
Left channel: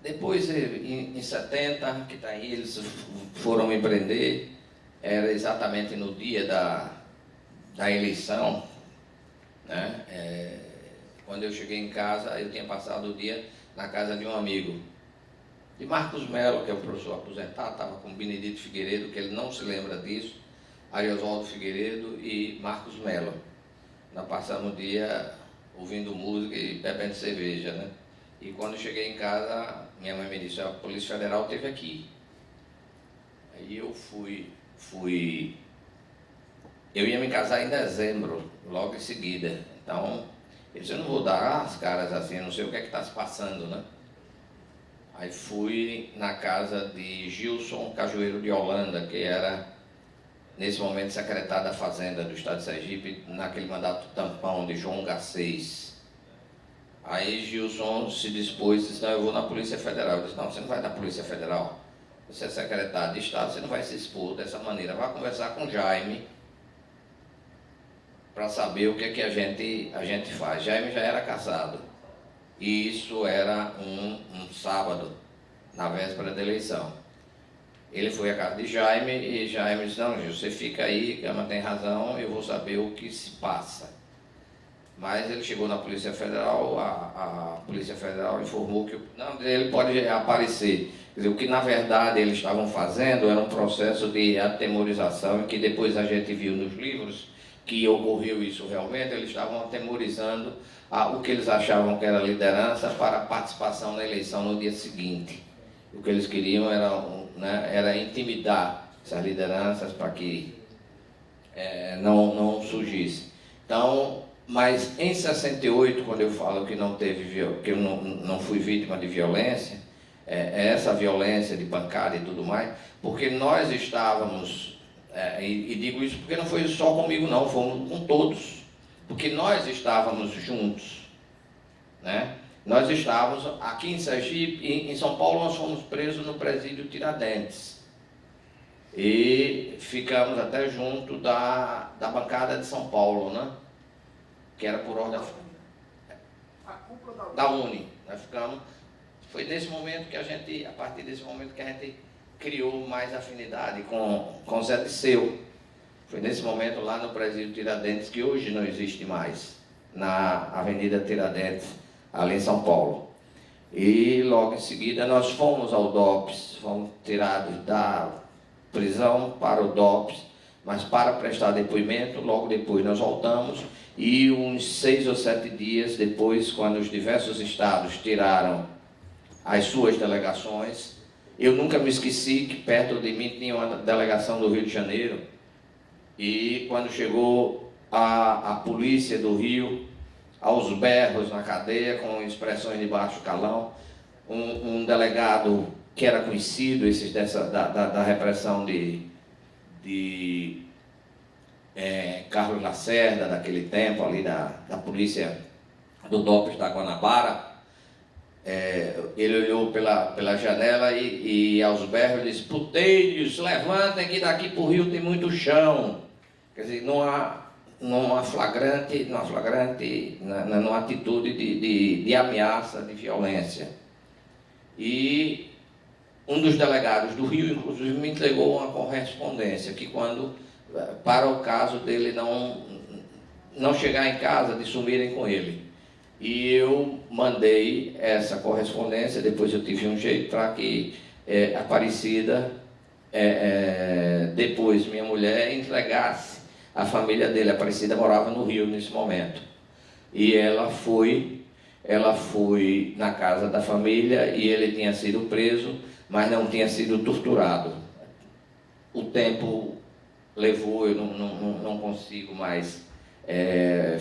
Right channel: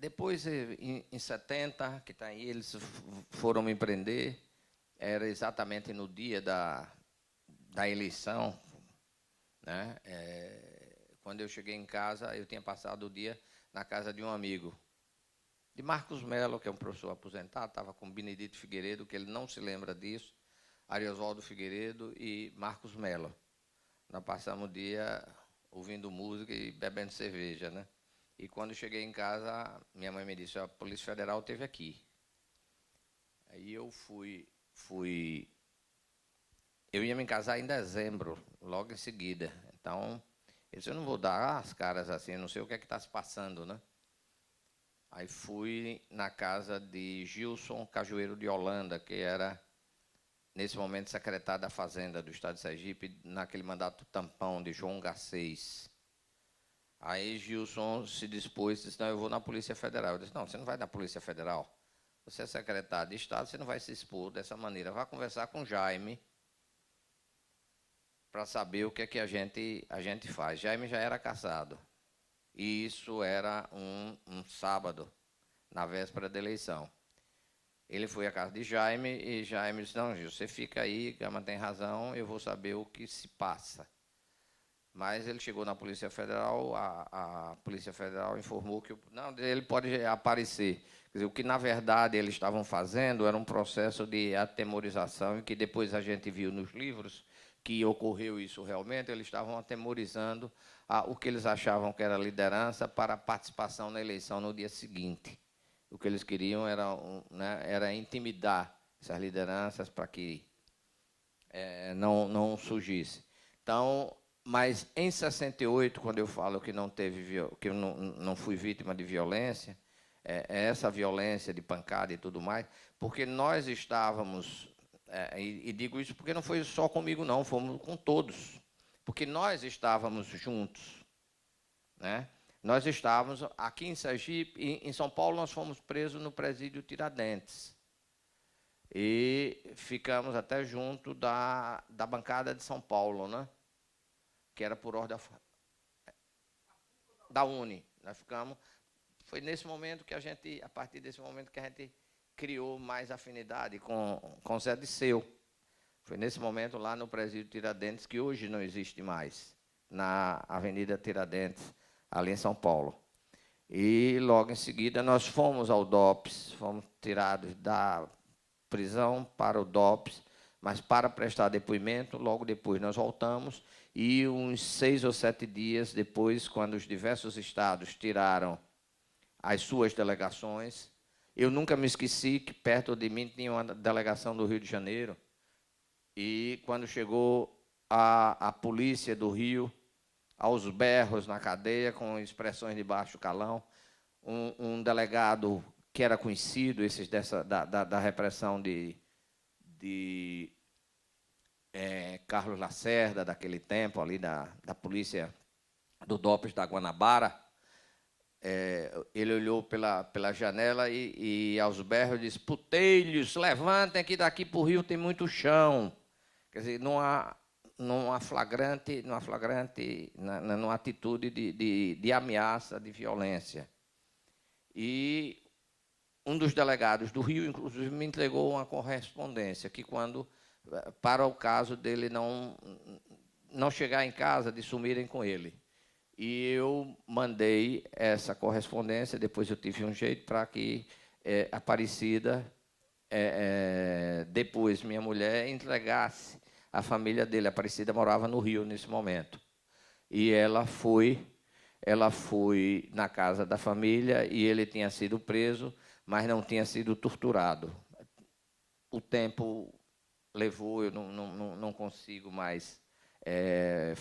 Depois, em 70, que daí eles foram me prender, era exatamente no dia da eleição, né? Quando eu cheguei em casa, eu tinha passado o dia na casa de um amigo, de Marcos Melo, que é o professor aposentado, estava com Benedito Figueiredo, que ele não se lembra disso, Ariosvaldo Figueiredo e Marcos Melo. Nós passamos o dia ouvindo música e bebendo cerveja, né? E quando cheguei em casa, minha mãe me disse: a Polícia Federal esteve aqui. Aí eu eu ia me casar em dezembro, logo em seguida. Então, eu disse: eu não vou dar as caras assim, eu não sei o que é que está se passando, né? Aí fui na casa de Gilson Cajueiro de Holanda, que era, nesse momento, secretário da Fazenda do Estado de Sergipe, naquele mandato tampão de João Garcês. Aí Gilson se dispôs e disse: não, eu vou na Polícia Federal. Eu disse: não, você não vai na Polícia Federal. Você é secretário de Estado, você não vai se expor dessa maneira. Vai conversar com Jaime para saber o que é que a gente faz. Jaime já era casado. E isso era um sábado, na véspera da eleição. Ele foi à casa de Jaime e Jaime disse: não, Gil, você fica aí, Gama tem razão, eu vou saber o que se passa. Mas ele chegou na Polícia Federal, a Polícia Federal informou que não, ele pode aparecer. Quer dizer, o que na verdade eles estavam fazendo era um processo de atemorização, e que depois a gente viu nos livros que ocorreu isso realmente. Eles estavam atemorizando o que eles achavam que era liderança para a participação na eleição no dia seguinte. O que eles queriam era intimidar essas lideranças para que não surgisse. Então, mas em 68, quando eu falo que que eu não fui vítima de violência, essa violência de pancada e tudo mais, porque nós estávamos, e digo isso porque não foi só comigo não, fomos com todos, porque nós estávamos juntos, né? Nós estávamos aqui em Sergipe, em São Paulo nós fomos presos no presídio Tiradentes, e ficamos até junto da bancada de São Paulo, né? Que era por ordem da Uni. Nós ficamos. Foi nesse momento que a partir desse momento que a gente criou mais afinidade com Zé Disseu. Foi nesse momento lá no presídio Tiradentes, que hoje não existe mais, na Avenida Tiradentes, ali em São Paulo. E logo em seguida nós fomos ao DOPS, fomos tirados da prisão para o DOPS, mas para prestar depoimento. Logo depois nós voltamos, e uns 6 ou 7 dias depois, quando os diversos estados tiraram as suas delegações, eu nunca me esqueci que perto de mim tinha uma delegação do Rio de Janeiro, e quando chegou a polícia do Rio, aos berros na cadeia, com expressões de baixo calão, um delegado que era conhecido, esses da repressão de Carlos Lacerda, daquele tempo, ali da polícia do DOPS da Guanabara, ele olhou pela janela e aos berros disse: puteiros, levantem que daqui para o Rio tem muito chão. Quer dizer, numa atitude de ameaça, de violência. E um dos delegados do Rio, inclusive, me entregou uma correspondência que, para o caso dele não chegar em casa, de sumirem com ele. E eu mandei essa correspondência, depois eu tive um jeito para que Aparecida, depois minha mulher, entregasse a família dele. A Aparecida morava no Rio nesse momento. E ela foi na casa da família, e ele tinha sido preso, mas não tinha sido torturado. O tempo levou, eu não consigo mais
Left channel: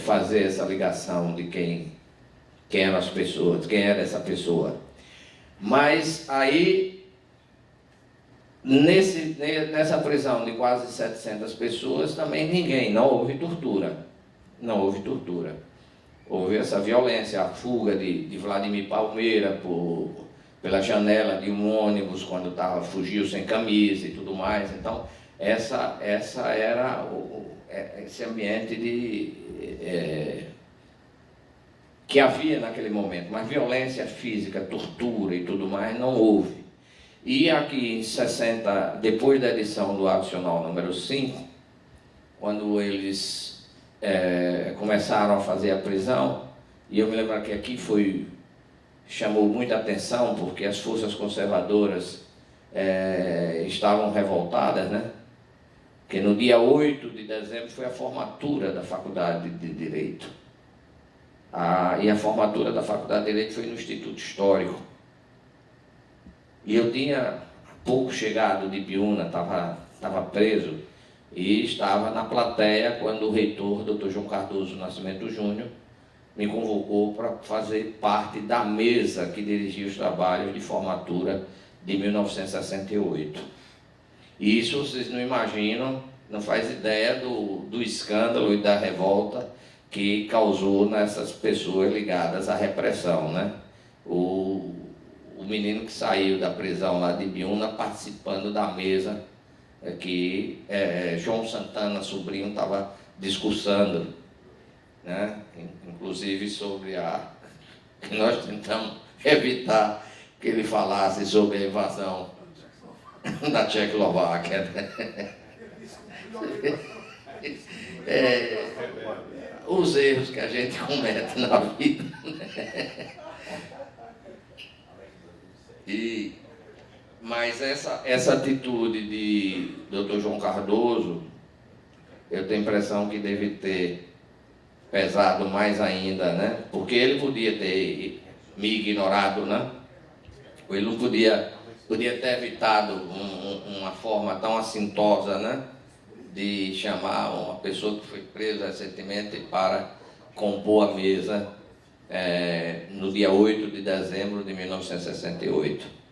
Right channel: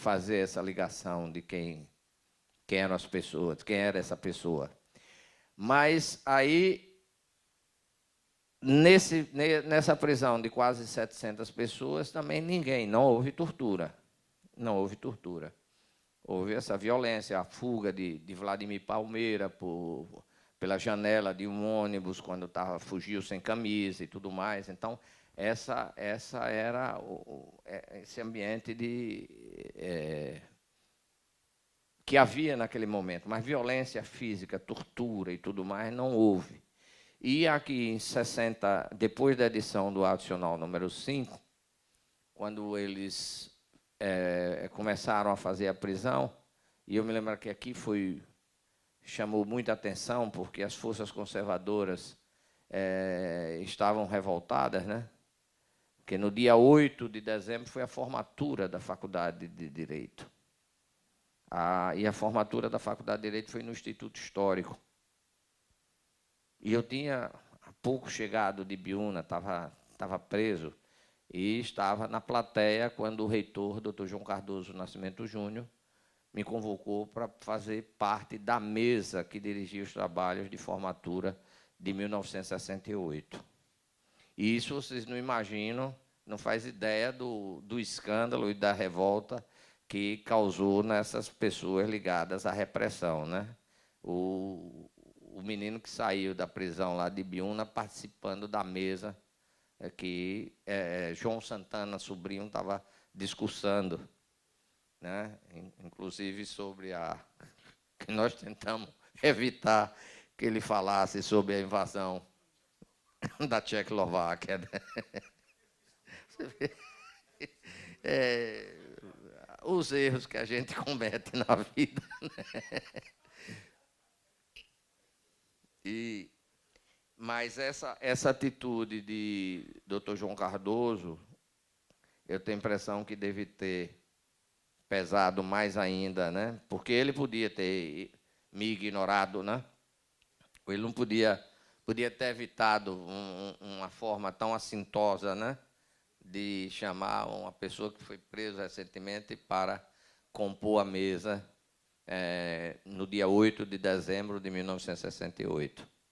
fazer essa ligação de quem eram as pessoas, quem era essa pessoa. Mas aí Nessa prisão de quase 700 pessoas, também não houve tortura. Não houve tortura. Houve essa violência, a fuga de Vladimir Palmeira pela janela de um ônibus quando fugiu sem camisa e tudo mais. Então, essa era esse ambiente que havia naquele momento. Mas violência física, tortura e tudo mais, não houve. E aqui em 60, depois da edição do Adicional número 5, quando eles começaram a fazer a prisão, e eu me lembro que aqui chamou muita atenção, porque as forças conservadoras estavam revoltadas, né? Porque no dia 8 de dezembro foi a formatura da Faculdade de Direito. E a formatura da Faculdade de Direito foi no Instituto Histórico. E eu tinha pouco chegado de Ibiúna, estava preso, e estava na plateia quando o reitor, Dr. João Cardoso Nascimento Júnior, me convocou para fazer parte da mesa que dirigia os trabalhos de formatura de 1968. E isso vocês não imaginam, não faz ideia do escândalo e da revolta que causou nessas pessoas ligadas à repressão, né? O menino que saiu da prisão lá de Ibiúna participando da mesa que João Santana, sobrinho, estava discursando, né? Inclusive sobre que nós tentamos evitar que ele falasse sobre a invasão da Tchecoslováquia, né? Os erros que a gente comete na vida, né? Mas essa atitude de Dr. João Cardoso, eu tenho a impressão que deve ter pesado mais ainda, né? Porque ele podia ter me ignorado, né? Ele não podia ter evitado uma forma tão assintosa, né? De chamar uma pessoa que foi presa recentemente para compor a mesa no dia 8 de dezembro de 1968.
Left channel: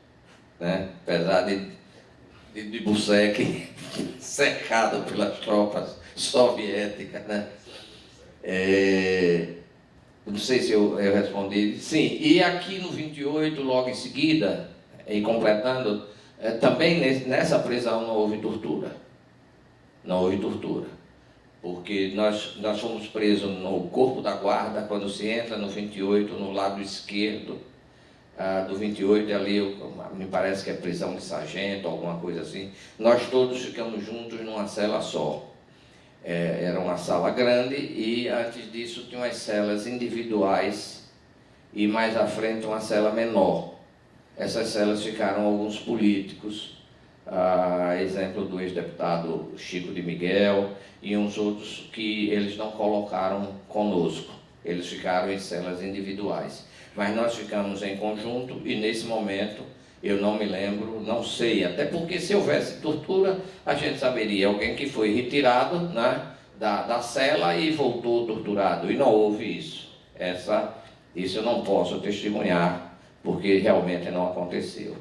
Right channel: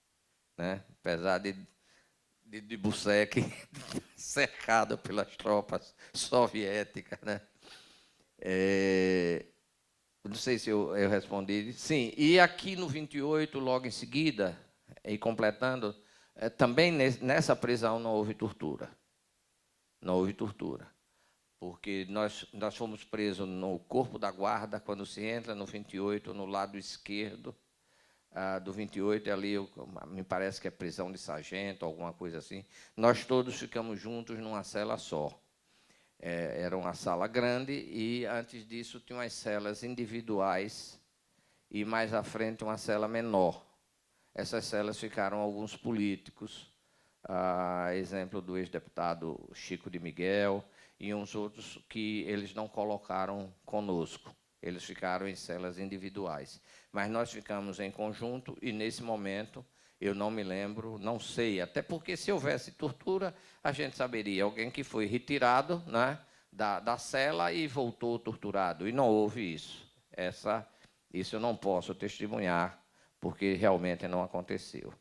Né? Apesar de Busek cercado pelas tropas soviéticas, né? Não sei se eu respondi. Sim, e aqui no 28, logo em seguida, e completando, também nessa prisão não houve tortura. Não houve tortura. Porque nós fomos presos no Corpo da Guarda, quando se entra no 28, no lado esquerdo do 28, ali, me parece que é prisão de sargento, alguma coisa assim. Nós todos ficamos juntos numa cela só. Era uma sala grande e, antes disso, tinha umas celas individuais e, mais à frente, uma cela menor. Essas celas ficaram alguns políticos, exemplo do ex-deputado Chico de Miguel e uns outros que eles não colocaram conosco. Eles ficaram em celas individuais. Mas nós ficamos em conjunto e, nesse momento, eu não me lembro, não sei, até porque se houvesse tortura, a gente saberia alguém que foi retirado, né, da cela e voltou torturado, e não houve isso. Isso eu não posso testemunhar, porque realmente não aconteceu.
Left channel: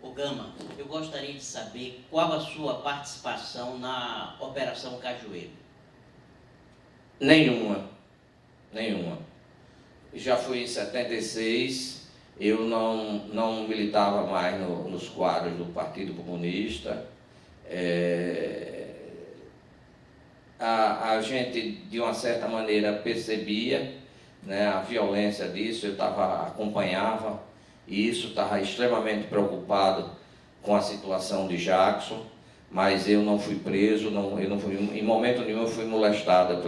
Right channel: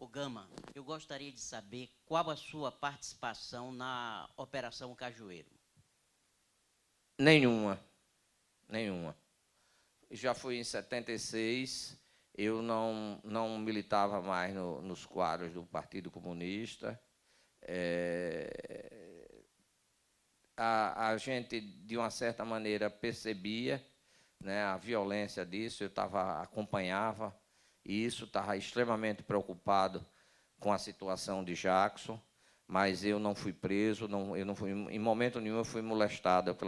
O Gama, eu gostaria de saber qual a sua participação na Operação Cajueiro. Nenhuma. Já fui em 76, eu não militava mais nos quadros do Partido Comunista. A gente, de uma certa maneira, percebia, né, a violência disso, acompanhava, e isso estava extremamente preocupado com a situação de Jackson, mas eu não fui preso, em momento nenhum eu fui molestado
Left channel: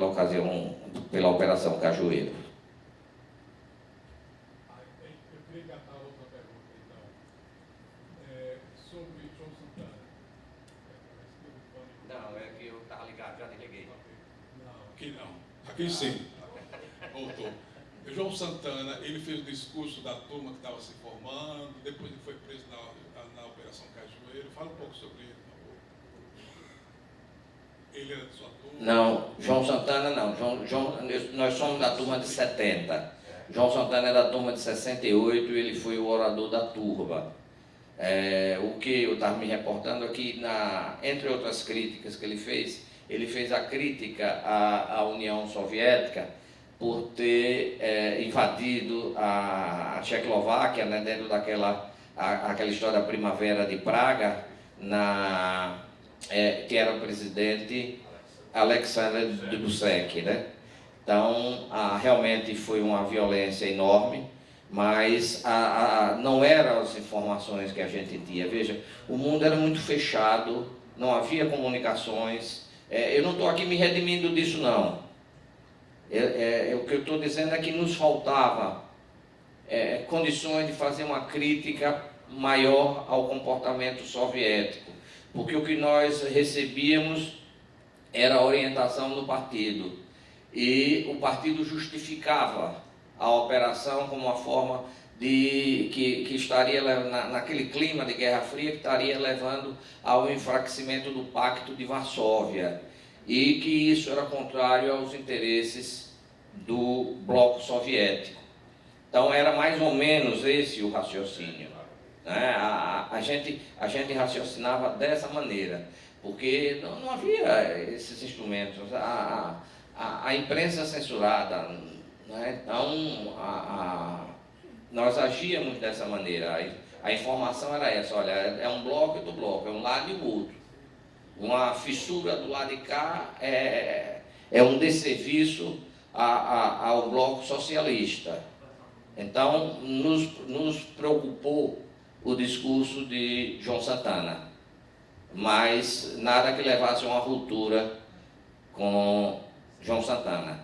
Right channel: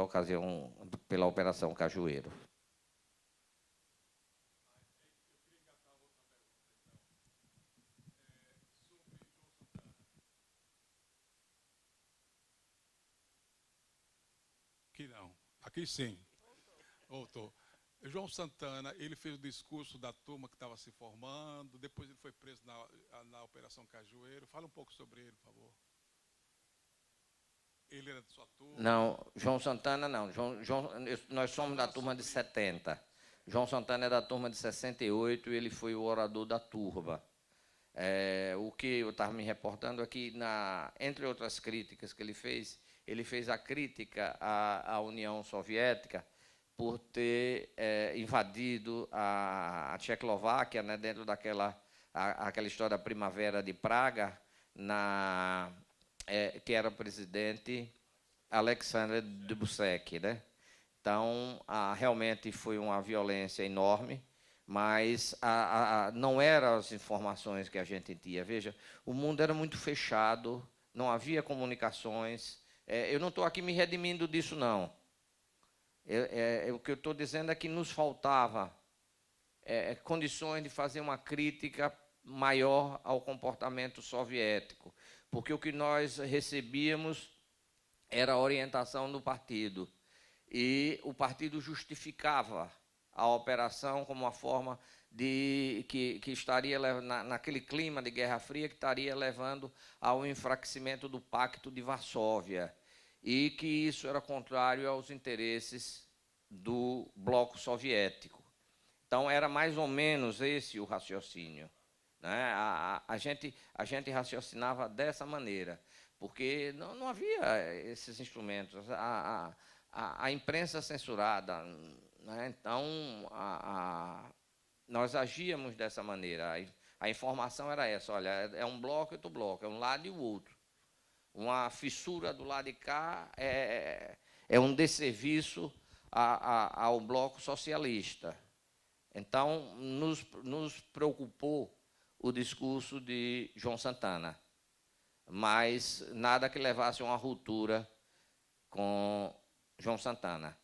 pela Operação Cajueiro. Eu queria engatar outra pergunta, então. Sobre João Santana. Não, é que eu estava ligado, já desliguei. Não, aqui não. Aqui sim. Voltou. O João Santana, ele fez o discurso da turma que estava se formando, depois ele foi preso na Operação Cajueiro. Fala um pouco sobre ele, por favor. Ele era de sua turma? Não, João Santana não. Nós somos da turma de 70. João Santana é da turma de 68 e ele foi o orador da turma. O que eu estava me reportando aqui, entre outras críticas que ele fez a crítica à União Soviética por ter invadido a Tchecoslováquia, né, dentro daquela aquela história da Primavera de Praga, que era o presidente Alexander Dubček, né? Então, realmente foi uma violência enorme, mas não eram as informações que a gente tinha. Veja, o mundo era muito fechado, não havia comunicações. Eu não estou aqui me redimindo disso, não. O que eu estou dizendo é que nos faltava condições de fazer uma crítica maior ao comportamento soviético, porque o que nós recebíamos era a orientação do partido, e o partido justificava a operação como uma forma que estaria naquele clima de Guerra Fria, que estaria levando ao enfraquecimento do Pacto de Varsóvia, e que isso era contrário aos interesses do bloco soviético. Então era mais ou menos esse o raciocínio, né? A gente raciocinava dessa maneira, porque não havia esses instrumentos, a imprensa censurada, né? Então nós agíamos dessa maneira. A informação era essa: olha, é um bloco e do bloco, é um lado e o outro. Uma fissura do lado de cá é um desserviço ao bloco socialista. Então nos preocupou o discurso de João Santana, mas nada que levasse a uma ruptura com João Santana.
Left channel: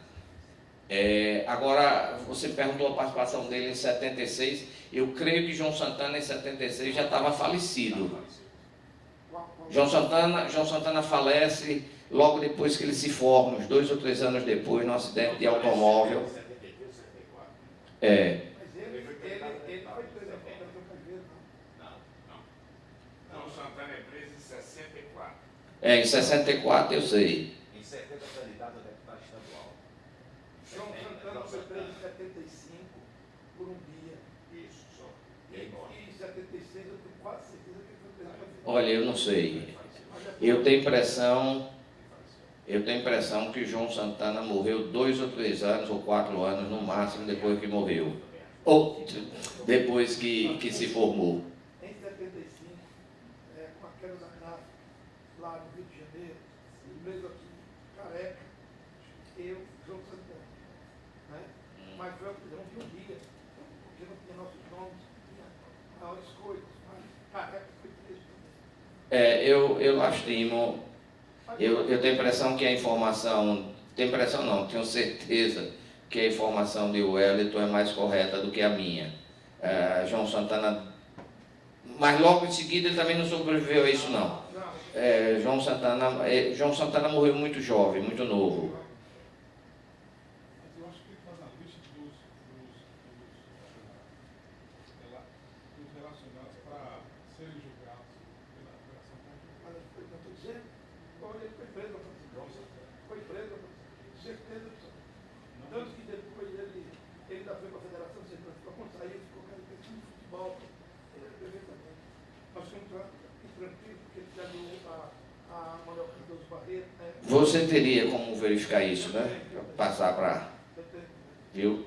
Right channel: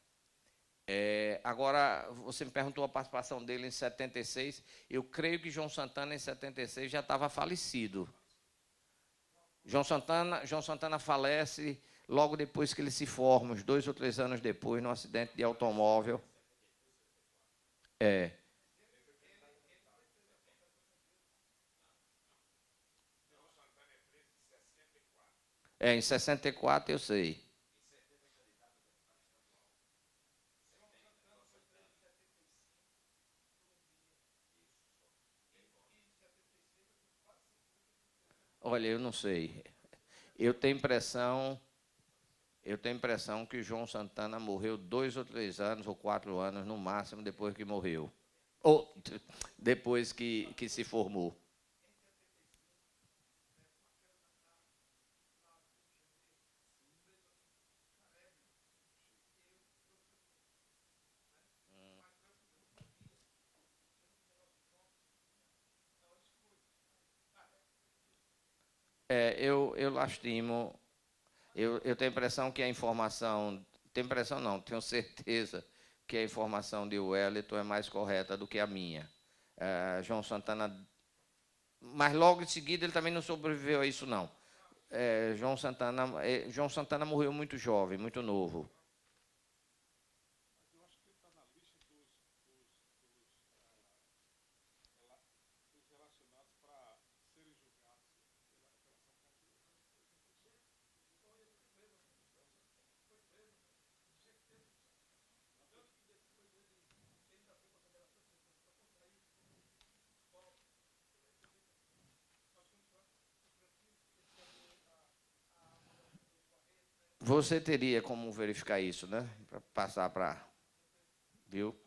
Agora, você perguntou a participação dele em 76, eu creio que João Santana em 76 já estava falecido. João Santana falece logo depois que ele se forma, uns 2 ou 3 anos depois, num acidente de automóvel. Mas ele foi preso João Santana é preso em 64. Em 64 eu sei. Em 70 candidato a deputado estadual. João Santana foi preso em 75 por um dia. Isso, só. E em 76 eu tenho quase certeza que ele foi preso. Olha, eu não sei. Eu tenho impressão que o João Santana morreu 2 ou 3 anos, ou 4 anos no máximo, depois que morreu. Ou depois que se formou. Em 75, com aquela da lá no Rio de Janeiro, mesmo aqui, careca, eu, João Santana. Né? Mas foi não vi um dia, porque não tinha nossos nomes, tinha maiores coisas, mas careca foi preso também. Eu lastimo. Eu tenho a impressão que a informação, tenho certeza que a informação de Wellington é mais correta do que a minha. João Santana, mas logo em seguida ele também não sobreviveu a isso, não. João Santana morreu muito jovem, muito novo. Eu acho que faz a lista dos relacionados para serem julgados pela Operação Caju. Mas eu estou dizendo, ele foi preso, foi preso, certeza absoluta. Tanto que depois ele ainda foi para a Federação de Segurança, quando saiu, ficou caricato de futebol, também. Mas foi tranquilo, porque ele já deu a Manuel Cardoso Barreto. Você teria como verificar isso, né? Passar para... Viu?